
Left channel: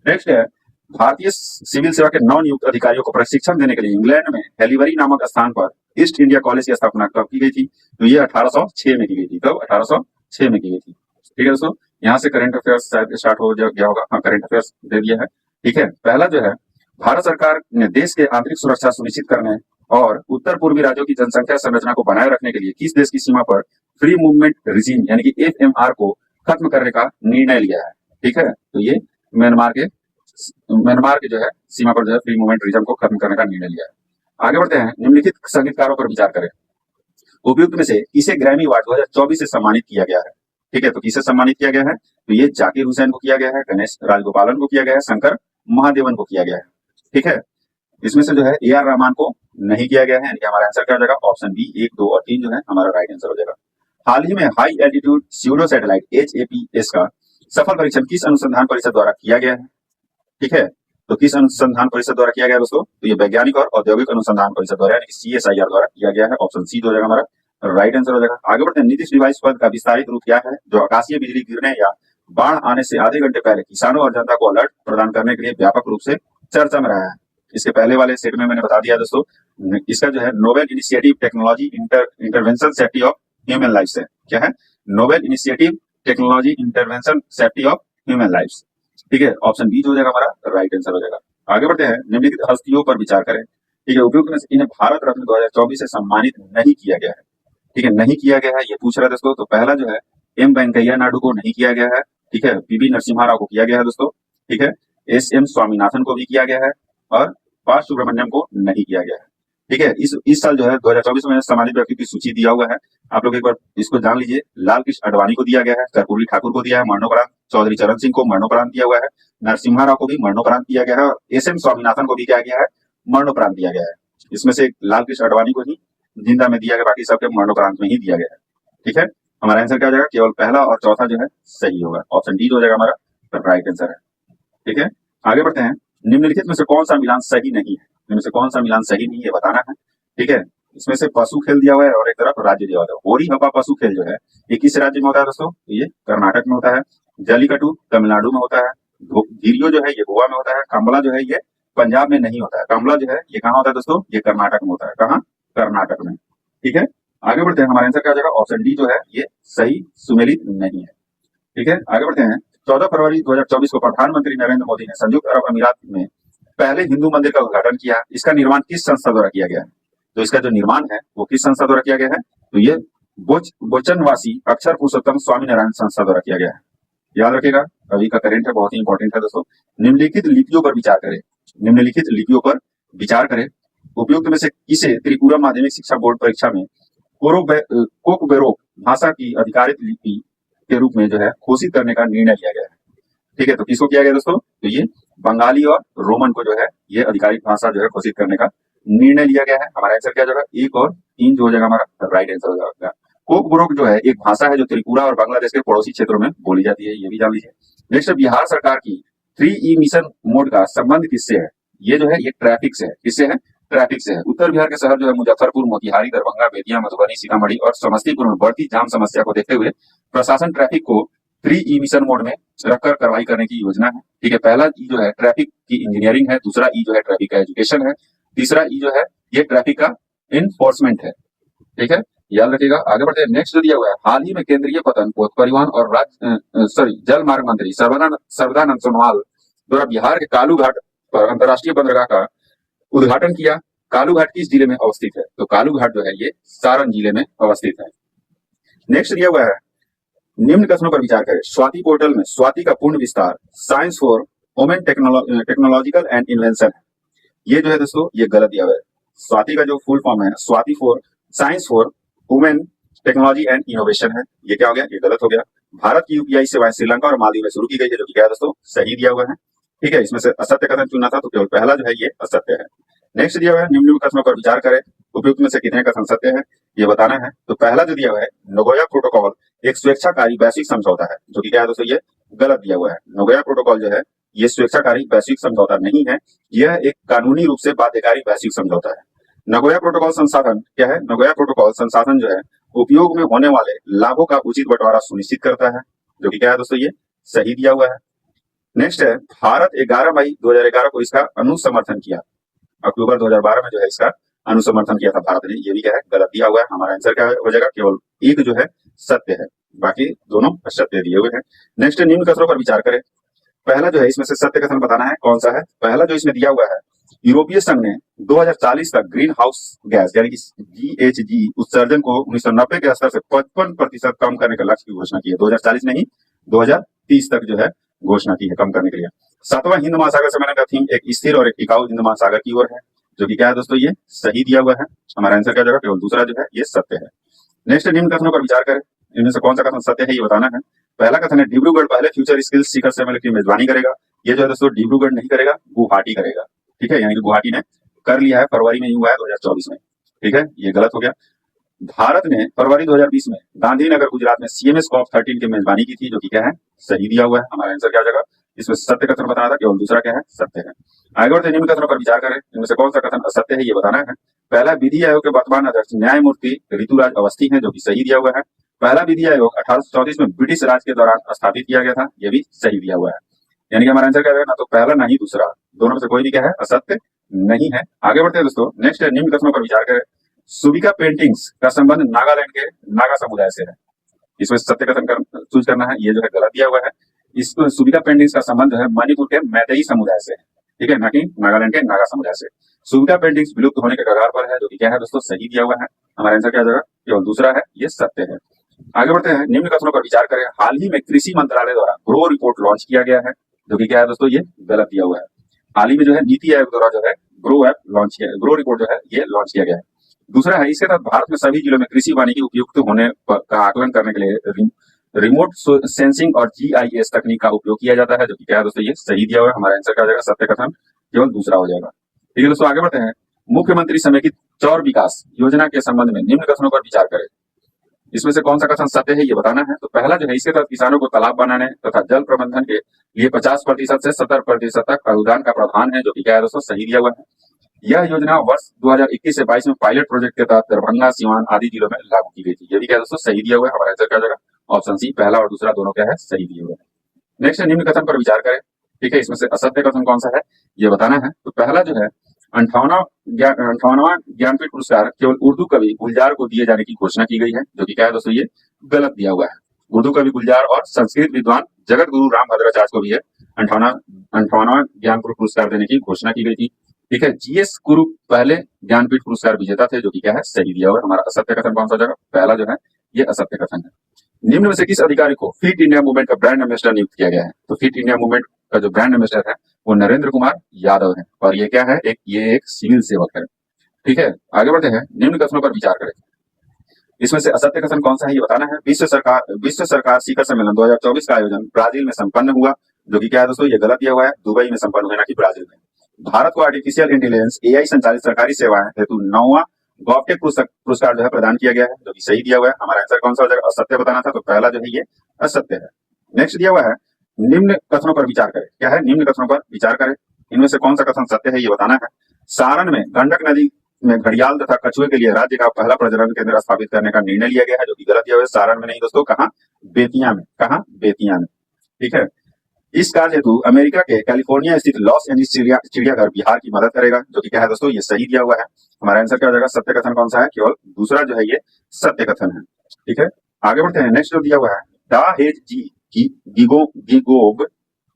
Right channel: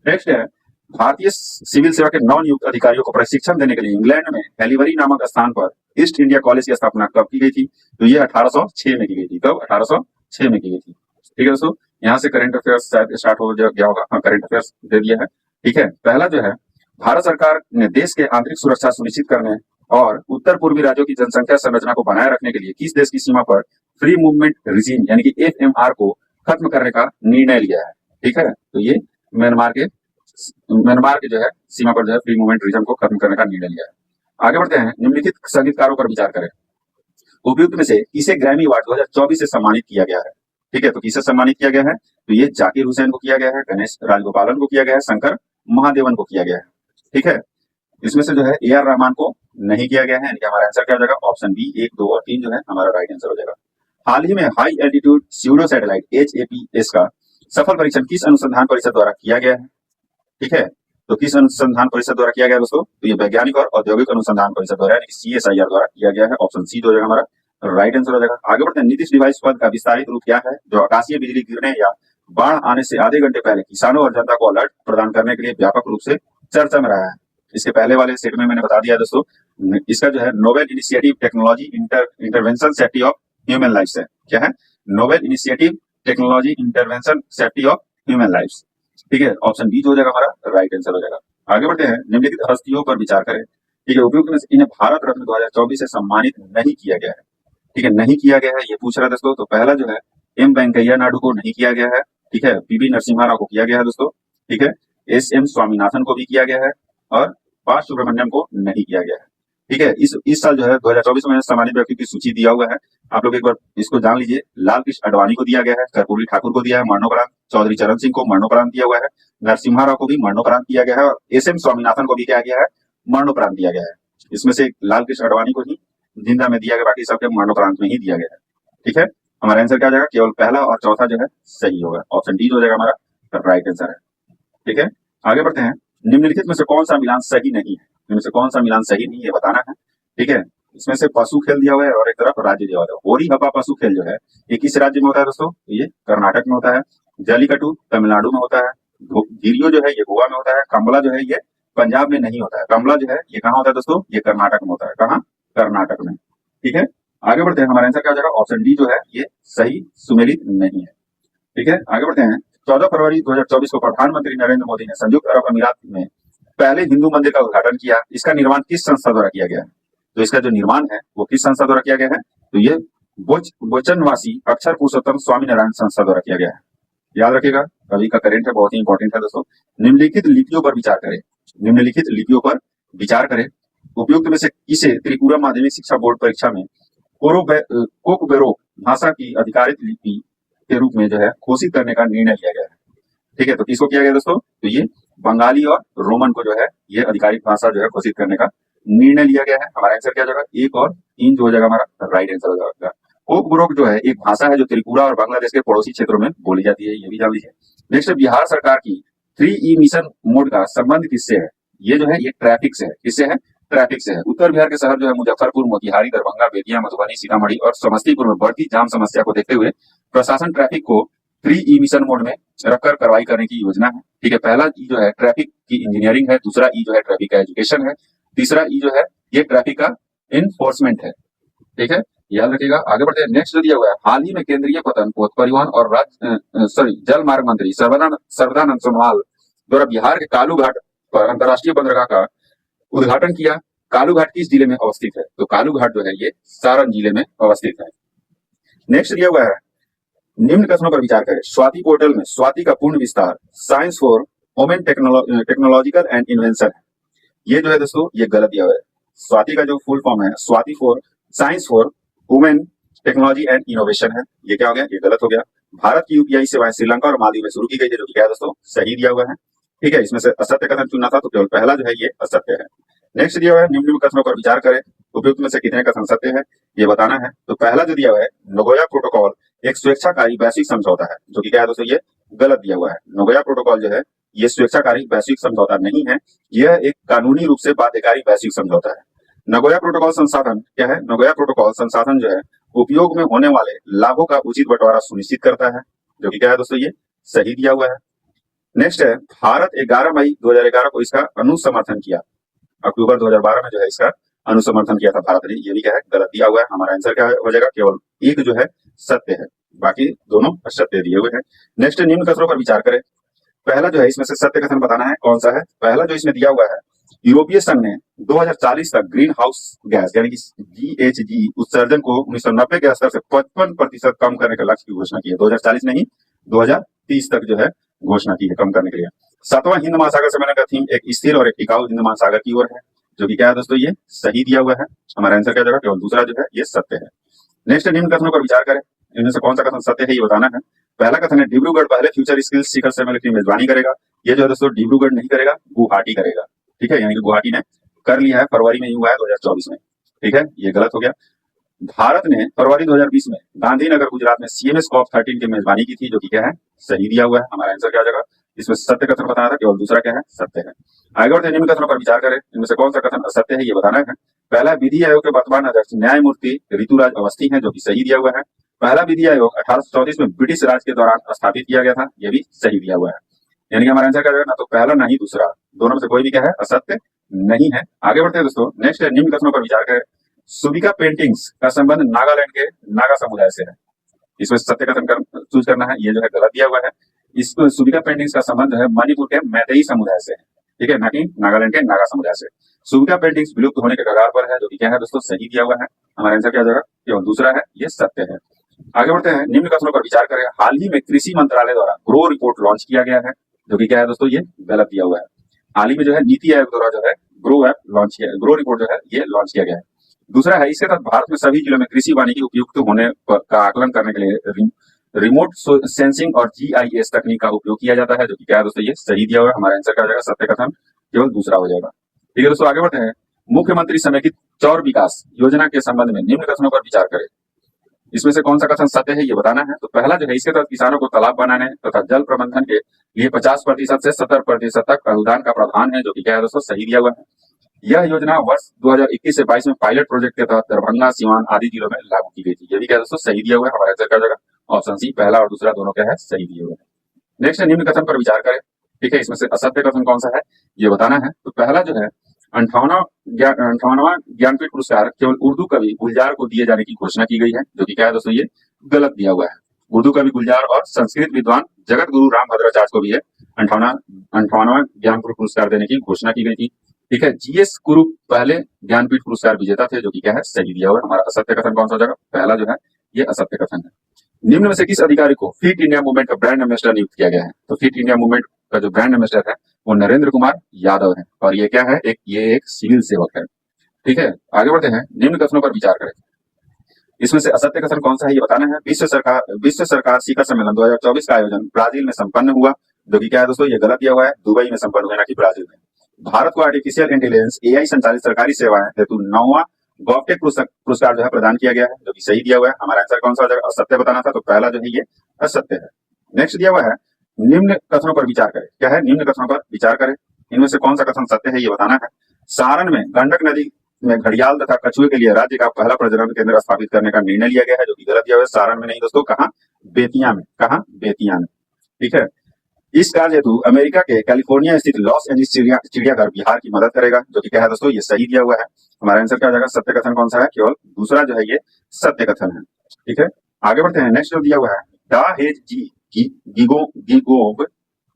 नेक्स्ट है, भारतीय सिविल सेवा के नवनियुक्त अधिकारियों को प्रशिक्षण देने के लिए इंग्लैंड में हेलीवरी नामक स्थान पर ईस्ट इंडिया कॉलेज की स्थापना कब की गई थी? तो ये 1806 में की गई थी। कब? 1806 में की गई थी। ठीक है दोस्तों, यहाँ से करंट अफेयर्स शायद स्टार्ट हो गया होगा। हाँ, करंट अफेयर्स दे दिया है। ठीक है, पहला जो है, भारत सरकार ने देश के आंतरिक सुरक्षा सुनिश्चित करने और उत्तर पूर्वी राज्यों की जनसंख्या संरचना को बनाए रखने के लिए किस देश की सीमा पर फ्री मूवमेंट रिजीम यानी कि एफएमआर को खत्म करने का निर्णय लिया है? ठीक है, तो ये म्यांमार के जो है सीमा पर जो है फ्री मूवमेंट रिजीम को खत्म करने का निर्णय लिया है। आगे बढ़ते हैं। निम्नलिखित संगीतकारों पर विचार करें। उपयुक्त में से किसे ग्रैमी अवार्ड 2024 से सम्मानित किया गया है? ठीक है, तो किसे सम्मानित किया गया है? तो ये जाकिर हुसैन को किया गया है, गणेश राजगोपालन को किया गया है, शंकर महादेवन को किया गया है। ठीक है, इसमें से जो है ए आर रहमान को नहीं किया गया है। यानी कि हमारा आंसर क्या हो जाएगा? ऑप्शन बी 1, 2 और 3 जो है हमारा राइट आंसर हो जाएगा। हाल ही में high altitude pseudo satellite HAPS का सफल परीक्षण किस अनुसंधान परिषद द्वारा किया गया है? ठीक है, तो किस अनुसंधान परिषद द्वारा किया गया दोस्तों? तो ये वैज्ञानिक और औद्योगिक अनुसंधान परिषद द्वारा यानी कि CSIR द्वारा किया गया है। ऑप्शन सी जो हो जाएगा हमारा राइट आंसर हो जाएगा। आगे बढ़ते हैं। नीतीश डिवाइस पद का विस्तारित रूप क्या है? जो आकाशीय बिजली गिरने या बाढ़ आने से आधे घंटे पहले किसानों और जनता को अलर्ट प्रदान करने के लिए व्यापक रूप से चर्चा में रहा है। इसके पहले वाले सेट में मैंने बता दिया दोस्तों, इसका जो है novel initiative technology intervention safety of human life है। क्या है? Novel initiative technology intervention safety of human life. ठीक है, ऑप्शन बी जो हो जाएगा हमारा राइट आंसर हो जाएगा। आगे बढ़ते हैं। निम्नलिखित हस्तियों पर विचार करें। ठीक है, उपयुक्त में से इन्हें भारत रत्न 2024 से सम्मानित नहीं किया गया है। ठीक है, नहीं किया गया है ये पूछ रहा है दोस्तों। तो पहला जो है एम वेंकैया नायडू को नहीं किया गया है। ठीक है, पीवी नरसिम्हा राव को किया गया है दोस्तों। ठीक है, SM स्वामीनाथन को भी किया गया है और पा सुब्रमण्यम को नहीं किया गया है। ठीक है, इस साल जो है 2024 में सम्मानित व्यक्ति की सूची दिया हुआ है। आप लोग एक बार इसको जान लीजिए। लाल कृष्ण आडवाणी को दिया गया है, कर्पूरी ठाकुर को दिया है मरणोपरांत, चौधरी चरण सिंह को मरणोपरांत दिया हुआ है, नरसिम्हा राव को भी मरणोपरांत दिया गया है और SM स्वामीनाथन को भी क्या गया है? मरणोपरांत दिया गया है। इसमें से लाल कृष्ण आडवाणी को ही जिंदा में दिया गया, बाकी सबके मरणोपरांत में ही दिया गया है। ठीक है, हमारा आंसर क्या हो जाएगा? केवल पहला और चौथा जो है सही होगा। ऑप्शन डी हो जाएगा हमारा राइट आंसर है। ठीक है, आगे बढ़ते हैं। निम्नलिखित में से कौन सा मिलान सही नहीं है? इनमें से कौन सा मिलान सही नहीं है बताना है। ठीक है, इसमें से पशु खेल दिया हुआ है और एक तरफ राज्य दिया हुआ है। होरी हवा पशु खेल जो है ये किस राज्य में होता है दोस्तों? ये कर्नाटक में होता है। जलीकट्टू तमिलनाडु में होता है। धीरियो जो है ये गोवा में होता है। कंबला जो है ये पंजाब में नहीं होता है। कंबला जो है ये कहाँ होता है दोस्तों? ये कर्नाटक में होता है। कहाँ? कर्नाटक में। ठीक है, आगे बढ़ते हैं। हमारा आंसर क्या हो जाएगा? ऑप्शन डी जो है ये सही सुमेलित नहीं है। ठीक है, आगे बढ़ते हैं। 14 फरवरी 2024 को प्रधानमंत्री नरेंद्र मोदी ने संयुक्त अरब अमीरात में पहले हिंदू मंदिर का उद्घाटन किया। इसका निर्माण किस संस्था द्वारा किया गया है? तो इसका जो निर्माण है वो किस संस्था द्वारा किया गया है? तो ये बोचनवासी अक्षर पुरुषोत्तम स्वामी नारायण संस्था द्वारा किया गया है। याद रखिएगा, अभी का करेंट है, बहुत ही इंपॉर्टेंट है दोस्तों। निम्नलिखित लिपियों पर विचार करें। निम्नलिखित लिपियों पर विचार करें। उपयुक्त में से किसे त्रिपुरा माध्यमिक शिक्षा बोर्ड परीक्षा में कोकबेरोक भाषा की अधिकारित लिपि के रूप में जो है घोषित करने का निर्णय लिया गया है? ठीक है, तो किसको किया गया दोस्तों? तो ये बंगाली और रोमन को जो है ये आधिकारिक भाषा जो है घोषित करने का निर्णय लिया गया है। हमारा आंसर क्या हो जाएगा? 1 और 3 जो हो जाएगा हमारा राइट आंसर हो जाएगा। कोकबोरोक जो है एक भाषा है जो त्रिपुरा और बांग्लादेश के पड़ोसी क्षेत्रों में बोली जाती है, ये भी जान लीजिए। नेक्स्ट, बिहार सरकार की 3E मिशन मोड का संबंध किससे है? ये जो है ये ट्रैफिक से है। किससे है? ट्रैफिक से है। उत्तर बिहार के शहर जो है मुजफ्फरपुर, मोतिहारी, दरभंगा, बेतिया, मधुबनी, सीतामढ़ी और समस्तीपुर में बढ़ती जाम समस्या को देखते हुए प्रशासन ट्रैफिक को 3E मिशन मोड में रखकर कार्रवाई करने की योजना है। ठीक है, पहला ई जो है ट्रैफिक की इंजीनियरिंग है, दूसरा ई जो है ट्रैफिक का एजुकेशन है, तीसरा ई जो है ये ट्रैफिक का इन्फोर्समेंट है। ठीक है, याद रखिएगा। आगे बढ़ते हैं, नेक्स्ट जो दिया हुआ है, हाल ही में केंद्रीय पतन परिवहन और जल मार्ग मंत्री सर्बानंद सोनोवाल द्वारा बिहार के कालू घाट पर अंतर्राष्ट्रीय बंदरगाह का उद्घाटन किया। कालू घाट किस जिले में अवस्थित है? तो कालू घाट जो है ये सारण जिले में अवस्थित है। नेक्स्ट दिया हुआ है, निम्न कथनों पर विचार करें। स्वाति पोर्टल में स्वाति का पूर्ण विस्तार science for women technological and invention है। ये जो है दोस्तों ये गलत दिया हुआ है। स्वाति का जो फुल फॉर्म है Swati for science for women technology and innovation है। ये क्या हो गया? ये गलत हो गया। भारत की यूपीआई सेवाएं श्रीलंका और मालदीव में शुरू की गई है, जो कि क्या है दोस्तों? सही दिया हुआ है। ठीक है, इसमें से असत्य कथन चुनना था तो केवल पहला जो है ये असत्य है। नेक्स्ट दिया हुआ है, निम्न कथनों पर विचार करें, उपयुक्त में से कितने कथन सत्य है ये बताना है। तो पहला जो दिया हुआ है, नगोया प्रोटोकॉल एक स्वेच्छाकारी वैश्विक समझौता है, जो कि क्या है दोस्तों? ये गलत दिया हुआ है। नगोया प्रोटोकॉल जो है ये स्वेच्छाकारी वैश्विक समझौता नहीं है, यह एक कानूनी रूप से बाध्यकारी वैश्विक समझौता है। नगोया प्रोटोकॉल संसाधन क्या है? नगोया प्रोटोकॉल संसाधन जो है उपयोग में होने वाले लाभों का उचित बंटवारा सुनिश्चित करता है, जो कि क्या है दोस्तों? ये सही दिया हुआ है। नेक्स्ट है, भारत 11 मई 2011 को इसका अनुसमर्थन किया। अक्टूबर 2012 में जो है इसका अनुसमर्थन किया था भारत ने। ये भी क्या है? गलत दिया हुआ है। हमारा आंसर क्या हो जाएगा? केवल एक जो है सत्य है, बाकी दोनों असत्य दिए हुए हैं। नेक्स्ट, निम्न कथनों पर विचार करें। पहला जो है इसमें से सत्य कथन बताना है, कौन सा है? पहला जो इसमें दिया हुआ है, यूरोपीय संघ ने 2040 तक ग्रीन हाउस गैस यानी कि GHG उत्सर्जन को 1990 के स्तर से 55% कम करने का लक्ष्य की घोषणा की है। 2040 नहीं, 2030 तक जो है घोषणा की है कम करने के लिए। 7वां हिंद महासागर सम्मेलन का थीम एक स्थिर और एक टिकाऊ हिंद महासागर की ओर है, जो कि क्या है दोस्तों? ये सही दिया हुआ है। हमारा आंसर क्या जाएगा? केवल दूसरा जो है ये सत्य है। नेक्स्ट, निम्न कथनों पर विचार करें, इनमें से कौन सा कथन सत्य है ये बताना है। पहला कथन है, डिब्रूगढ़ पहले फ्यूचर स्किल्स शिखर सम्मेलन की मेजबानी करेगा। ये जो है दोस्तों डिब्रूगढ़ नहीं करेगा, गुवाहाटी करेगा। ठीक है, यानी कि गुवाहाटी ने कर लिया है, फरवरी में ही हुआ है 2024 में। ठीक है, ये गलत हो गया। भारत ने फरवरी 2020 में गांधीनगर गुजरात में CMS COP13 की मेजबानी की थी, जो कि क्या है? सही दिया हुआ है। हमारा आंसर क्या हो जाएगा? इसमें सत्य कथन बताना था, केवल दूसरा क्या है? सत्य है। आगे बढ़ते निम्न कथनों पर विचार करें, इनमें से कौन सा कथन असत्य है ये बताना है। पहला, विधि आयोग के वर्तमान अध्यक्ष न्यायमूर्ति ऋतुराज अवस्थी हैं, जो कि सही दिया हुआ है। पहला विधि आयोग 1834 में ब्रिटिश राज के दौरान स्थापित किया गया था, ये भी सही दिया हुआ है। यानी कि हमारा आंसर क्या रहेगा? ना तो पहला ना ही दूसरा, दोनों में से कोई भी क्या है? असत्य नहीं है। आगे बढ़ते हैं दोस्तों, नेक्स्ट है, निम्न कथनों पर विचार करें। सुबिका पेंटिंग्स का संबंध नागालैंड के नागा समुदाय से है। इसमें सत्य कथन चूज करना है, ये जो है गलत दिया हुआ है। इस सुबिका पेंटिंग्स का संबंध जो है मणिपुर के मैतेई समुदाय से है। ठीक है, ना कि नागालैंड के नागा समुदाय से। सुबिका पेंटिंग्स विलुप्त होने के कगार पर है, जो कि क्या है दोस्तों? सही दिया हुआ है। हमारा आंसर क्या हो जाएगा? केवल दूसरा है, ये सत्य है। आगे बढ़ते हैं, निम्न कथनों पर विचार करें। हाल ही में कृषि मंत्रालय द्वारा ग्रो रिपोर्ट लॉन्च किया गया है, जो कि क्या है दोस्तों? ये गलत दिया हुआ है। हाल ही में जो है नीति आयोग द्वारा जो है ग्रो ऐप लॉन्च किया, ग्रो रिपोर्ट जो है ये लॉन्च किया गया है। दूसरा है, इसके तहत भारत में सभी जिलों में कृषि वानिकी उपयुक्त होने का आकलन करने के लिए रिमोट सेंसिंग और GIS तकनीक का उपयोग किया जाता है, जो कि क्या है दोस्तों? ये सही दिया हुआ है। हमारा आंसर क्या हो जाएगा? सत्य कथन केवल दूसरा हो जाएगा। ठीक है दोस्तों, आगे बढ़ते हैं। मुख्यमंत्री समेकित चौर विकास योजना के संबंध में निम्न कथनों पर विचार करें। इसमें से कौन सा कथन सत्य है ये बताना है। तो पहला जो है, इसके तहत किसानों को तालाब बनाने तथा जल प्रबंधन के लिए 50% से 70% तक अनुदान का प्रावधान है, जो कि क्या है दोस्तों? सही दिया हुआ है। यह योजना वर्ष 2021 से 22 में पायलट प्रोजेक्ट के तहत दरभंगा, सिवान आदि जिलों में लागू की गई थी। ये भी क्या दोस्तों? सही दिया हुआ है। हमारा आंसर क्या हो जाएगा? ऑप्शन सी, पहला और दूसरा दोनों क्या है? सही दिए हुए हैं। नेक्स्ट है, निम्न कथन पर विचार करें। ठीक है, इसमें से असत्य कथन कौन सा है ये बताना है। तो पहला जो है, 58वां ज्ञानपीठ पुरस्कार केवल उर्दू कवि गुलजार को दिए जाने की घोषणा की गई है, जो कि क्या है दोस्तों? ये गलत दिया हुआ है। उर्दू कवि गुलजार और संस्कृत विद्वान जगत गुरु रामभद्राचार्य को भी है 58वां ज्ञानपीठ पुरस्कार देने की घोषणा की गई थी। ठीक है, GS कुरु पहले ज्ञानपीठ पुरस्कार विजेता थे, जो कि क्या है? सही दिया हुआ है। हमारा असत्य कथन कौन सा हो जाएगा? पहला जो है ये असत्य कथन है। निम्न में से किस अधिकारी को फिट इंडिया मूवमेंट का ब्रांड एम्बेसडर नियुक्त किया गया है? तो फिट इंडिया मूवमेंट का जो ब्रांड एम्बेसडर है वो नरेंद्र कुमार यादव है, और ये क्या है? ये एक सिविल सेवक है। ठीक है, आगे बढ़ते हैं, निम्न कथनों पर विचार करें। इसमें से असत्य कथन कौन सा है ये बताना है। विश्व सरकार शिखर सम्मेलन 2024 का आयोजन ब्राजील में संपन्न हुआ, जो कि क्या है दोस्तों? ये गलत दिया हुआ है। दुबई में संपन्न हुआ, ना कि ब्राजील में। भारत को आर्टिफिशियल इंटेलिजेंस AI संचालित सरकारी सेवाएं हेतु 9वां गॉवटेक पुरस्कार जो है प्रदान किया गया है, जो कि सही दिया हुआ है। हमारा आंसर कौन सा हो जाएगा? असत्य बताना था, तो पहला जो है ये असत्य है। नेक्स्ट दिया हुआ है, निम्न कथनों पर विचार करें। क्या है? निम्न कथनों पर विचार करें, इनमें से कौन सा कथन सत्य है ये बताना है। सारण में गंडक नदी में घड़ियाल तथा कछुए के लिए राज्य का पहला प्रजनन केंद्र स्थापित करने का निर्णय लिया गया है, जो कि गलत दिया हुआ है। सारण में नहीं दोस्तों, कहाँ? बेतिया में। कहाँ? बेतिया में। ठीक है, इस कार्य हेतु अमेरिका के कैलिफोर्निया स्थित लॉस एंजलिस चिड़ियाघर बिहार की मदद करेगा, जो कि क्या है दोस्तों, ये सही दिया हुआ है। हमारा आंसर क्या हो जाएगा, सत्य कथन कौन सा है, केवल दूसरा जो है ये सत्य कथन है। ठीक है, आगे बढ़ते हैं। नेक्स्ट जो दिया हुआ है, डा हेज जी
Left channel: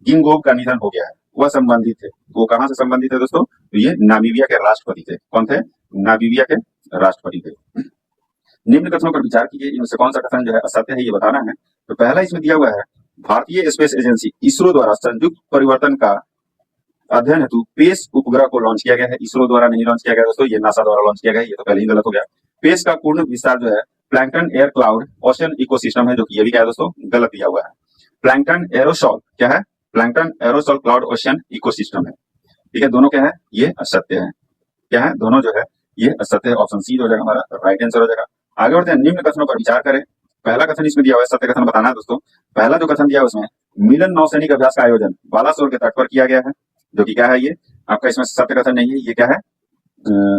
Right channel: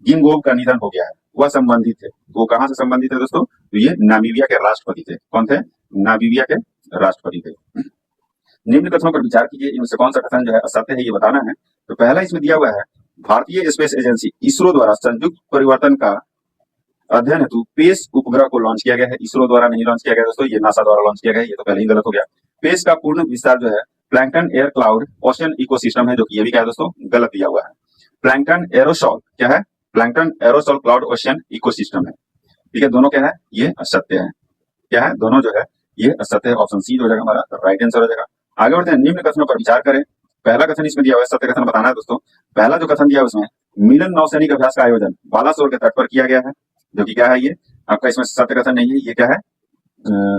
गिंगोब का निधन हो गया है, वह संबंधित थे। वो कहां से संबंधित है दोस्तों, तो ये नामीबिया के राष्ट्रपति थे। कौन थे, नामीबिया के राष्ट्रपति थे। निम्न कथनों पर विचार कीजिए, इनमें से कौन सा कथन जो है असत्य है, ये बताना है। तो पहला इसमें दिया हुआ है, भारतीय स्पेस एजेंसी इसरो द्वारा संयुक्त परिवर्तन का अध्ययन हेतु पेस उपग्रह को लॉन्च किया गया है। इसरो द्वारा नहीं लॉन्च किया गया दोस्तों, ये नासा द्वारा लॉन्च किया गया है, ये तो पहले ही गलत हो गया। पेस का पूर्ण विस्तार जो है plankton air cloud ocean ecosystem है, जो कि ये भी क्या है दोस्तों, गलत दिया हुआ है। प्लैंकटन एरोसॉल क्या है, plankton aerosol cloud ocean ecosystem है। ठीक है, दोनों क्या है, ये असत्य है। क्या है, दोनों जो है ये असत्य है। ऑप्शन सी हो जाएगा हमारा राइट आंसर हो जाएगा। आगे बढ़ते हैं, निम्न कथनों पर विचार करें। पहला कथन इसमें दिया हुआ है, सत्य कथन बताना है दोस्तों। पहला जो कथन दिया है उसमें मिलन नौसैनिक अभ्यास का आयोजन बालासोर के तट पर किया गया है, जो कि क्या है, ये आपका इसमें सत्य कथन नहीं है, ये क्या है,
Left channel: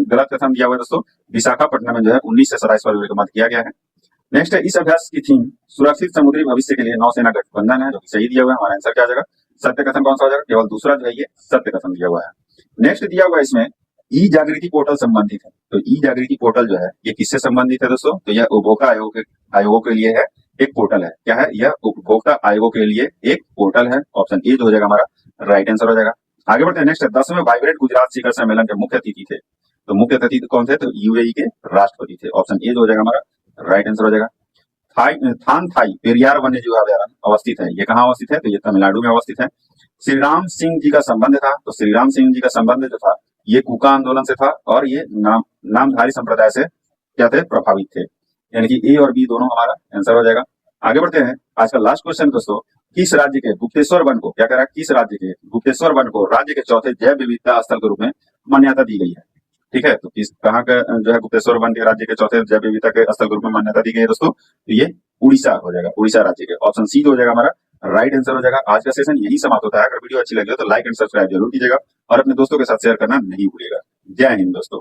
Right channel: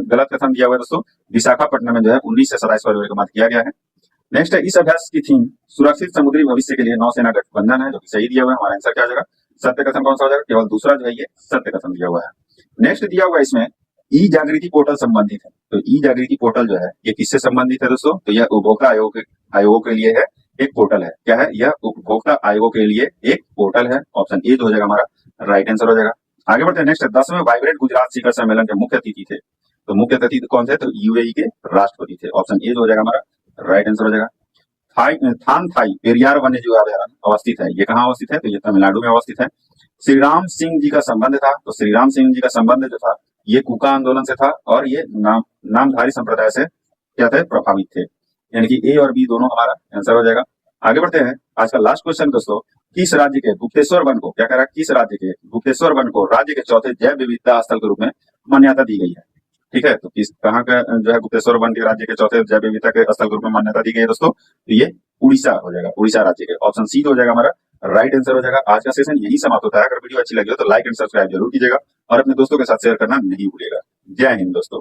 गलत कथन दिया हुआ है दोस्तों। विशाखापट्टनम में जो है 19 से 27 फरवरी को मत किया गया है। नेक्स्ट है, इस अभ्यास की थीम सुरक्षित समुद्री भविष्य के लिए नौसेना गठबंधन है, जो कि सही दिया हुआ है। हमारा आंसर क्या हो जाएगा, सत्य कथन कौन सा हो जाएगा, केवल दूसरा जो है ये सत्य कथन दिया हुआ है। नेक्स्ट दिया हुआ है इसमें ई जागृति पोर्टल संबंधित है। तो ई जागृति पोर्टल जो है ये किससे संबंधित है दोस्तों, तो यह उपभोक्ता आयोगों के लिए है, एक पोर्टल है। क्या है, यह उपभोक्ता आयोगों के लिए एक पोर्टल है। ऑप्शन ए जो हो जाएगा हमारा राइट आंसर हो जाएगा। आगे बढ़ते हैं। नेक्स्ट 10वें वाइब्रेंट गुजरात शिखर सम्मेलन के मुख्य अतिथि थे। तो मुख्य अतिथि कौन थे, तो यूएई के राष्ट्रपति थे। ऑप्शन ए जो हो जाएगा हमारा राइट आंसर हो जाएगा। थान थाई पेरियार वन्य जीव अभयारण्य अवस्थित है, ये कहाँ अवस्थित है, तो ये तमिलनाडु में अवस्थित है। श्री राम सिंह जी का संबंध था, तो श्री राम सिंह जी का संबंध जो था ये कूका आंदोलन से था, और ये नामधारी संप्रदाय से क्या थे, प्रभावित थे। यानी कि ए और बी दोनों हमारा आंसर हो जाएगा। आगे बढ़ते हैं। आज का लास्ट क्वेश्चन दोस्तों, किस राज्य के गुप्तेश्वर वन को क्या करा, किस राज्य के गुप्तेश्वर वन को राज्य के चौथे जैव विविधता स्थल के रूप में मान्यता दी गई है। ठीक है, तो किस कहाँ का जो है गुप्तेश्वर वन के राज्य के चौथे जैव विविधता के स्थल के रूप में मान्यता दी गई है दोस्तों, तो ये उड़ीसा हो जाएगा, उड़ीसा राज्य के। ऑप्शन सी हो जाएगा हमारा राइट आंसर हो जाएगा। आज का सेशन यही समाप्त होता है। अगर वीडियो अच्छी लगी हो तो लाइक एंड सब्सक्राइब जरूर कीजिएगा और अपने दोस्तों के साथ शेयर करना नहीं भूलिएगा। जय हिंद दोस्तों।